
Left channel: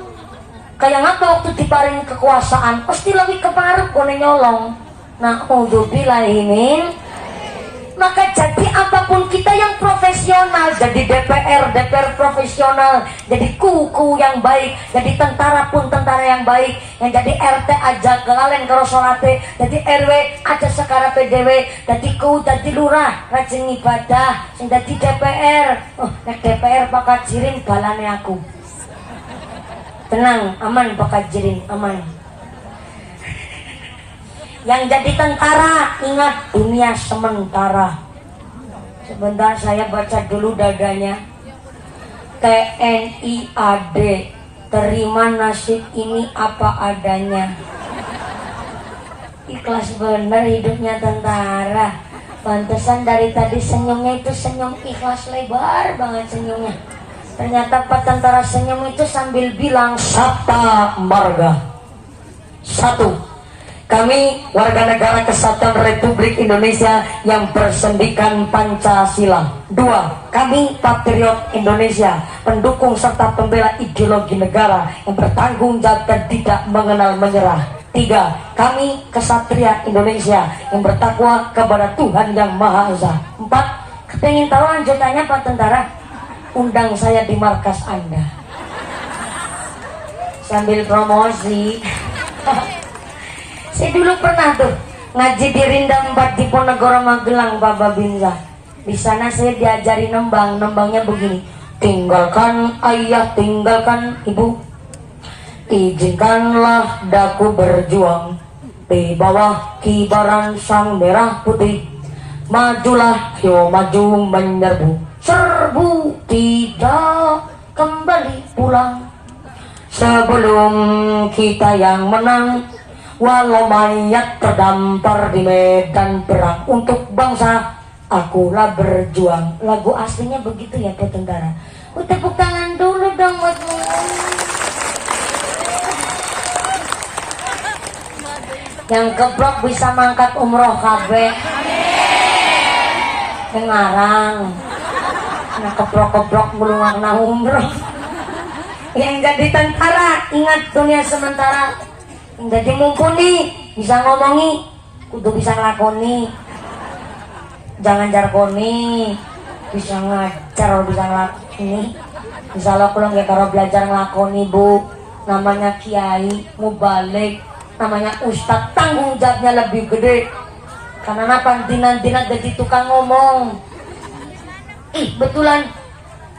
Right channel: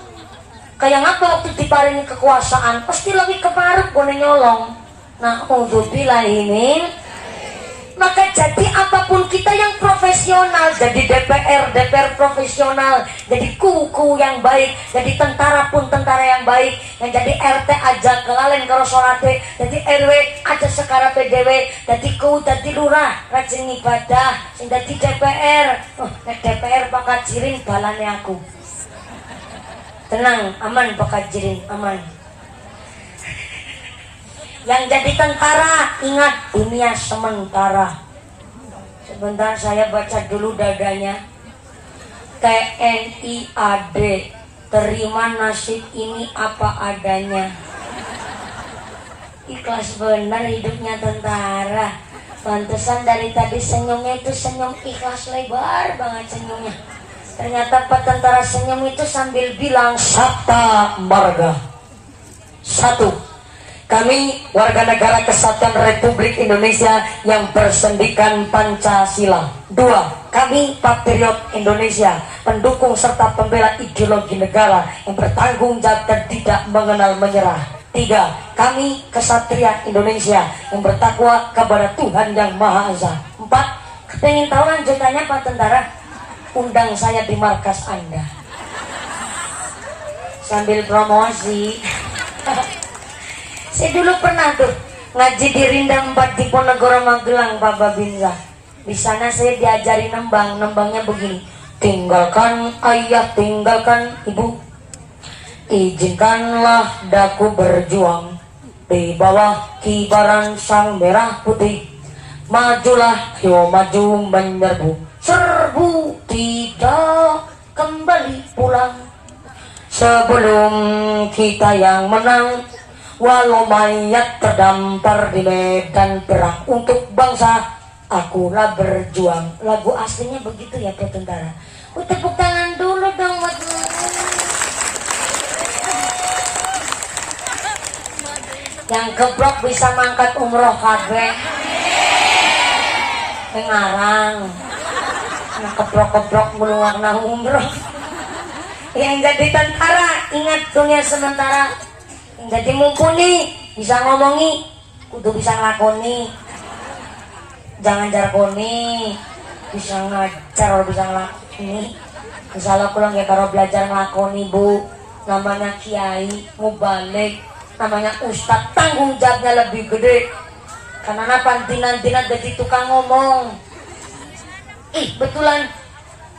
Kayak ngapa waktu diparingi kekuasaan pasti lebih keparep kone nyolong. Nah, udzubillah ini. Maka jadi apapun kita yang profesional, jadi DPR profesional, jadi kuku yang baik, jadi tentara pun tentara yang baik, yang jadi RT aja kelalen karo salate, jadi RW aja sekara PDW, jadi ku jadi lurah rajin ibadah, sing jadi DPR, nek DPR bakal jirin balane aku. Tenang, aman bakal jirin, aman. Yang jadi tentara, ingat dunia sementara. Sebentar saya baca dulu dadanya. TNIAD, terima nasib ini apa adanya. Ikhlas bener hidupnya tentara. Pantesan dari tadi senyumnya itu senyum ikhlas lebar banget senyumnya. Ternyata Pak Tentara senyum itu sambil bilang Sabta Marga. 1. Kami warga negara kesatuan Republik Indonesia yang bersendikan Pancasila. 2. Kami patriot Indonesia, pendukung serta pembela ideologi negara yang bertanggung jawab dan tidak mengenal menyerah. 3. Kami kesatria Indonesia yang bertakwa kepada Tuhan Yang Maha Esa. 4. Kepingin tahu lanjutannya Pak Tentara? Undang saya di markas Anda. Sambil promosi. Saya dulu pernah tuh ngaji di Rindang 4 di Ponegoro Magelang, Pak Babinsa. Di sana saya diajari nembang, nembangnya begini. Tinggalkan ayah, tinggalkan ibu, izinkanlah daku berjuang di bawah kibaran sang merah putih. Majulah, yo maju menyerbu, serbu tidak kembali pulang. Sebelum kita yang menang, walau mayat terdampar di medan perang untuk bangsa, akulah berjuang. Lagu aslinya begitu ya Pak Tentara. Tepuk tangan dulu dong buat yang geblok bisa mangkat umroh kabe. Ngarang. Yang keblok-keblok mulu warna umroh. Yang jadi tentara ingat dunia sementara. Jadi mumpuni, bisa ngomongi, kudu bisa ngelakoni. Jangan jarkoni, bisa ngajar, bisa ngelakoni. Misalnya pulang ya kalau belajar ngelakoni bu, namanya kiai, mubalik, namanya ustadz, tanggung jawabnya lebih gede. Karena apa? Dinan-dinan jadi tukang ngomong. Betulan,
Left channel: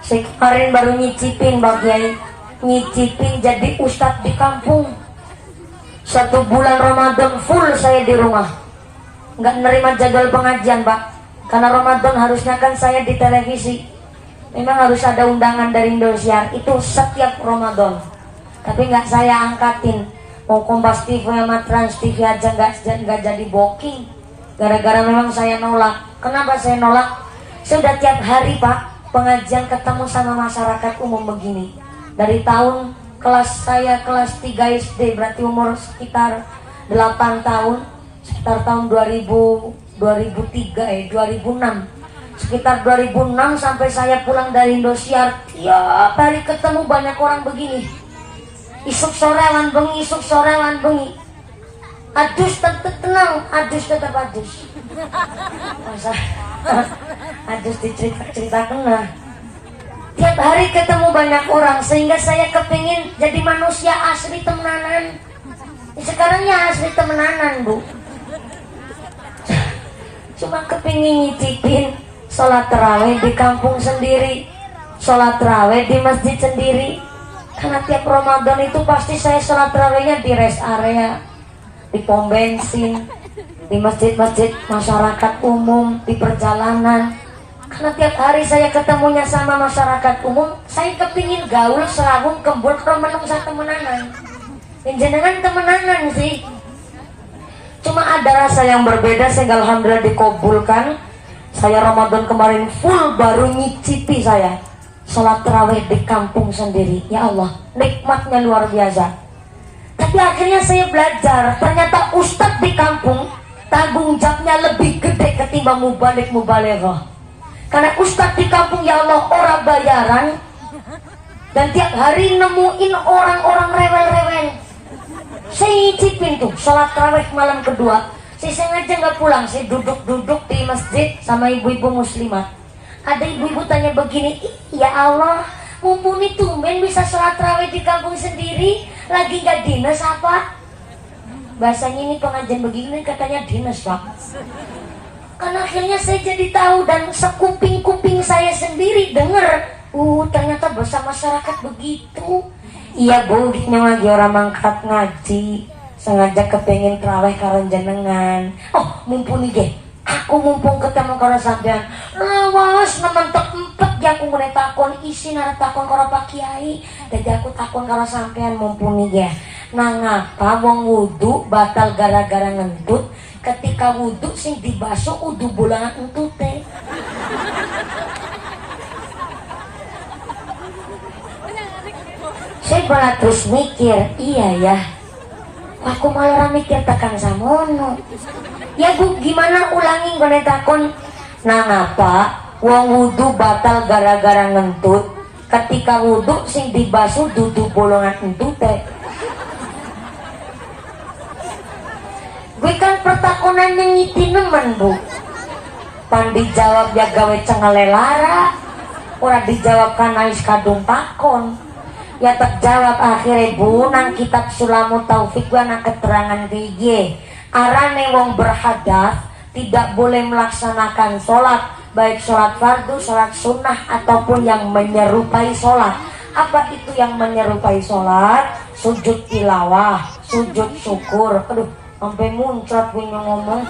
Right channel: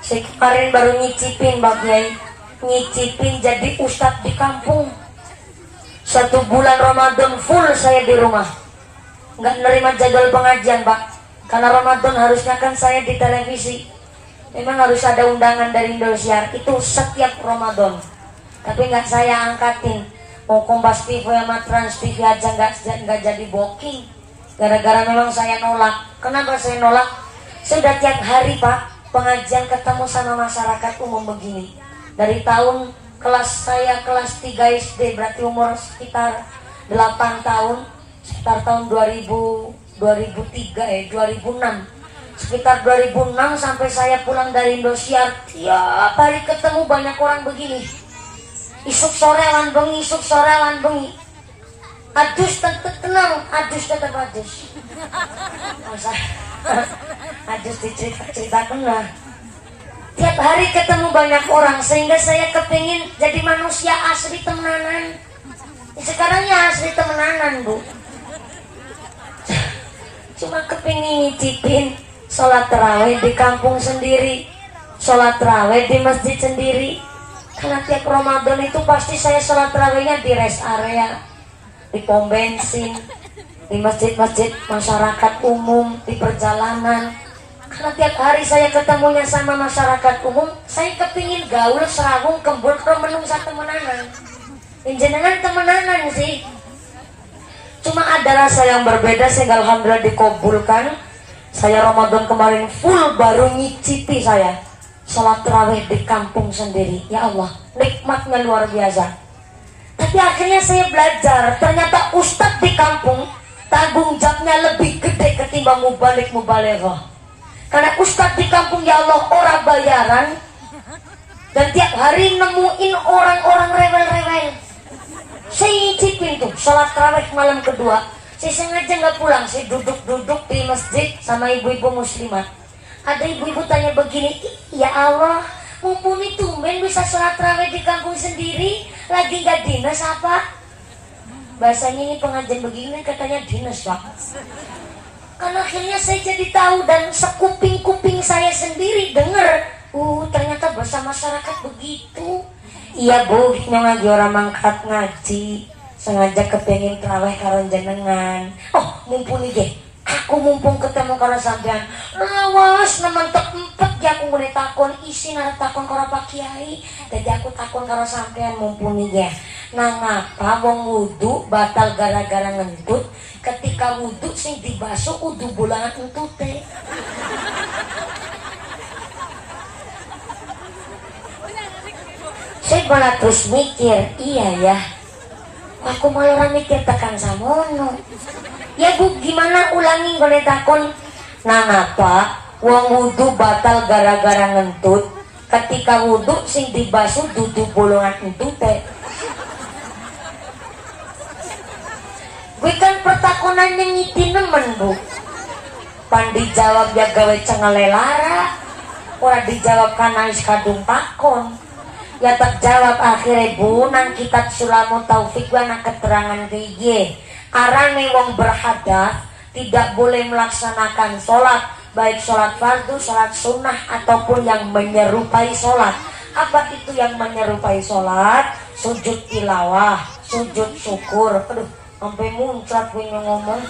saya kemarin baru nyicipin Pak Kiai, nyicipin jadi ustadz di kampung. 1 bulan Ramadan full saya di rumah, nggak nerima jadwal pengajian Pak, karena Ramadan harusnya kan saya di televisi, memang harus ada undangan dari Indosiar itu setiap Ramadan, tapi nggak saya angkatin. Mau Kompas TV sama Trans TV aja nggak jadi booking, gara-gara memang saya nolak. Kenapa saya nolak? Sudah tiap hari Pak pengajian ketemu sama masyarakat umum begini, dari tahun kelas saya kelas 3 SD, berarti umur sekitar 8 tahun, sekitar tahun 2006, sekitar 2006 sampai saya pulang dari Indosiar, tiap hari ketemu banyak orang begini. Isuk sorewan bengi, isuk sorewan bengi. Adus tetap tenang, adus tetap adus. Masa adus diceritakan lah. Tiap hari ketemu banyak orang sehingga saya kepingin jadi manusia asli temenanan. Sekarang ya asli temenanan bu. Cuma kepingin nyicipin sholat tarawih di kampung sendiri, sholat tarawih di masjid sendiri. Karena tiap Ramadan itu pasti saya sholat tarawihnya di rest area, di pom bensin, di masjid-masjid masyarakat umum, di perjalanan. Karena tiap hari saya ketemunya sama masyarakat umum, saya kepingin gaul serabung kembun menung sa temenanan. Jenengan temenanan sih. Cuma ada rasa yang berbeda sehingga alhamdulillah dikabulkan. Saya Ramadan kemarin full baru nyicipi saya. sholat tarawih di kampung sendiri. Ya Allah, nikmatnya luar biasa. Tapi akhirnya saya belajar, ternyata ustadz di kampung tanggung jawabnya lebih gede ketimbang mubalik-mubalighah. Karena ustadz di kampung, ya Allah, orang bayaran, dan tiap hari nemuin orang-orang rewel-rewel. Saya cipin tuh sholat tarawih malam kedua, saya sengaja nggak pulang, saya duduk-duduk di masjid sama ibu-ibu muslimat. Ada ibu-ibu tanya begini, ya Allah, mumpuni tumben bisa sholat tarawih di kampung sendiri, lagi nggak dinas apa? Bahasanya ini pengajian begini katanya dinas, Pak. Karena akhirnya saya jadi tahu, dan sekuping-kuping saya sendiri dengar, ternyata bahasa masyarakat begitu. Iya Bu, ngaji orang mangkat ngaji, sengaja kepengen terawih karo jenengan. Oh, mumpuni deh, aku mumpung ketemu karo sampean. Lawas nemen empet ya aku mulai takon isi nara takon karo Pak Kiai. Jadi aku takon karo sampean mumpuni ya. Nah ngapa wong wudu batal gara-gara ngentut, ketika wudu sing dibasuh udu bulangan entute. Saya malah terus mikir, iya ya, aku malah mikir tekan samono. Ya Bu, gimana ulangi gue takon. Nah ngapa wong wudu batal gara-gara ngentut, ketika wudu sing dibasuh dudu bolongan entute. Gue kan pertakonannya ngiti nemen Bu. Pan dijawab ya gawe cengelela, ora dijawab kan ais kadung takon. Ya terjawab akhirnya Bu, nang kitab Sulamut Taufik wana keterangan piye. Arane wong berhadas tidak boleh melaksanakan sholat, baik sholat fardu, sholat sunnah ataupun yang menyerupai sholat. Apa itu yang menyerupai sholat? Sujud tilawah, sujud syukur. Aduh, sampai muncrat gue ngomong.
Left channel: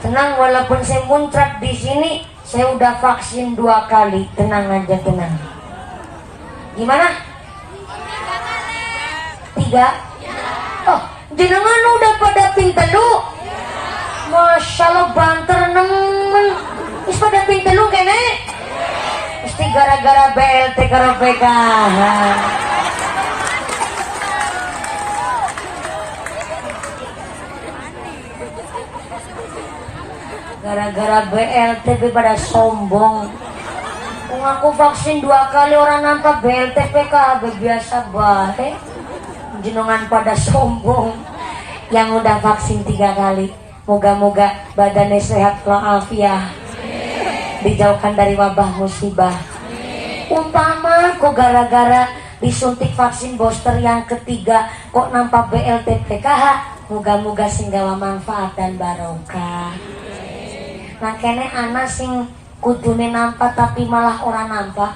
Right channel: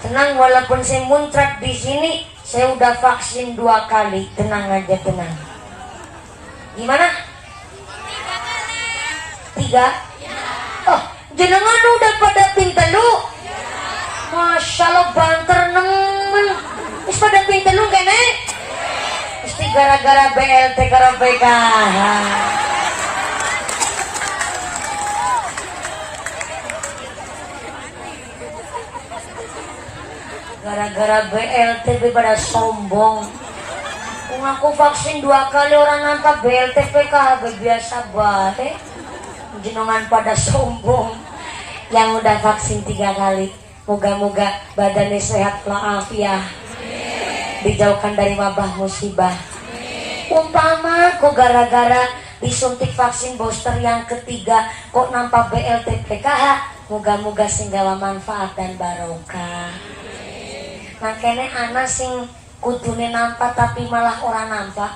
Tenang, walaupun saya muncrat di sini, saya udah vaksin 2 kali. Tenang aja, tenang. Gimana? 3? Oh, jenengan udah pada pintelu? Masya Allah, banter nemen. Is pada pintelu kene? Mesti gara-gara BLT karo PKH. Gara-gara BLT pada sombong. Aku vaksin 2 kali orang nampak BLT PKH biasa bae. Jenengan pada sombong. Yang udah vaksin 3 kali, moga-moga badannya sehat walafiat, dijauhkan dari wabah musibah. Umpama kok gara-gara disuntik vaksin booster yang ketiga kok nampak BLT PKH, moga-moga singgawa manfaat dan barokah. Makanya anak sing kudune nampak tapi malah orang nampak.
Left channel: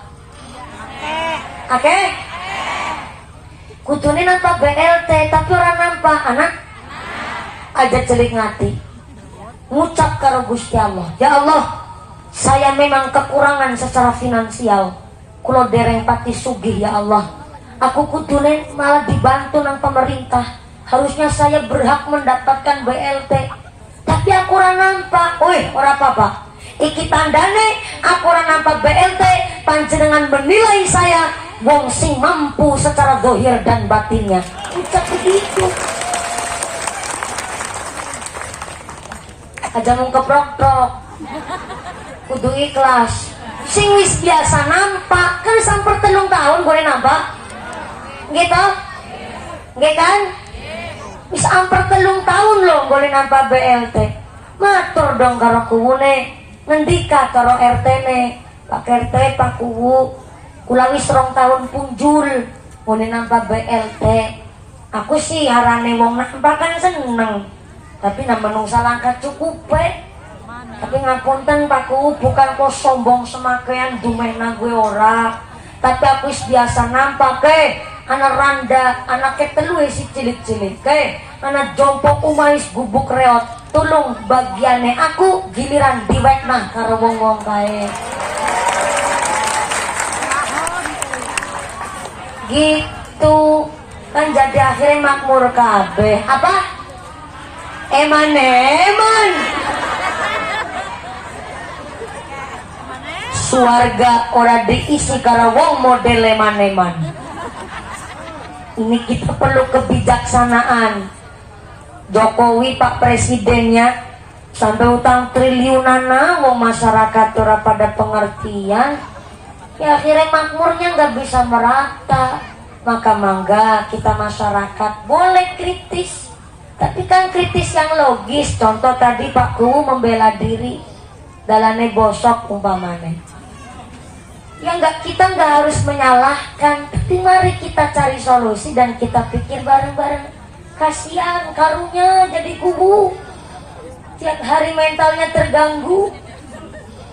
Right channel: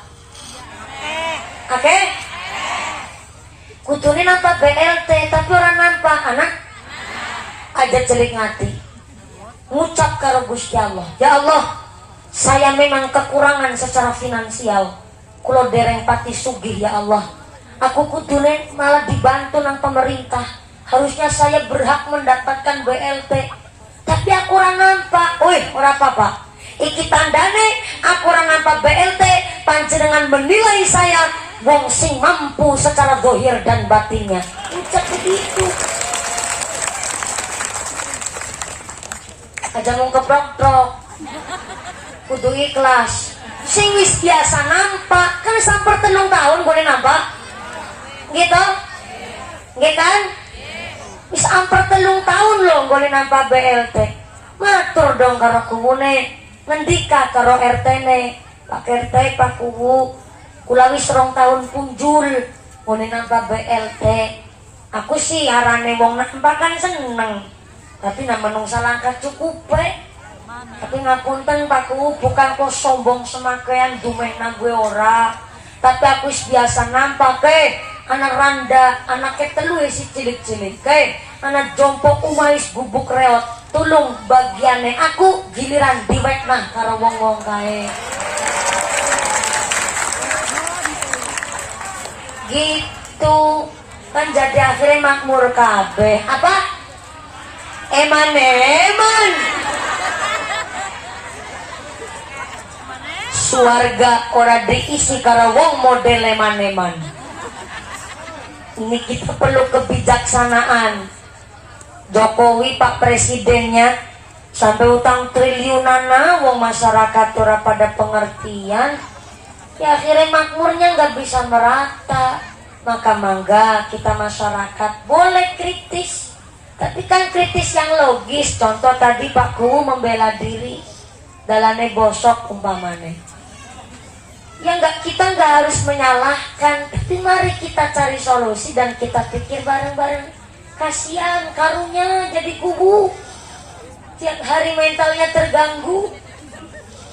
Oke? Kudune nampak BLT tapi orang nampak. Anak aja celik ngati, ngucap karo Gusti Allah, ya Allah, saya memang kekurangan secara finansial, kulo dereng pati sugih ya Allah. Aku kudune malah dibantu nang pemerintah, harusnya saya berhak mendapatkan BLT, tapi aku orang nampak. Oi, ora apa-apa. Iki tandane aku ora nampak BLT, panjenengan menilai saya wong sing mampu secara zahir dan batinnya. Ucap begitu. Aja mau keprok-prok. Kudu ikhlas. Sing wis biasa nampak, kan samper 3 tahun gue nampak. Gitu? Gitu kan? Wis samper 3 tahun loh gue nampak BLT. Matur dong karo kuwune. Ngendika karo RT-ne, Pak RT, Pak Kuwu, kula wis 2 tahun punjul ngene nampak BLT. Aku sih harane wong nampak kan seneng, tapi namanya salah cukup Tapi ngapunten Pak Kuwu, bukan kok sombong semakean dumehna gue ora, tapi aku wis biasa nampak anak randa, anaknya telu si cilik-cilik anak jompok umais gubuk reot, tulung bagiannya aku giliran diwek nah karo wong-wong kae. Gitu kan jadi akhirnya makmur kabeh. Apa? Eman Suarga ora diisi karo wong model leman-leman. Ini kita perlu kebijaksanaan. Jokowi Pak Presidennya sampai utang triliunan wong masyarakat ora pada pengertian. Ya akhirnya makmurnya nggak bisa merata. Maka mangga kita masyarakat boleh kritis, tapi kan kritis yang logis. Contoh tadi Pak Kuwu membela diri, dalane bosok umpamane. Ya kita nggak harus menyalahkan, tapi mari kita cari solusi dan kita pikir bareng-bareng. Kasihan karunya jadi kubu, tiap hari mentalnya terganggu.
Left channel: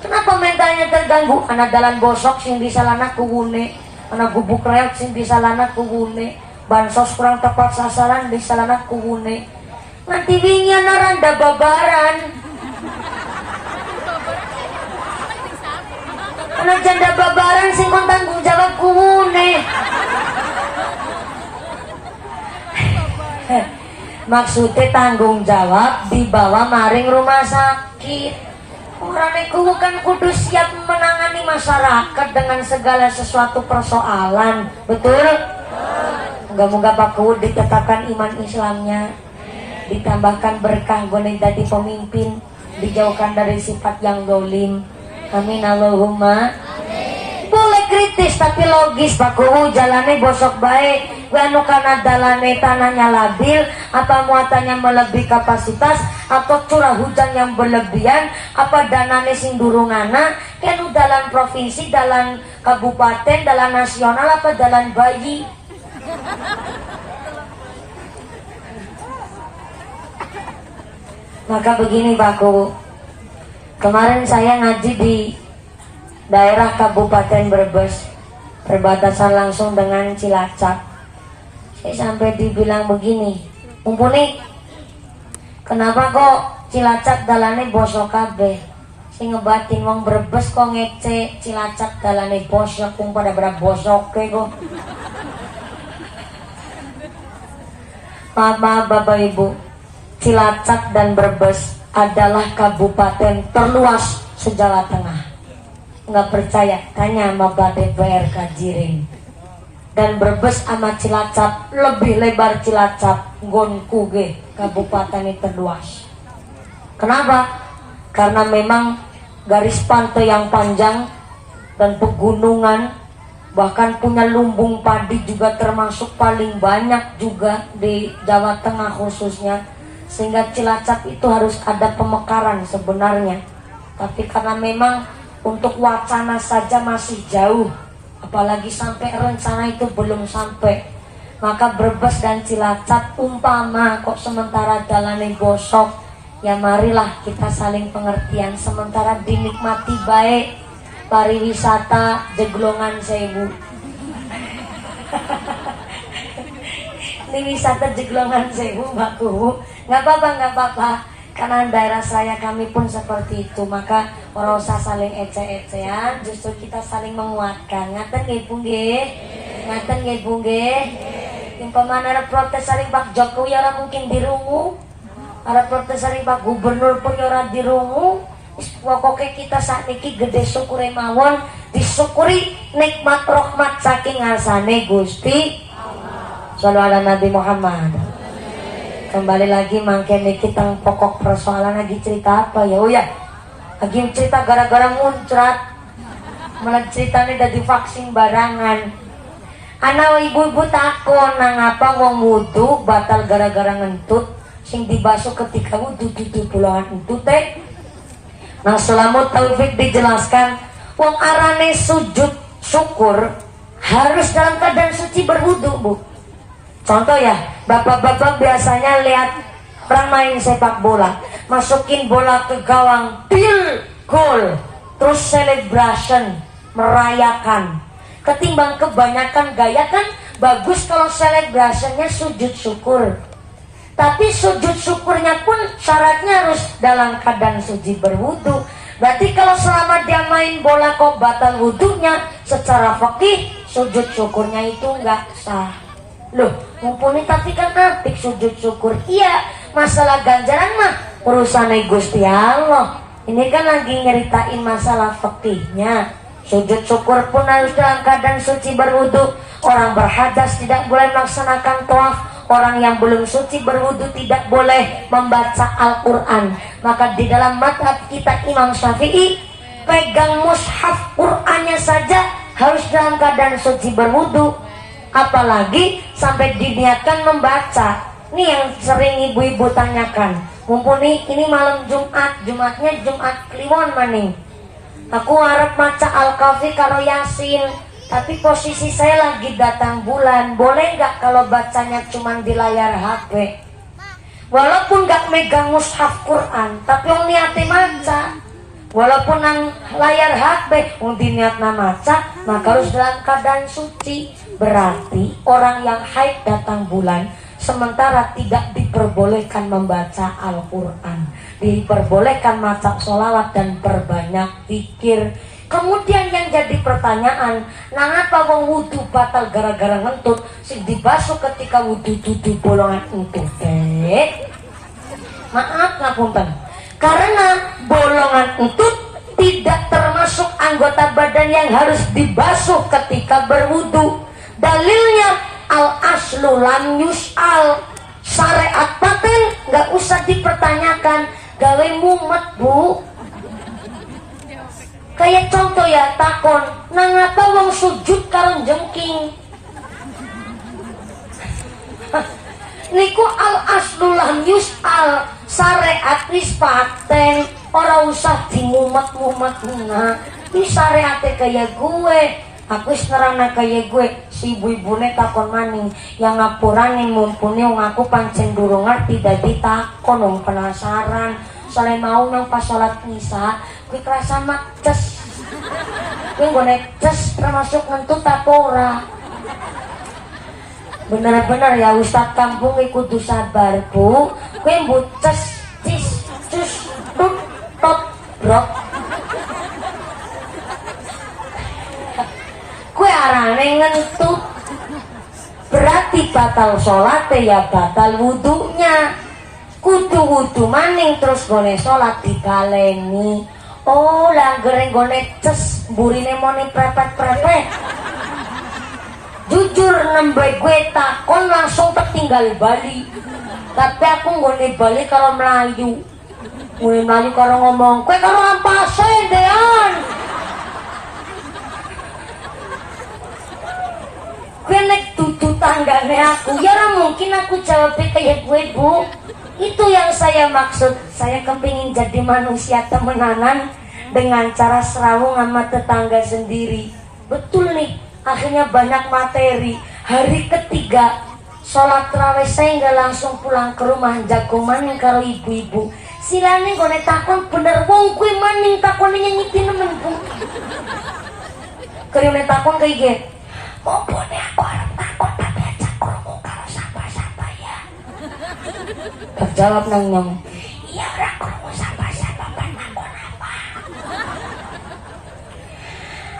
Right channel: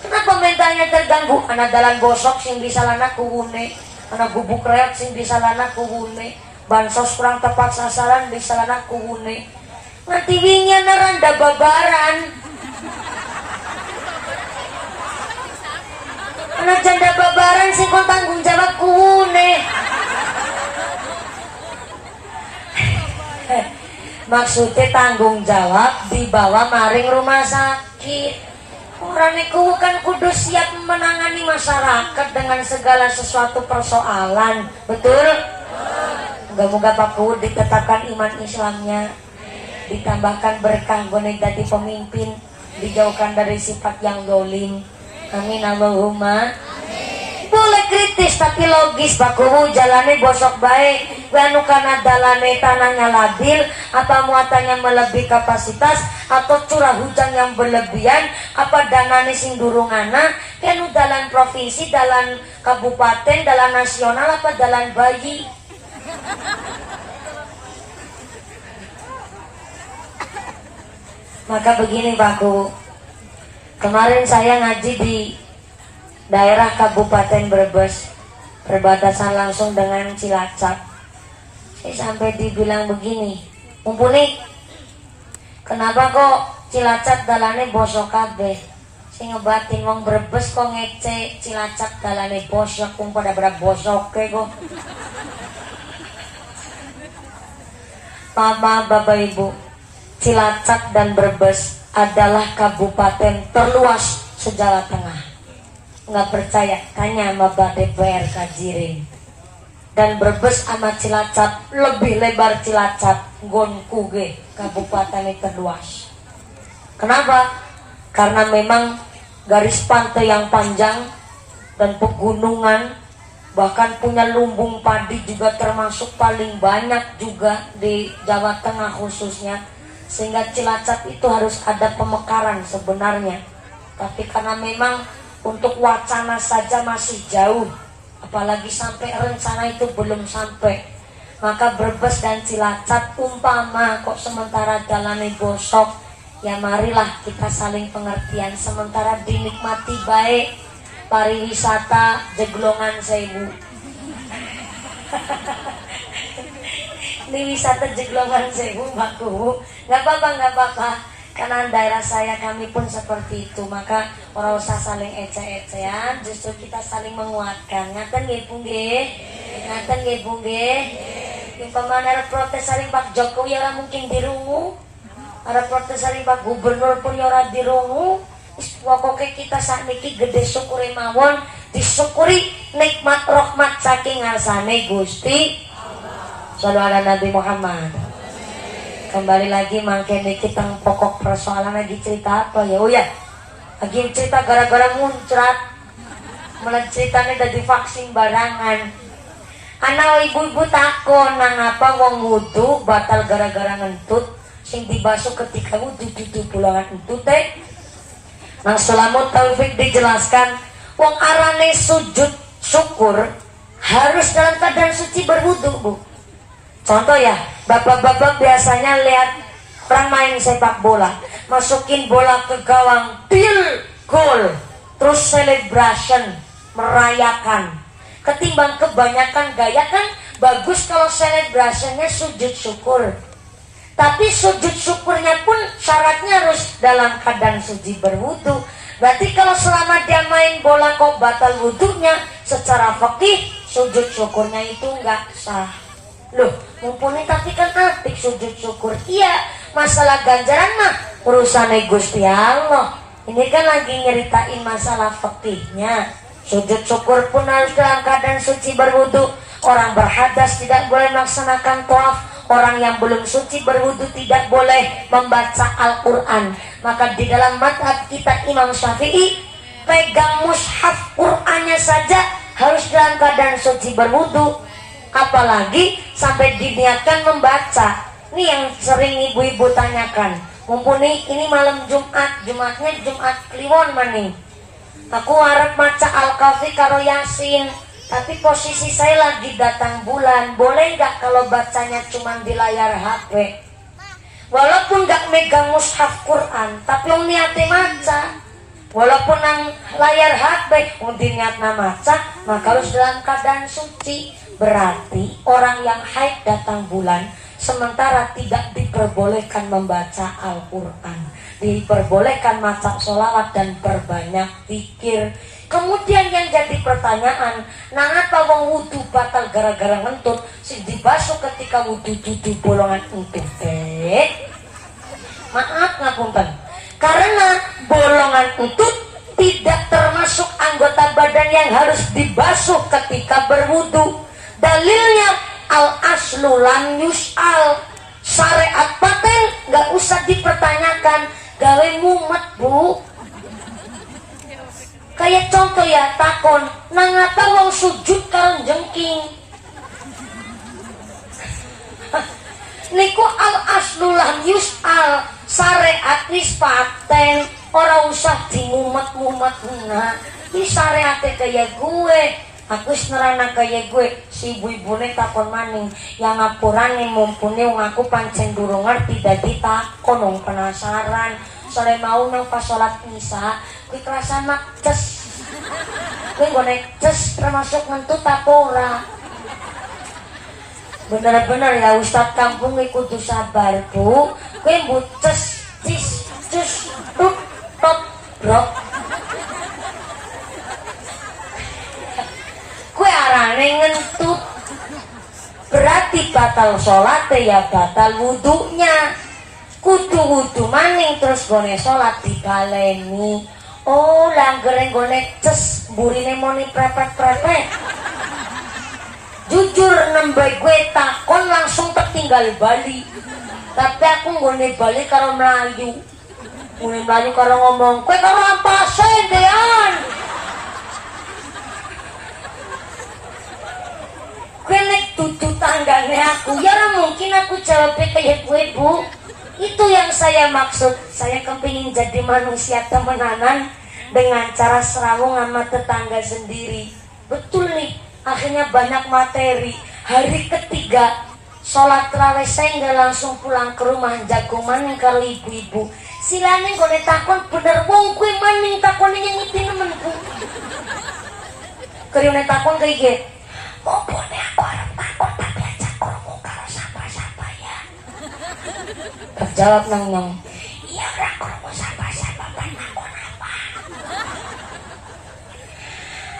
Kenapa mentalnya terganggu? Karena dalan bosok sing disalahna kuwune, karena gubuk reok sing disalahna kuwune, bansos kurang tepat sasaran disalahna kuwune. Nanti wingi randa babaran. Karena janda babaran sing kon tanggung jawab kuwune. Maksudnya tanggung jawab dibawa maring rumah sakit. Orang itu kan kudu siap menangani masyarakat dengan segala sesuatu persoalan. Betul? Moga-moga Pak Kuwu ditetapkan iman Islamnya, ditambahkan berkah golek jadi pemimpin, dijauhkan dari sifat yang dolim. Amin Allahumma. Boleh kritis tapi logis. Pak Kuwu jalannya bosok baik, anu karena dalane tanahnya labil, apa muatannya melebihi kapasitas, atau curah hujan yang berlebihan, apa danane sing durungana, kenu dalan provinsi, dalan kabupaten, dalan nasional, apa dalan bayi. Maka begini Pak Kuwu, kemarin saya ngaji di daerah Kabupaten Brebes, perbatasan langsung dengan Cilacap. Saya sampai dibilang begini, mumpuni, kenapa kok Cilacap dalane bosok kabeh? Sing ngebatin wong Brebes kok ngece Cilacap dalane bosok, pada berapa bosok kok. Maaf Bapak Ibu, Cilacap dan Brebes adalah kabupaten terluas se-Jawa Tengah. Nggak percaya, tanya sama BPR Kajiring. Dan Brebes sama Cilacap lebih lebar Cilacap gonku ge kabupaten itu terluas. Kenapa? Karena memang garis pantai yang panjang dan pegunungan, bahkan punya lumbung padi juga termasuk paling banyak juga di Jawa Tengah khususnya, sehingga Cilacap itu harus ada pemekaran sebenarnya. Tapi karena memang untuk wacana saja masih jauh, apalagi sampai rencana itu belum sampai, maka Brebes dan Cilacap umpama kok sementara dalane bosok, ya marilah kita saling pengertian, sementara dinikmati baik pariwisata Jeglongan Sewu. Ini wisata Jeglongan Sewu Mbak Kuwu, nggak apa-apa. Karena daerah saya kami pun seperti itu, maka orang usah saling ece-ecean, justru kita saling menguatkan. Ngaten nggih Bu nggih? Ngaten nggih Bu nggih? Yang pemana ada protes saling Pak Jokowi ora mungkin dirungu. Ada protes saling Pak Gubernur pun ora dirungu. Pokoknya kita saat ini gede syukuri mawon, disyukuri nikmat rahmat saking ngarsane Gusti Allah. Shallallahu ala Nabi Muhammad. Kembali lagi mangkene kita pokok persoalan lagi cerita apa ya? Oh ya, lagi cerita gara-gara muncrat, malah ceritanya dari vaksin barangan. Anak ibu-ibu takon nang apa wong wudu batal gara-gara ngentut, sing dibasuh ketika wudu tutup pulangan entut teh. Nah Salamut Taufik dijelaskan, wong arane sujud syukur harus dalam keadaan suci berwudu Bu. Contoh ya, bapak-bapak biasanya lihat orang main sepak bola, masukin bola ke gawang, deal, gol, terus celebration, merayakan. Ketimbang kebanyakan gaya kan bagus kalau celebrationnya sujud syukur. Tapi sujud syukurnya pun syaratnya harus dalam keadaan suci berwudu. Berarti kalau selama dia main bola kok batal wudunya, secara fikih sujud syukurnya itu nggak sah. Loh, mumpuni tapi kan apik sujud syukur. Iya, masalah ganjaran mah urusan Gusti Allah. Ini kan lagi nyeritain masalah fikihnya. Sujud syukur pun harus dalam keadaan suci berwudu. Orang berhadas tidak boleh melaksanakan tawaf. Orang yang belum suci berwudu tidak boleh membaca Al-Quran. Maka di dalam mazhab kita Imam Syafi'i, pegang mushaf Qur'annya saja harus dalam keadaan suci berwudu. Apalagi sampai diniatkan membaca. Ini yang sering ibu-ibu tanyakan. Mumpuni ini malam Jumat, Jumatnya Jumat Kliwon maning. Aku harap maca Al-Kahfi karo Yasin, tapi posisi saya lagi datang bulan. Boleh nggak kalau bacanya cuma di layar HP? Walaupun nggak megang mushaf Quran, tapi om niatnya maca. Walaupun nang layar HP, om diniatnya maca, maka harus dalam keadaan suci. Berarti orang yang haid datang bulan, sementara tidak diperbolehkan membaca Al-Quran, diperbolehkan maca sholawat dan perbanyak zikir. Kemudian yang jadi pertanyaan, nangapa wong wudu batal gara-gara ngentut, sing dibasuh ketika wudu dudu bolongan entut teh? Maaf ngapunten, karena bolongan entut tidak termasuk anggota badan yang harus dibasuh ketika berwudu. Dalilnya al-aslu lam yus'al, syariat paten nggak usah dipertanyakan. Gawe mumet bu. Kayak contoh ya, takon nangapa wong sujud karo jengking. Niku al-aslu lam yus'al, syariat wis paten, ora usah dimumet-mumet. Nah, ini syariatnya kayak gue. Aku serana kayak gue, si ibu-ibune takon maning, yang ngapurane mumpuni wong aku pancen durung ngerti dadi takon wong penasaran. Soale mau nang pas salat misa, kuwi kerasa makces. Kuwi nggone ces termasuk mentut apa ora? Bener-bener ya Ustadz kampung kudu sabar bu. Kuwi mbok ces cis cus tut tot brok. Kue arane ngentut, berarti batal sholat ya batal wudunya. Kudu wudu maning terus gone sholat dibaleni. Oh langgere gone ces burine moni prepet-prepet. Jujur nembe gue takon langsung tertinggal Bali. Tapi aku gone Bali karo Melayu. Mulai Melayu karo ngomong, kue karo ampase dean. Nek tutu tanggane aku, ya mungkin aku jawabnya kayak gue bu. Itu yang saya maksud. Saya kepingin jadi manusia temenanan dengan cara serawung sama tetangga sendiri. Betul nih, akhirnya banyak materi. Hari ketiga sholat tarawih saya nggak langsung pulang ke rumah, jago maning karo ibu-ibu. Silane gue takon bener wong gue maning takon yang ngitin nemen bu. Kerjanya takon kayak gitu. Mumpuni aku harap takut tapi aja kerungu karo siapa-siapa ya. Terjawab nang iya orang kerungu siapa-siapa kan takut apa.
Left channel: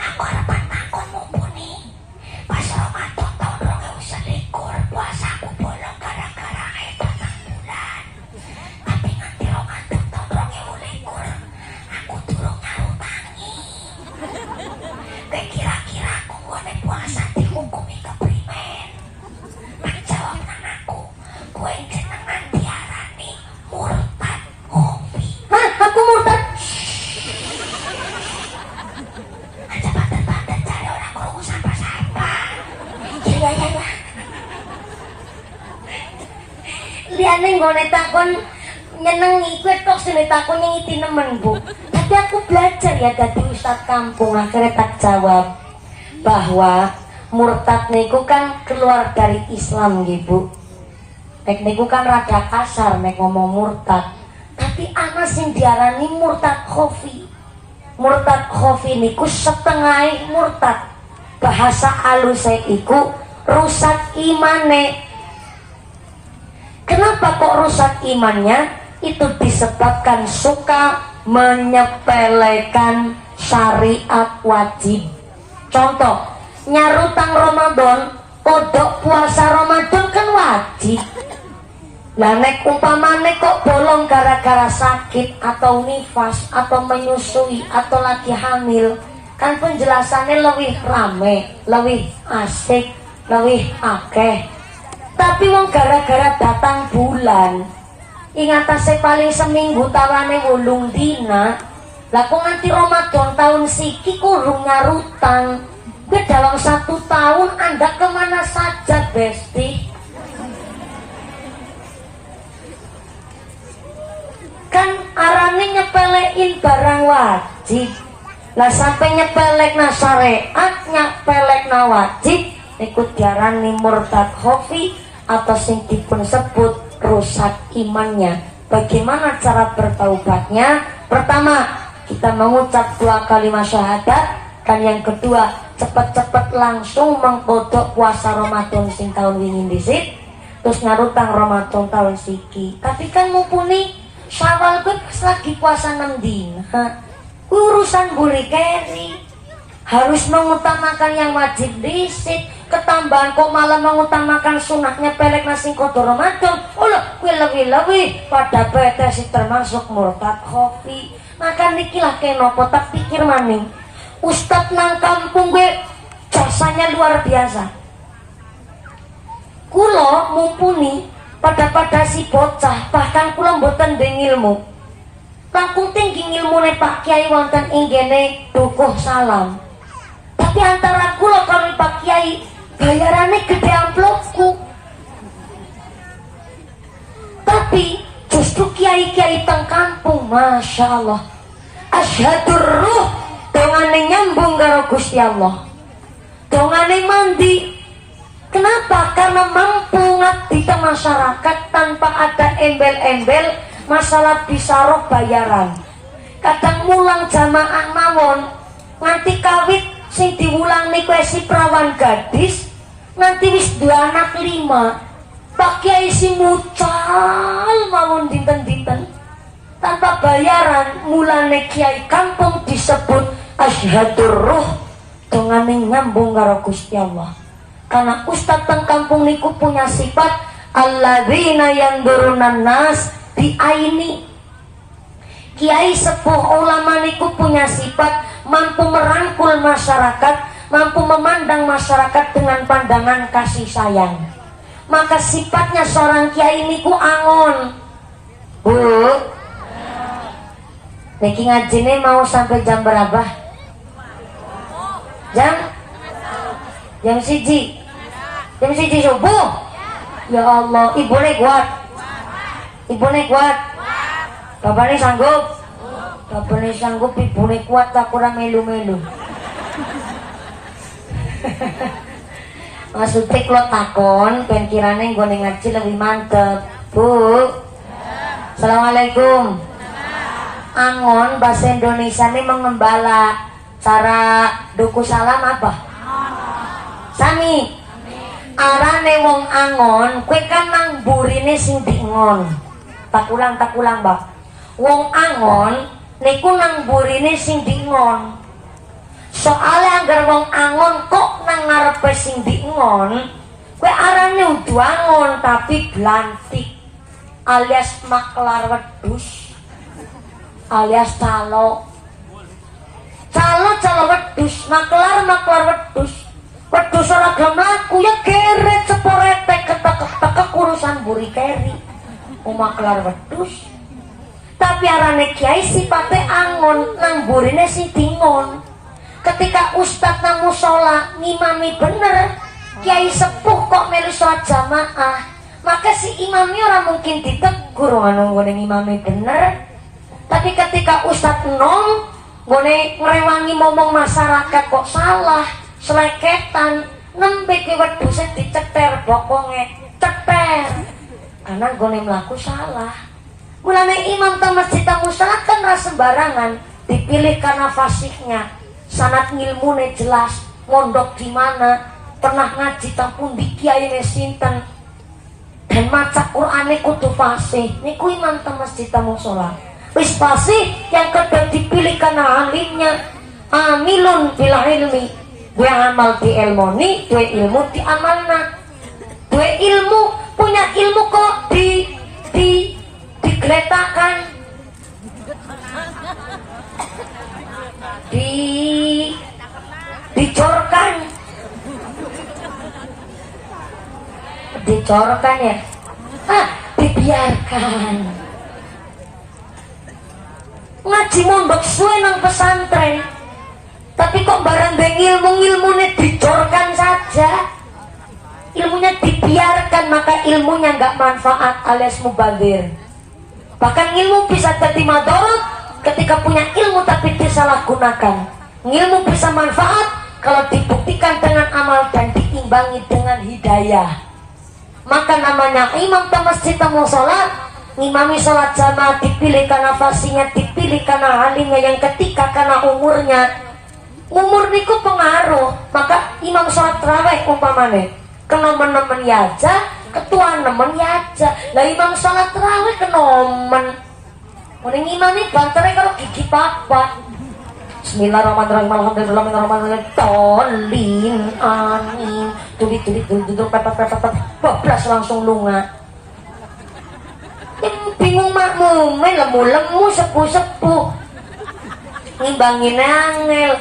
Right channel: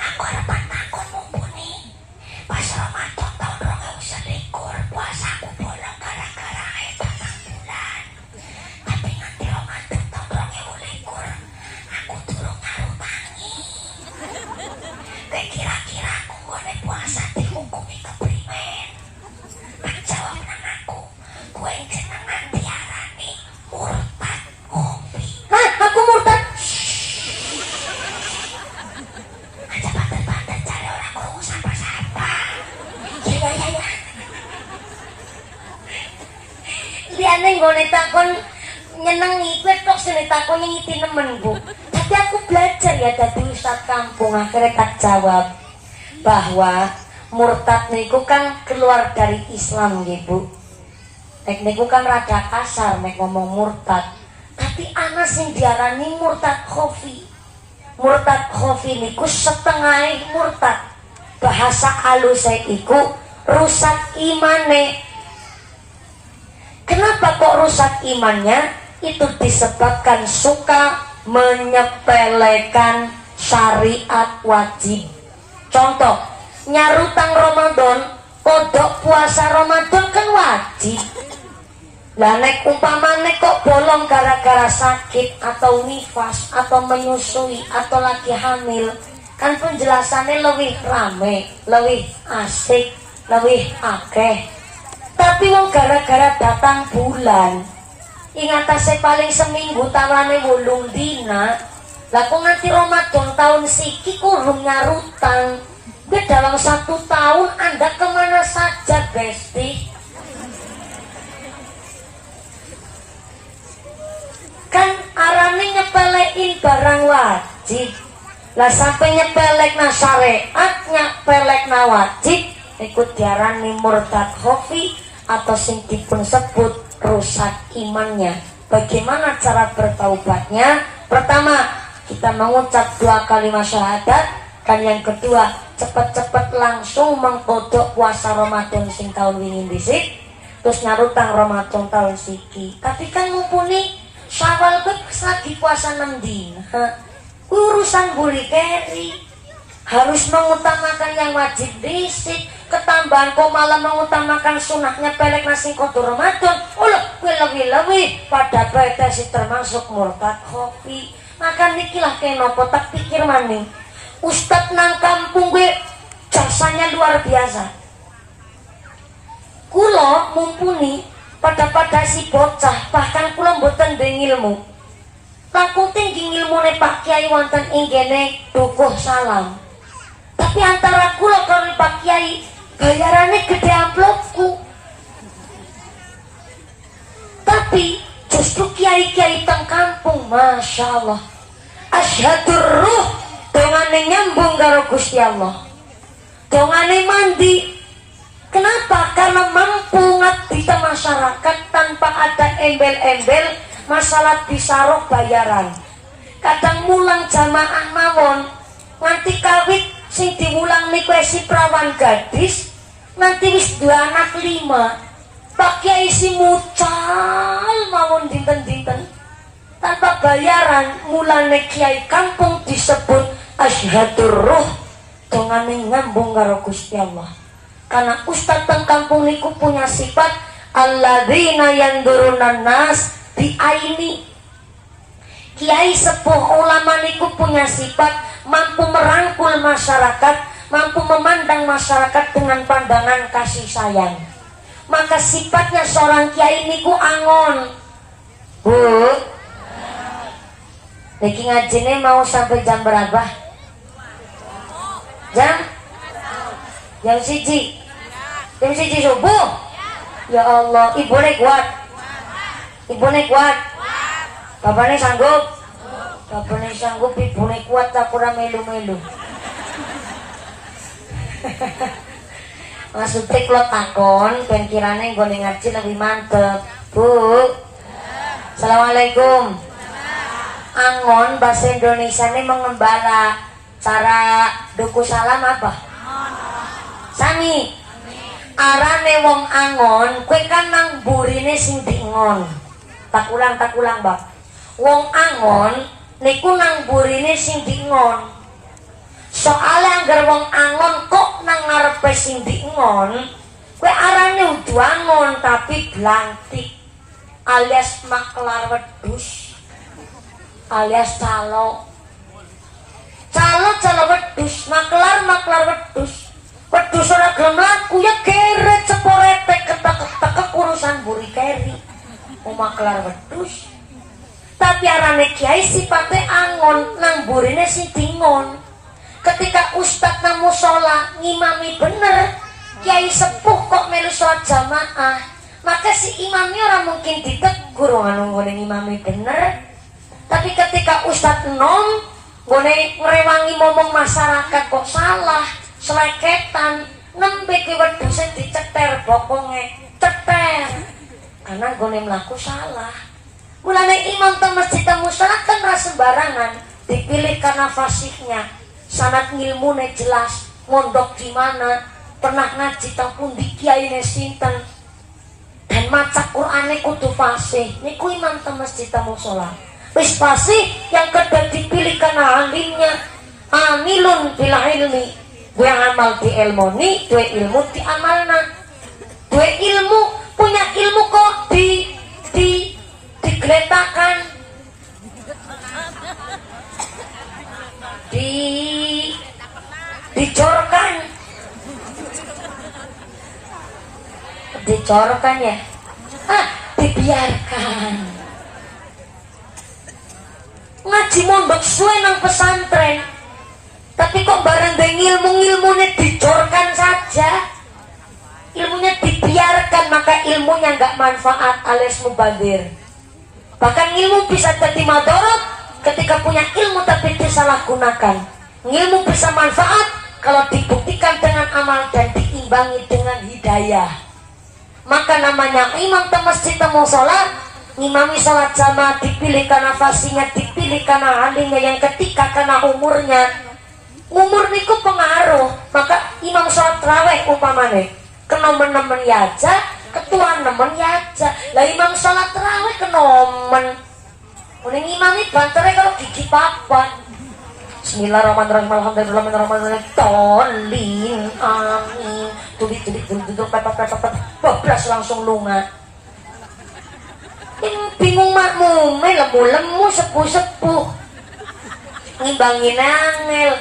Aku harap takut mumpuni. Pas Ramadan tahun 2021 puasa aku bolong gara-gara air datang bulan. Tapi nganti Ramadan tahun 2021 aku durung nyarutangi. Kira-kira aku boleh puasa dihukumi keprimen. Menjawab nang aku, gue jenengan diarani murtad hobi. Hah? Aku murtad? Aja banter-banter cari orang krungu sampah-sampah. Ya. Liane gue takon nyenengi, gue tok sini takon ngiti nemen bu. Tapi aku belajar ya dari ustadz kampung, akhirnya tak jawab bahwa murtad niku kan keluar dari Islam gitu. Nek niku kan rada kasar nek ngomong murtad. Tapi ana sing diarani murtad khofi. Murtad khofi niku setengah murtad. Bahasa aluse iku rusak imane. Kenapa kok rusak imannya? Itu disebabkan suka menyepelekan syariat wajib. Contoh, nyarutang Ramadan, kodok puasa Ramadan kan wajib. Lah nek umpamane kok bolong gara-gara sakit atau nifas atau menyusui atau lagi hamil, kan penjelasannya lebih rame, lebih asik, lebih akeh. Tapi wong gara-gara datang bulan ingatase paling seminggu tawane 8 dina. Lah kok nganti Ramadan tahun siki kurung nyarutang. Dalam 1 tahun Anda kemana saja, Besti? Kan arane nyepelein barang wajib. Lah sampai nyepelek na syariat, nyepelek na wajib, ikut diarani murtad khofi atau sing dipun sebut rusak imannya. Bagaimana cara bertaubatnya? Pertama, kita mengucap 2 kalimat syahadat, dan yang kedua, cepet-cepet langsung mengkodok puasa Ramadan sing tahun wingi dhisik, terus nyarutang Ramadan tahun siki. Tapi kan mumpuni Syawal kuwi lagi puasa 6 dina. Urusan buli keri. Harus mengutamakan yang wajib dhisik, ketambahan kok malah mengutamakan sunahnya pelek nasi kotor Ramadan. Ulah lebih pada betesi termasuk murtad khofi. Maka nikilah kenopo tak pikir maning. Ustad nang kampung gue jasanya luar biasa. Kulo mumpuni pada si bocah, bahkan kulo mboten ndeng ilmu. Langkung tinggi ilmune Pak Kiai wonten ing gene dukuh salam. Tapi antara kulo karo Pak Kiai bayarane gede amplopku. Tapi justru kiai-kiai teng kampung, masya Allah, asyhadur ruh dongane nyambung karo Gusti Allah, dongane mandi. Kenapa? Karena mampu ngabdi ke masyarakat tanpa ada embel-embel masalah bisaroh bayaran. Kadang mulang jamaah mawon nganti kawit sing diulang niku si prawan gadis nganti wis 2 anak 5. Pak Kiai si mucal mawon dinten-dinten tanpa bayaran. Mulane kiai kampung disebut asyhadur ruh dongane nyambung karo Gusti Allah. Karena ustaz teng kampung niku punya sifat alladzina yandurunan nas bi aini. Kiai sepuh ulama niku punya sifat mampu merangkul masyarakat, mampu memandang masyarakat dengan pandangan kasih sayang. Maka sifatnya seorang kiai niku angon. Bu, niki ngajine mau sampai jam berapa? Jam 1. Jam 1 subuh. Ya Allah, ibu kuat. Ibu kuat. Bapaknya sanggup. Bapaknya sanggup, ibu kuat tak kurang melu-melu. Maksudnya kalau takon, kan kiranya gue ngaji lebih mantep. Bu, assalamualaikum. Angon bahasa Indonesia ini mengembala. Cara duku salam apa? Sami. Arane wong angon, kue kan nang burine sing diingon. Tak ulang Bak. Wong angon niku nang burine sing diingon. Soale anggar wong angon kok nang ngarepe sing diingon, kue arane udu angon tapi blantik, alias maklar wedhus, alias calo wedhus, maklar wedhus. Wedhus ora gelem laku ya geret ceporete ketek urusan buri keri. Maklar wedhus. Tapi arane kiai sipate angon, nang burine sing dingon. Ketika ustad nang mushola ngimami bener, kiai sepuh kok melu sholat jamaah, maka si imamnya ora mungkin ditegur ngono ngene ngimami bener. Tapi ketika ustad enom ngene ngrewangi momong masyarakat kok salah, seleketan, nembe ke wedhuse diceter bokonge, ceter. Karena gone mlaku salah. Mulane imam ta masjid ta musala kan sembarangan, dipilih karena fasihnya, sanad ngilmune jelas, mondok di mana, pernah ngaji teng pundi kiyaine sinten. Dan maca Qur'ane kudu fasih. Niku imam ta masjid ta musala. Wis fasih yang kedua dipilih karena alimnya. Amilun bil ilmi. Gue amal di ilmoni, gue ilmu di amalna. Gue ilmu, punya ilmu kok digeletakan, dicorkan ya, dibiarkan. Ngaji mondok suwe nang pesantren, tapi kok bareng beng ilmunya dicorkan saja, ilmunya dibiarkan, maka ilmunya nggak manfaat alias mubazir. Bahkan ilmu bisa jadi madorot ketika punya ilmu tapi disalahgunakan. Ilmu bisa manfaat kalau dibuktikan dengan amal dan diimbangi dengan hidayah. Maka namanya imam ke masjid temu sholat, ngimami sholat jamaah dipilih karena fasinya, dipilih karena alimnya, yang ketika karena umurnya. Umur niku pengaruh. Maka imam sholat tarawih umpamane kenomen-nemen ya aja, ketua nemen ya aja. Lah imam sholat tarawih kenomen, mending imamnya banternya kalau gigi papa. Bismillahirrahmanirrahim. Alhamdulillahirrahmanirrahim. Tolin amin. Tulik pepet bablas langsung lunga. Bingung makmume, lemu sepuh ngimbangin angel.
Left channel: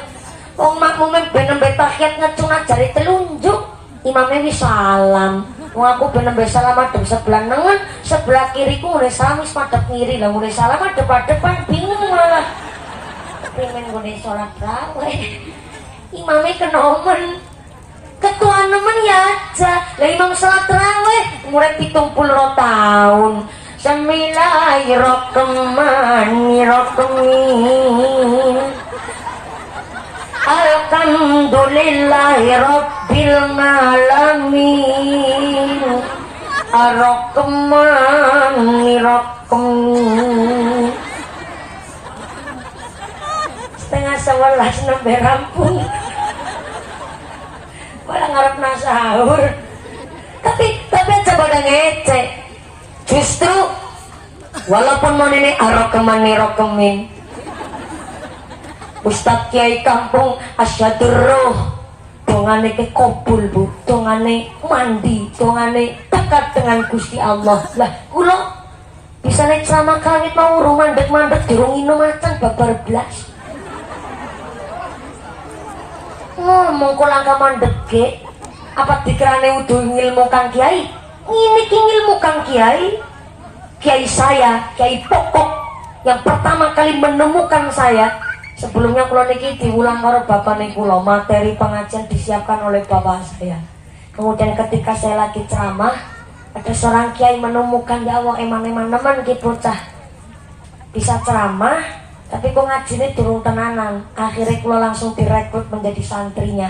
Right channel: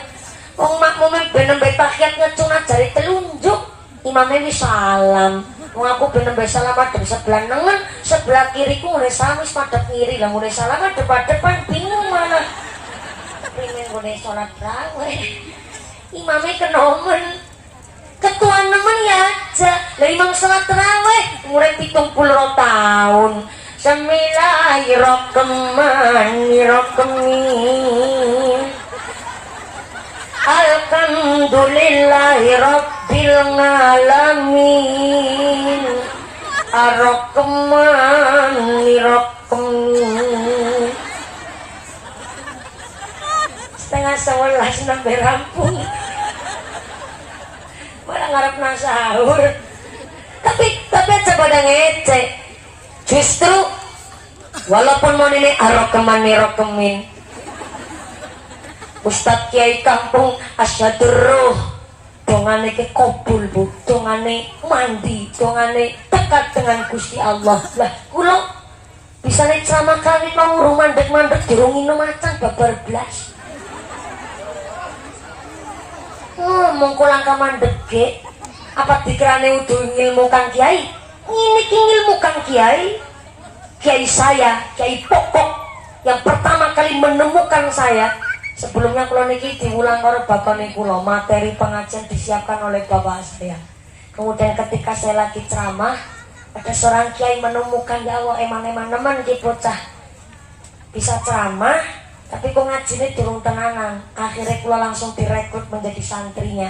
Wong makmume ben nembe tahiyat ngecungat jari telunjuk, imamnya wis salam. Wong aku ben nembe salam madhep sebelah nengen, sebelah kiriku ngene salam wis madhep ngiri. Lah ngene salam depan bingung malah. Pengen gue sholat tarawih, imamnya kenomen, ketua nemen ya aja. Lah imam sholat tarawih umurnya 70 tahun. Bismillahirrahmanirrahim. Alhamdulillahirabbil alamin. Ar-Rahmanirrahim. Setengah 11 sampai rampung. Orang ngarep sahur. Tapi aja pada ngecek. Justru walaupun mau ini Ar-Rahmanirrahim, Ustadz Kiai kampung asyadur dongane ke kobul bu, dongane mandi, dongane dekat dengan Gusti Allah. Lah kula bisa naik sama kami mau mandek dirungin macan babar blas. Ngomong kulang ka mandeke, apa dikirane udah ngilmu Kang Kiai? Ini ngilmu Kang Kiai. Kiai saya, Kiai pokok yang pertama kali menemukan saya. Sebelumnya kula niki diulang karo bapak niku lho, materi pengajian disiapkan oleh bapak saya. Kemudian ketika saya lagi ceramah, ada seorang kiai menemukan, ya Allah emang-emang nemen iki bocah bisa ceramah, tapi kok ngajine durung tenanan. Akhirnya kula langsung direkrut menjadi santrinya.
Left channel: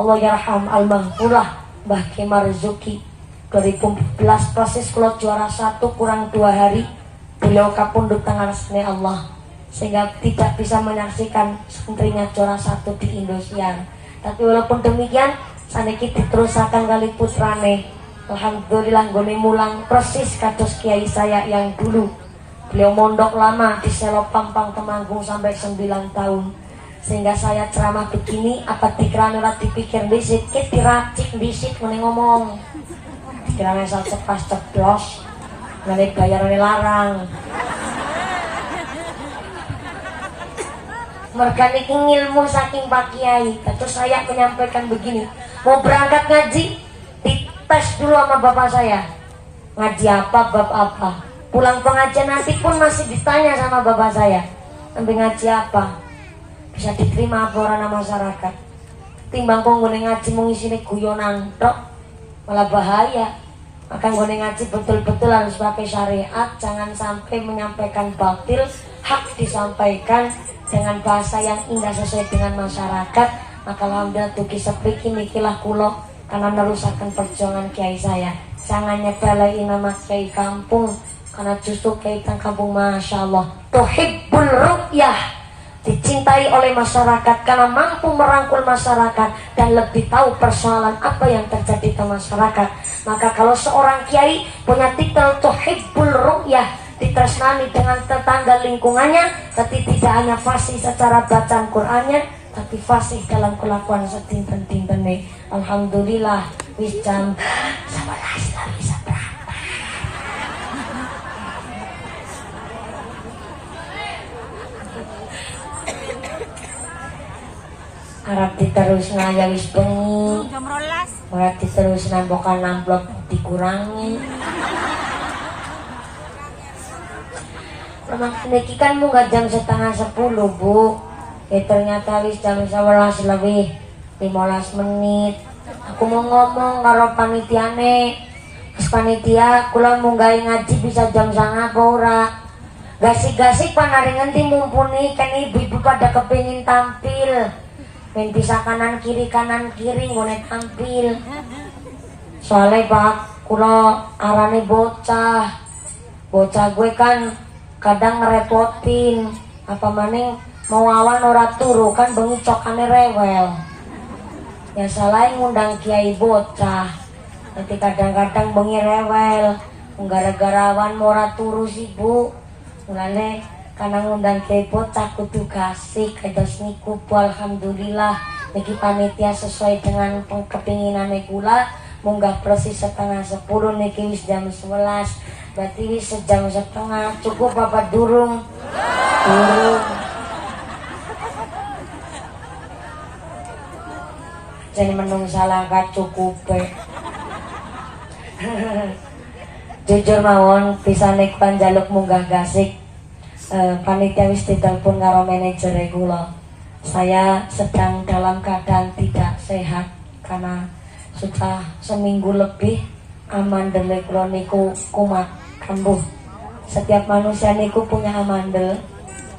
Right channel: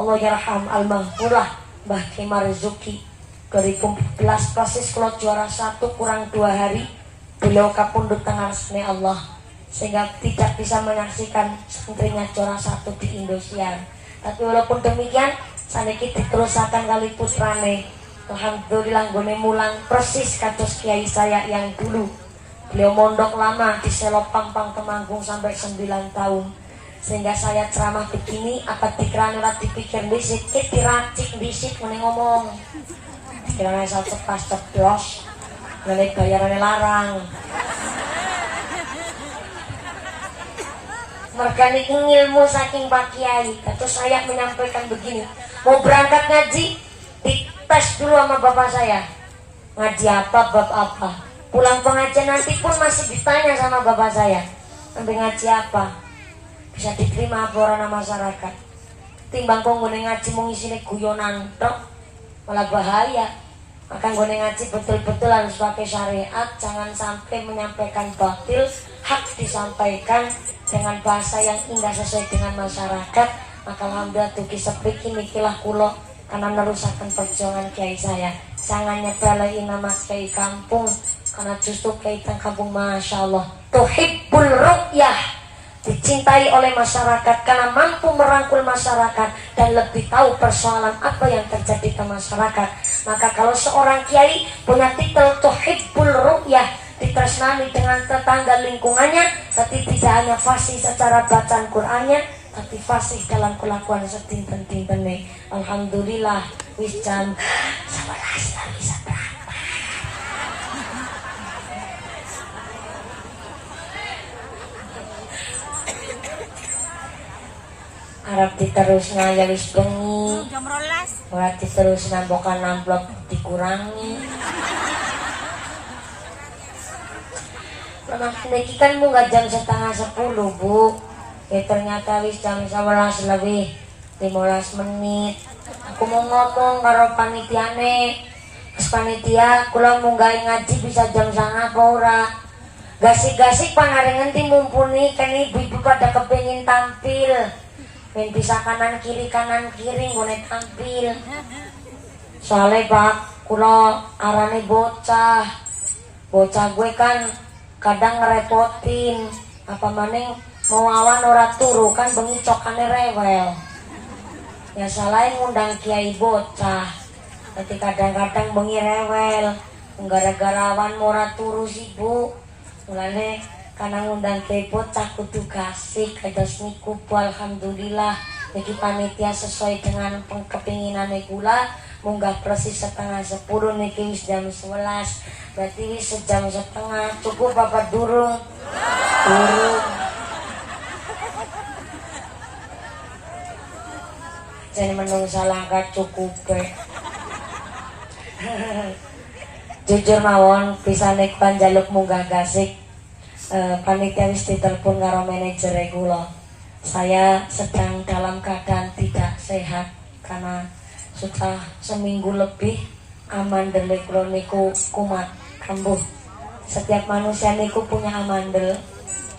Allah yarham al-mahfulah Mbah Kiai Marzuki. 2014 proses kula juara 1 kurang 2 hari beliau kapundhut tengah resmi Allah, sehingga tidak bisa menyaksikan santrinya juara 1 di Indosiar. Tapi walaupun demikian saniki diterusakan kali putrane. Alhamdulillah nggone mulang persis kados kiai saya yang dulu. Beliau mondok lama di Selo Pampang Temanggung sampai 9 tahun. Sehingga saya ceramah begini apa dikira ora dipikir bisik, diracik bisik muni ngomong. Dikira saya cepas ceplos, ngene bayarane larang. Mereka niki ilmu saking Pak Kiai. Terus saya menyampaikan begini, mau berangkat ngaji, dites dulu sama bapak saya. Ngaji apa, bab apa. Pulang pengajian nanti pun masih ditanya sama bapak saya, nanti ngaji apa, bisa diterima apa orang masyarakat. Timbang kok nggone ngaji mau isine guyonan tok, malah bahaya. Maka nggone ngaji betul-betul harus pakai syariat, jangan sampai menyampaikan batil, hak disampaikan dengan bahasa yang indah sesuai dengan masyarakat. Maka alhamdulillah tuki sepiki mikilah kulo karena merusakan perjuangan kiai saya. Jangan nyepelai nama kiai kampung, karena justru kaitan kampung masya Allah tuhibbul ru'yah, dicintai oleh masyarakat karena mampu merangkul masyarakat dan lebih tahu persoalan apa yang terjadi di masyarakat. Maka kalau seorang kiai punya titel tuhibbul ru'yah, ditresnani dengan tetangga lingkungannya, tapi tidak hanya fasih secara bacaan Qur'annya, tapi fasih dalam kelakuan setinten-tintene. Alhamdulillah wis jam 11 lah bisa berangkat. harap diterusna ya wis bengi. Jam 12. Ora diterusna bokan amplop dikurangi. Memang niki kan munggah jam 9:30 Bu. Ya ternyata wis jam 11 lebih 15 menit. Aku mau ngomong karo panitiane. Terus panitia kula munggah ngaji bisa jam 9 apa ora. Gasik-gasik panarengan ti mumpuni kan ibu pada kepengin tampil. Ben bisa kanan kiri ngone tampil. Soalnya Pak, kula arane bocah. Bocah gue kan kadang ngerepotin. Apa maning mau awan ora turu kan bengi cokane rewel. Ya salah ngundang kiai bocah. Nanti kadang-kadang bengi rewel. Gara-gara awan ora turu sih Bu. Mulane karena ngundang kiai bocah kudu kasih kados niku Bu. Alhamdulillah niki panitia sesuai dengan kepinginane kula munggah persis 9:30 niki wis jam 11. Berarti wis sejam setengah cukup apa durung? Durung. Jadi menungsa langkah cukup jujur mawon bisa nek panjaluk munggah gasik. Panitia wis ditelepon karo manajer kula. Saya sedang dalam keadaan tidak sehat karena sudah seminggu lebih amandel kula niku kumat kambuh. Setiap manusia niku punya amandel,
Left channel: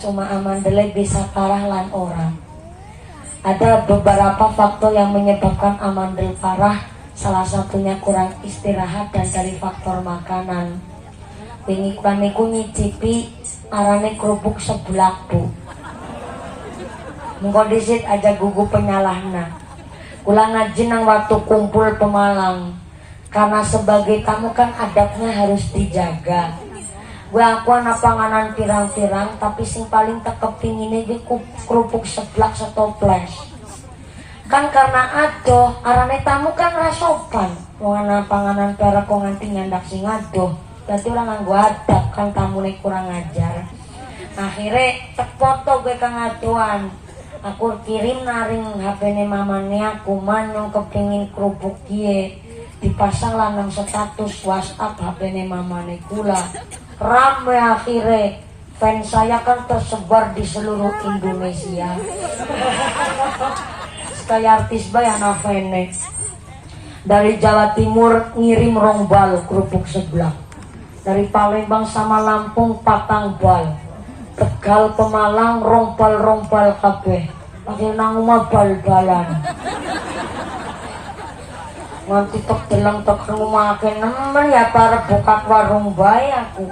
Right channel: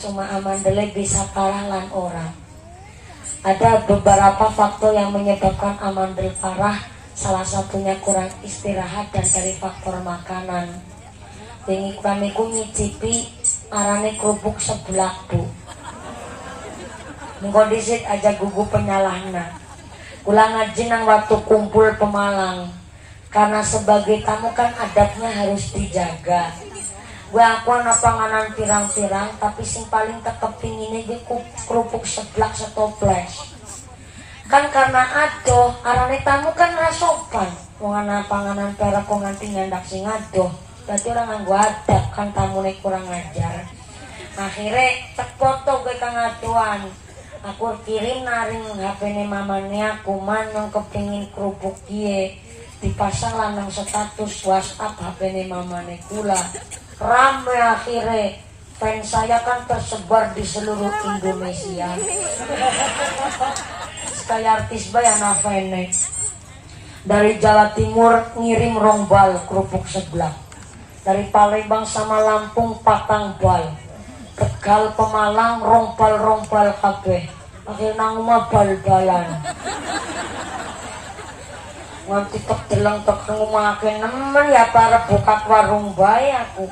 cuma amandelnya bisa parah lan ora. Ada beberapa faktor yang menyebabkan amandel parah. Salah satunya kurang istirahat dan dari faktor makanan. Wingi kula nyicipi arane kerupuk seblak Bu. Mengko disit aja gugu penyalahna. Kula ngaji nang waktu kumpul Pemalang. Karena sebagai tamu kan adabnya harus dijaga. Gua aku anak panganan pirang-pirang tapi sing paling tak kepingin iki kerupuk seblak setoples. Kan karena adoh arane tamu kan rasopan wong ana panganan perak kok nganti ngandak sing adoh berarti ora nganggo adab kan tamune kurang ajar. Akhirnya cek foto gue kang aduan aku kirim naring HP-ne mamane aku manyong kepingin kerupuk kie dipasang lanang status WhatsApp HP-ne mamane kula rame. Akhirnya fans saya kan tersebar di seluruh Indonesia. Kayak artis bayana fene dari Jawa Timur ngirim rongbal kerupuk seblak, dari Palembang sama Lampung patang bal, Tegal Pemalang rombal kabeh pakai nang omah bal-balan nganti tek delang tek ngomake nemen ya para buka warung bae aku.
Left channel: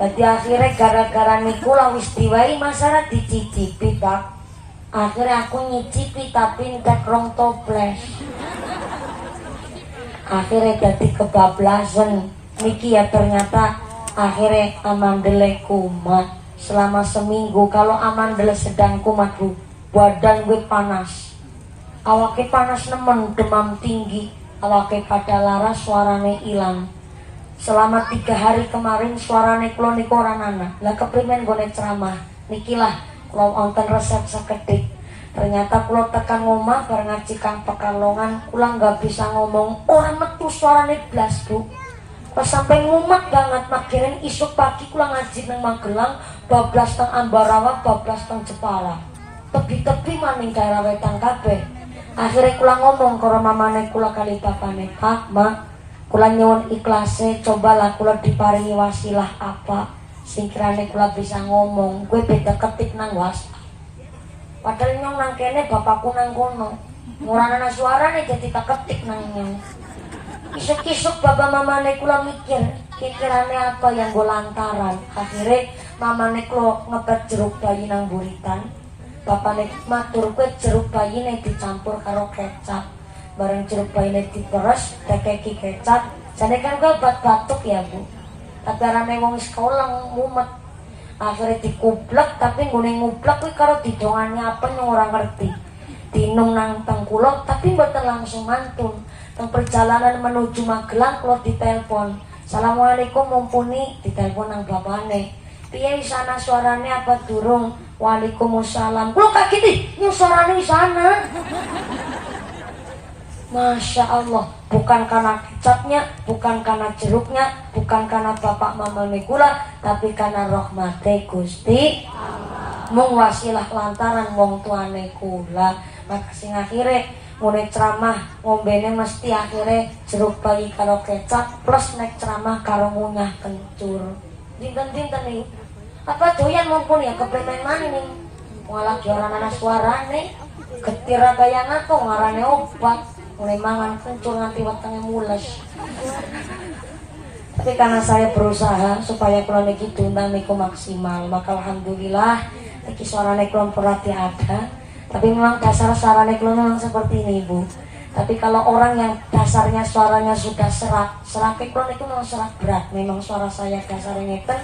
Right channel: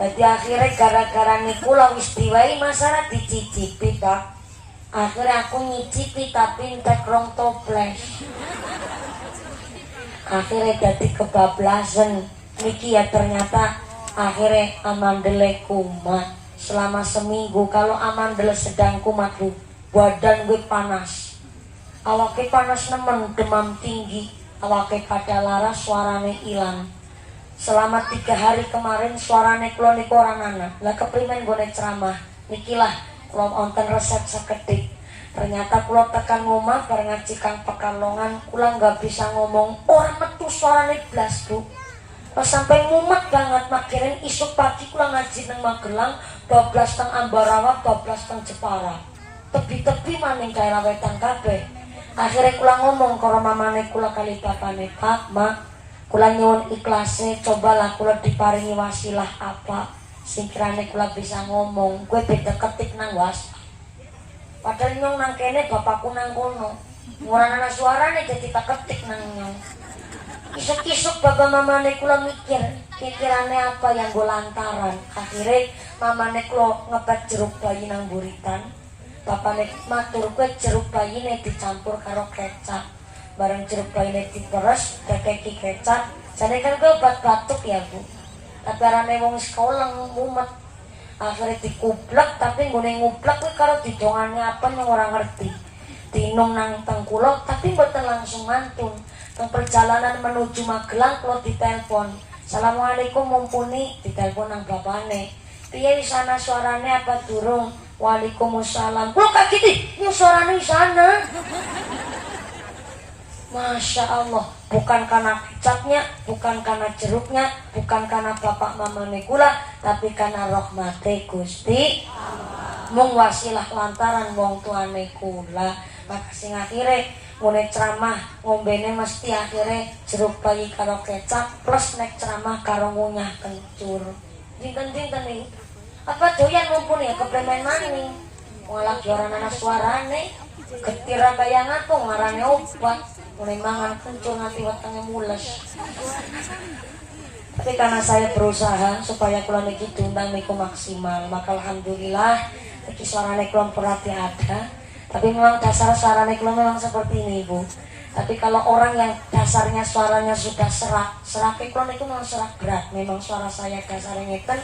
Jadi akhirnya gara-gara niku lah wis diwai masalah dicicipi tak. Akhirnya aku nyicipi tapi entek rong toples. Akhirnya jadi kebablasan. Niki ya ternyata akhirnya amandele kumat selama seminggu. Kalau amandele sedang kumat Bu, badan gue panas. Awake panas nemen, demam tinggi. Awake pada laras, suarane hilang. Selama 3 hari kemarin suarane kula niku ora ana. Lah keprimen gone ceramah. Nikilah kula wonten resep sekedik. Ternyata kula tekan omah bareng ngaji Kang Pekalongan, kula nggak bisa ngomong, ora metu suarane blas Bu. Pas sampai ngumet banget makirin isuk pagi kula ngaji nang Magelang, bablas teng Ambarawa, bablas teng Jepara. Tebi-tebi maning daerah wetan kabeh. Akhirnya kula ngomong karo mamane kula kali bapane, Pak, Mak, kula nyuwun ikhlase, cobalah kula diparingi wasilah apa sing kirane kula bisa ngomong. Gue beda ketik nang was. Padahal nyong nang kene bapakku nang kono. Ora ana suarane jadi tak ketik nang nyong. Isuk-isuk bapak mamane kula mikir, pikirane apa yang gue lantaran. Akhirnya mamane kula ngebet jeruk bayi nang buritan. Bapakne matur kowe jeruk bayine dicampur karo kecap. Bareng jeruk bayine diperes, tekeki kecap. Jane kan gue obat batuk ya Bu. Tapi arane wong sekolah mumet. Akhirnya dikublek tapi nggone ngublek kuwi karo didongane apa yang ora ngerti. Dinung nang tengkulok tapi mboten langsung mantun. Teng perjalanan menuju Magelang kula ditelepon. Assalamualaikum mumpuni, ditelepon nang bapakne. Piye wis ana suarane apa durung? Waalaikumsalam. Kula kaget nih, ini suaranya di sana. Masya Allah, bukan karena kecapnya, bukan karena jeruknya, bukan karena bapak mama kula, tapi karena rahmate Gusti mung wasilah lantaran wong tuane kula. Maka sing akhire ngene ceramah ngombene mesti akhire jeruk pagi karo kecap plus nek ceramah karo ngunyah kencur. Dinten-dinten nih apa doyan mumpuni ya kepremen maning malah orang anak suarane getira kaya ngapa ngarane obat mulai mangan kencur nanti wetenge mules. Tapi karena saya berusaha supaya kula niki tunda niku maksimal, maka alhamdulillah iki suarane kula berarti ada. Tapi memang dasar suarane kula memang seperti ini Bu. Tapi kalau orang yang dasarnya suaranya sudah serak kula niku memang serak berat. Memang suara saya dasarnya ngeten.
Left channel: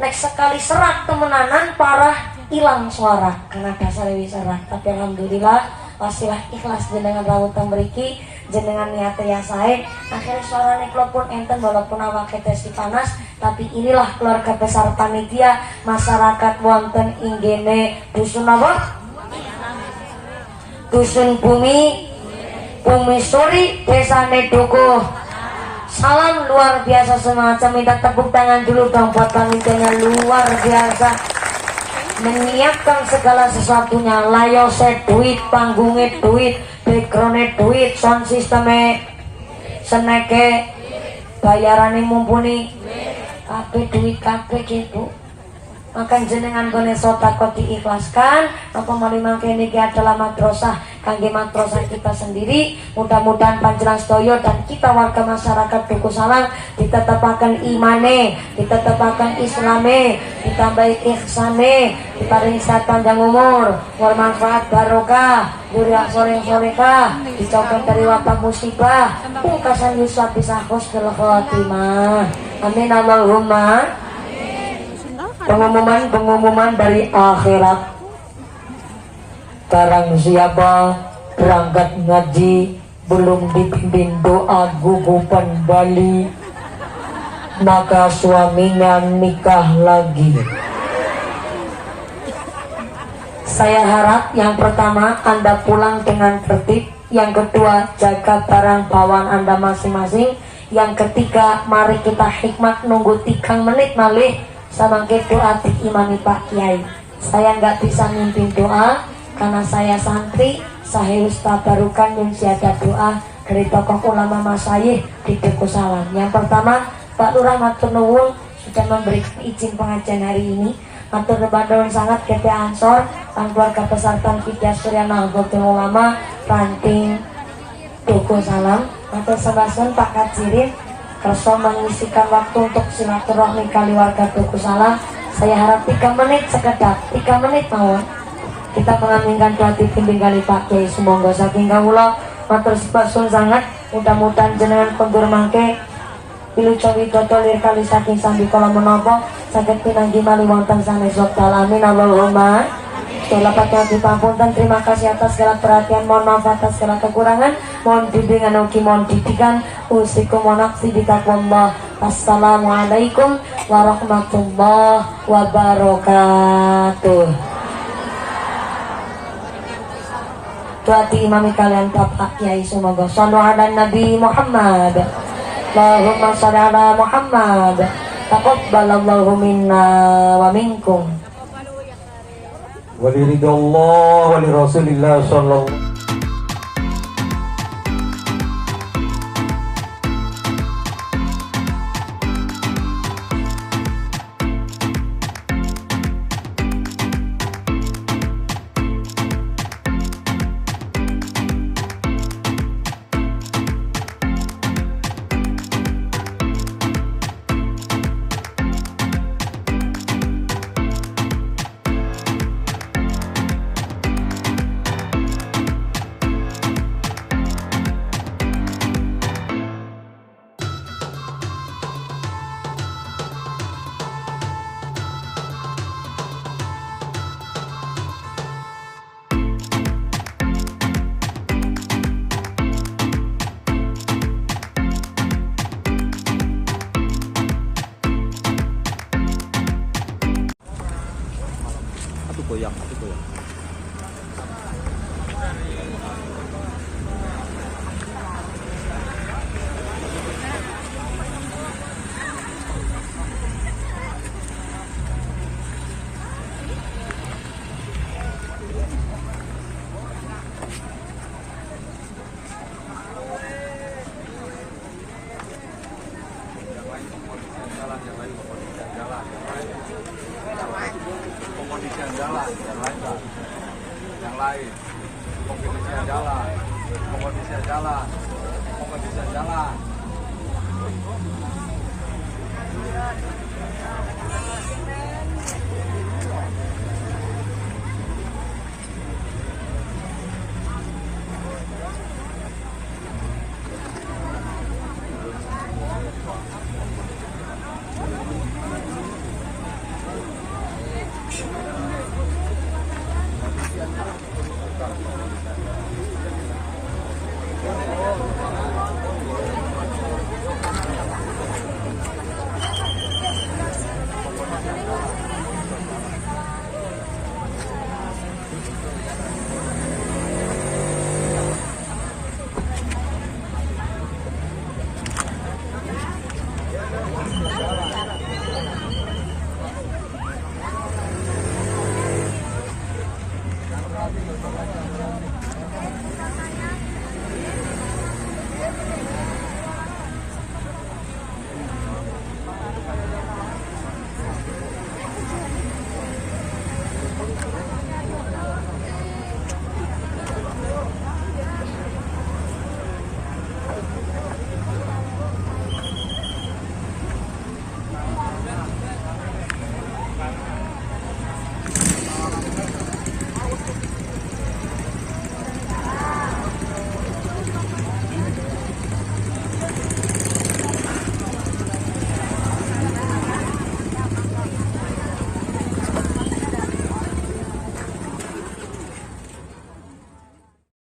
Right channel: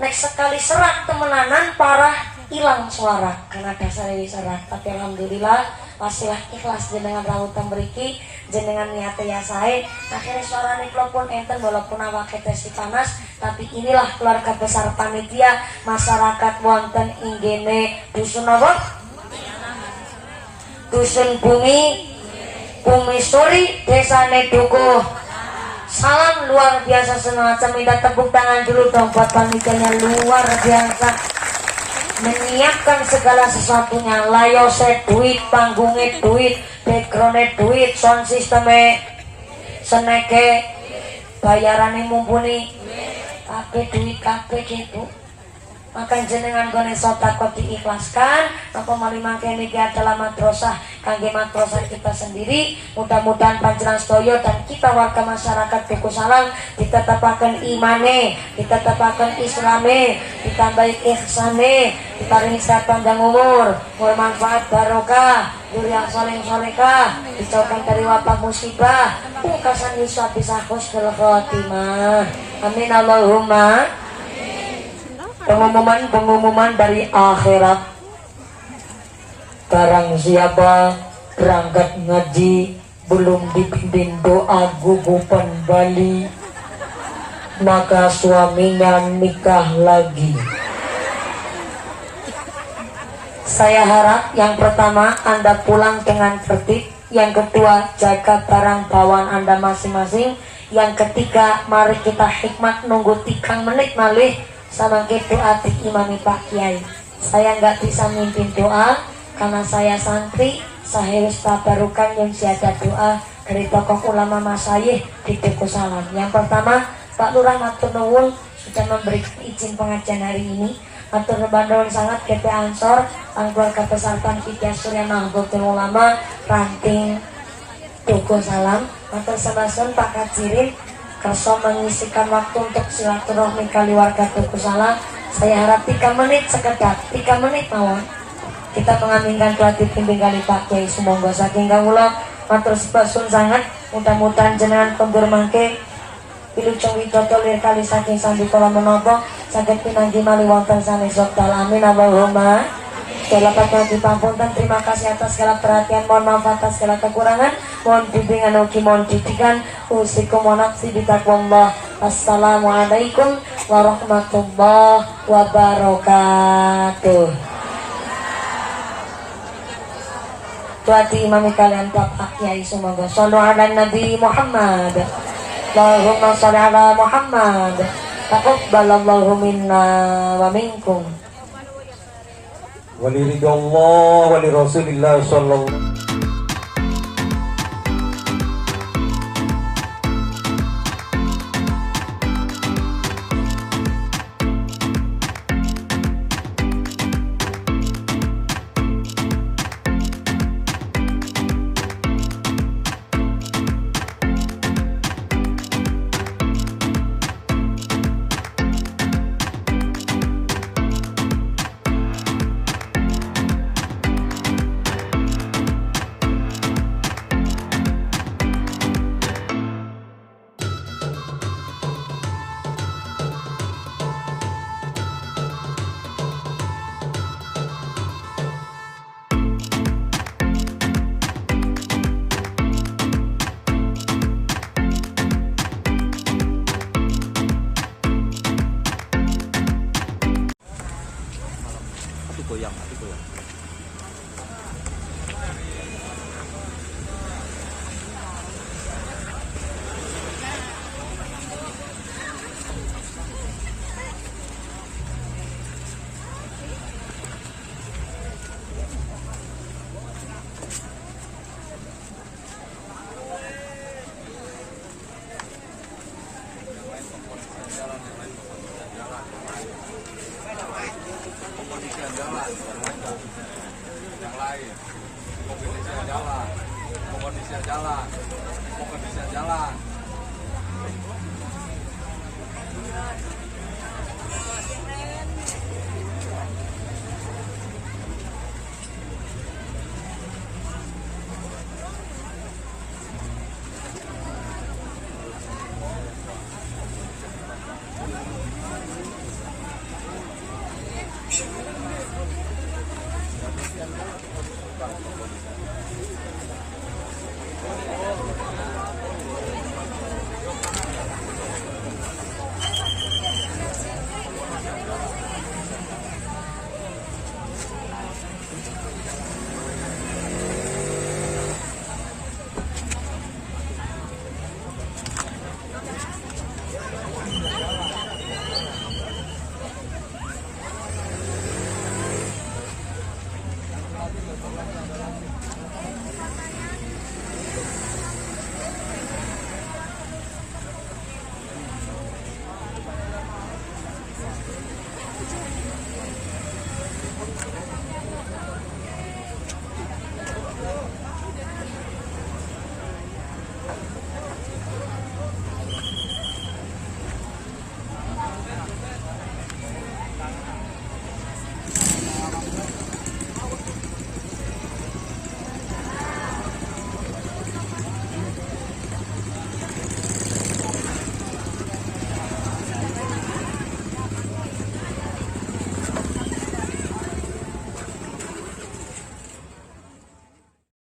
Nek sekali serak temenanan parah hilang suara karena dasarnya serak. Tapi alhamdulillah wasilah ikhlas jenengan rawutan mriki jenengan niate ya sae akhirnya suarane kula pun enten walaupun awake tesi panas. Tapi inilah keluarga besar panitia masyarakat wonten inggene dusun apa? Dusun Bumi Suri desane Dukuh. Salam luar biasa semacam, minta tepuk tangan dulu dong buat panitianya luar biasa menyiapkan segala sesuatunya, layose duit, panggungnya duit, backgroundnya duit, sound sistemnya seneke, bayarannya mumpuni, kabeh duit kabeh gitu. Maka jenengan boleh sodako diikhlaskan. Maka mali mangke niki adalah madrasah kangge madrasah kita sendiri. Mudah-mudahan panjenengan sedaya dan kita warga masyarakat Dukuh Salam ditetapaken imane, ditetapaken islame, ditambahi ihsane, diparingi sehat panjang umur, bermanfaat barokah, yang soleh-solehah, dijauhkan dari wabah musibah, pungkasan Yusuf bisa husnul khotimah. Amin Allahumma. Pengumuman dari akhirat. Barang siapa berangkat ngaji belum dipimpin doa gugupan Bali, maka suaminya nikah lagi. Saya harap yang pertama Anda pulang dengan tertib, yang kedua jaga barang bawaan Anda masing-masing, yang ketiga mari kita hikmat nunggu 3 menit malih sama doa imami Pak Kiai. Saya nggak bisa mimpin doa karena saya santri. Saya harus tabarukan yang siada doa dari tokoh ulama masyayikh di Dukuh Salam. Yang pertama Pak Lurah matur nuwun sudah memberikan izin pengajian hari ini. Matur nuwun sangat Gede Ansor dan keluarga besar Tanfidah Surya Nahdlatul Ulama Ranting Dukuh Salam. Matur sebasun Pak Kajirin kerso mengisikan waktu untuk silaturahmi kali warga Dukuh Salam. Saya harap 3 menit sekedar 3 menit mawon kita mengaminkan pelatih pimpin kali Pak Kiai. Semoga saking kawula matur sebasun sangat. Mudah-mudahan jenengan kondur mangke pilu cowi dotolir kali saking sambil kolam menopo sakit pinanggi mali wonten sanes wekdal. Amin Allahumma. Selapatnya dipanpunten. Terima kasih atas segala perhatian, mohon maaf atas segala kekurangan, mohon bimbingan ugi mohon didikan. Usikum wa nafsi bitaqwallah. Wassalamualaikum warahmatullahi wabarakatuh. Doa diimami kalian Bapak Kiai. Semoga shollu ala Nabi Muhammad. Allahumma sholli ala Muhammad. Taqabbalallahu minna wa minkum. Waliridallah wali Rasulillah sallallahu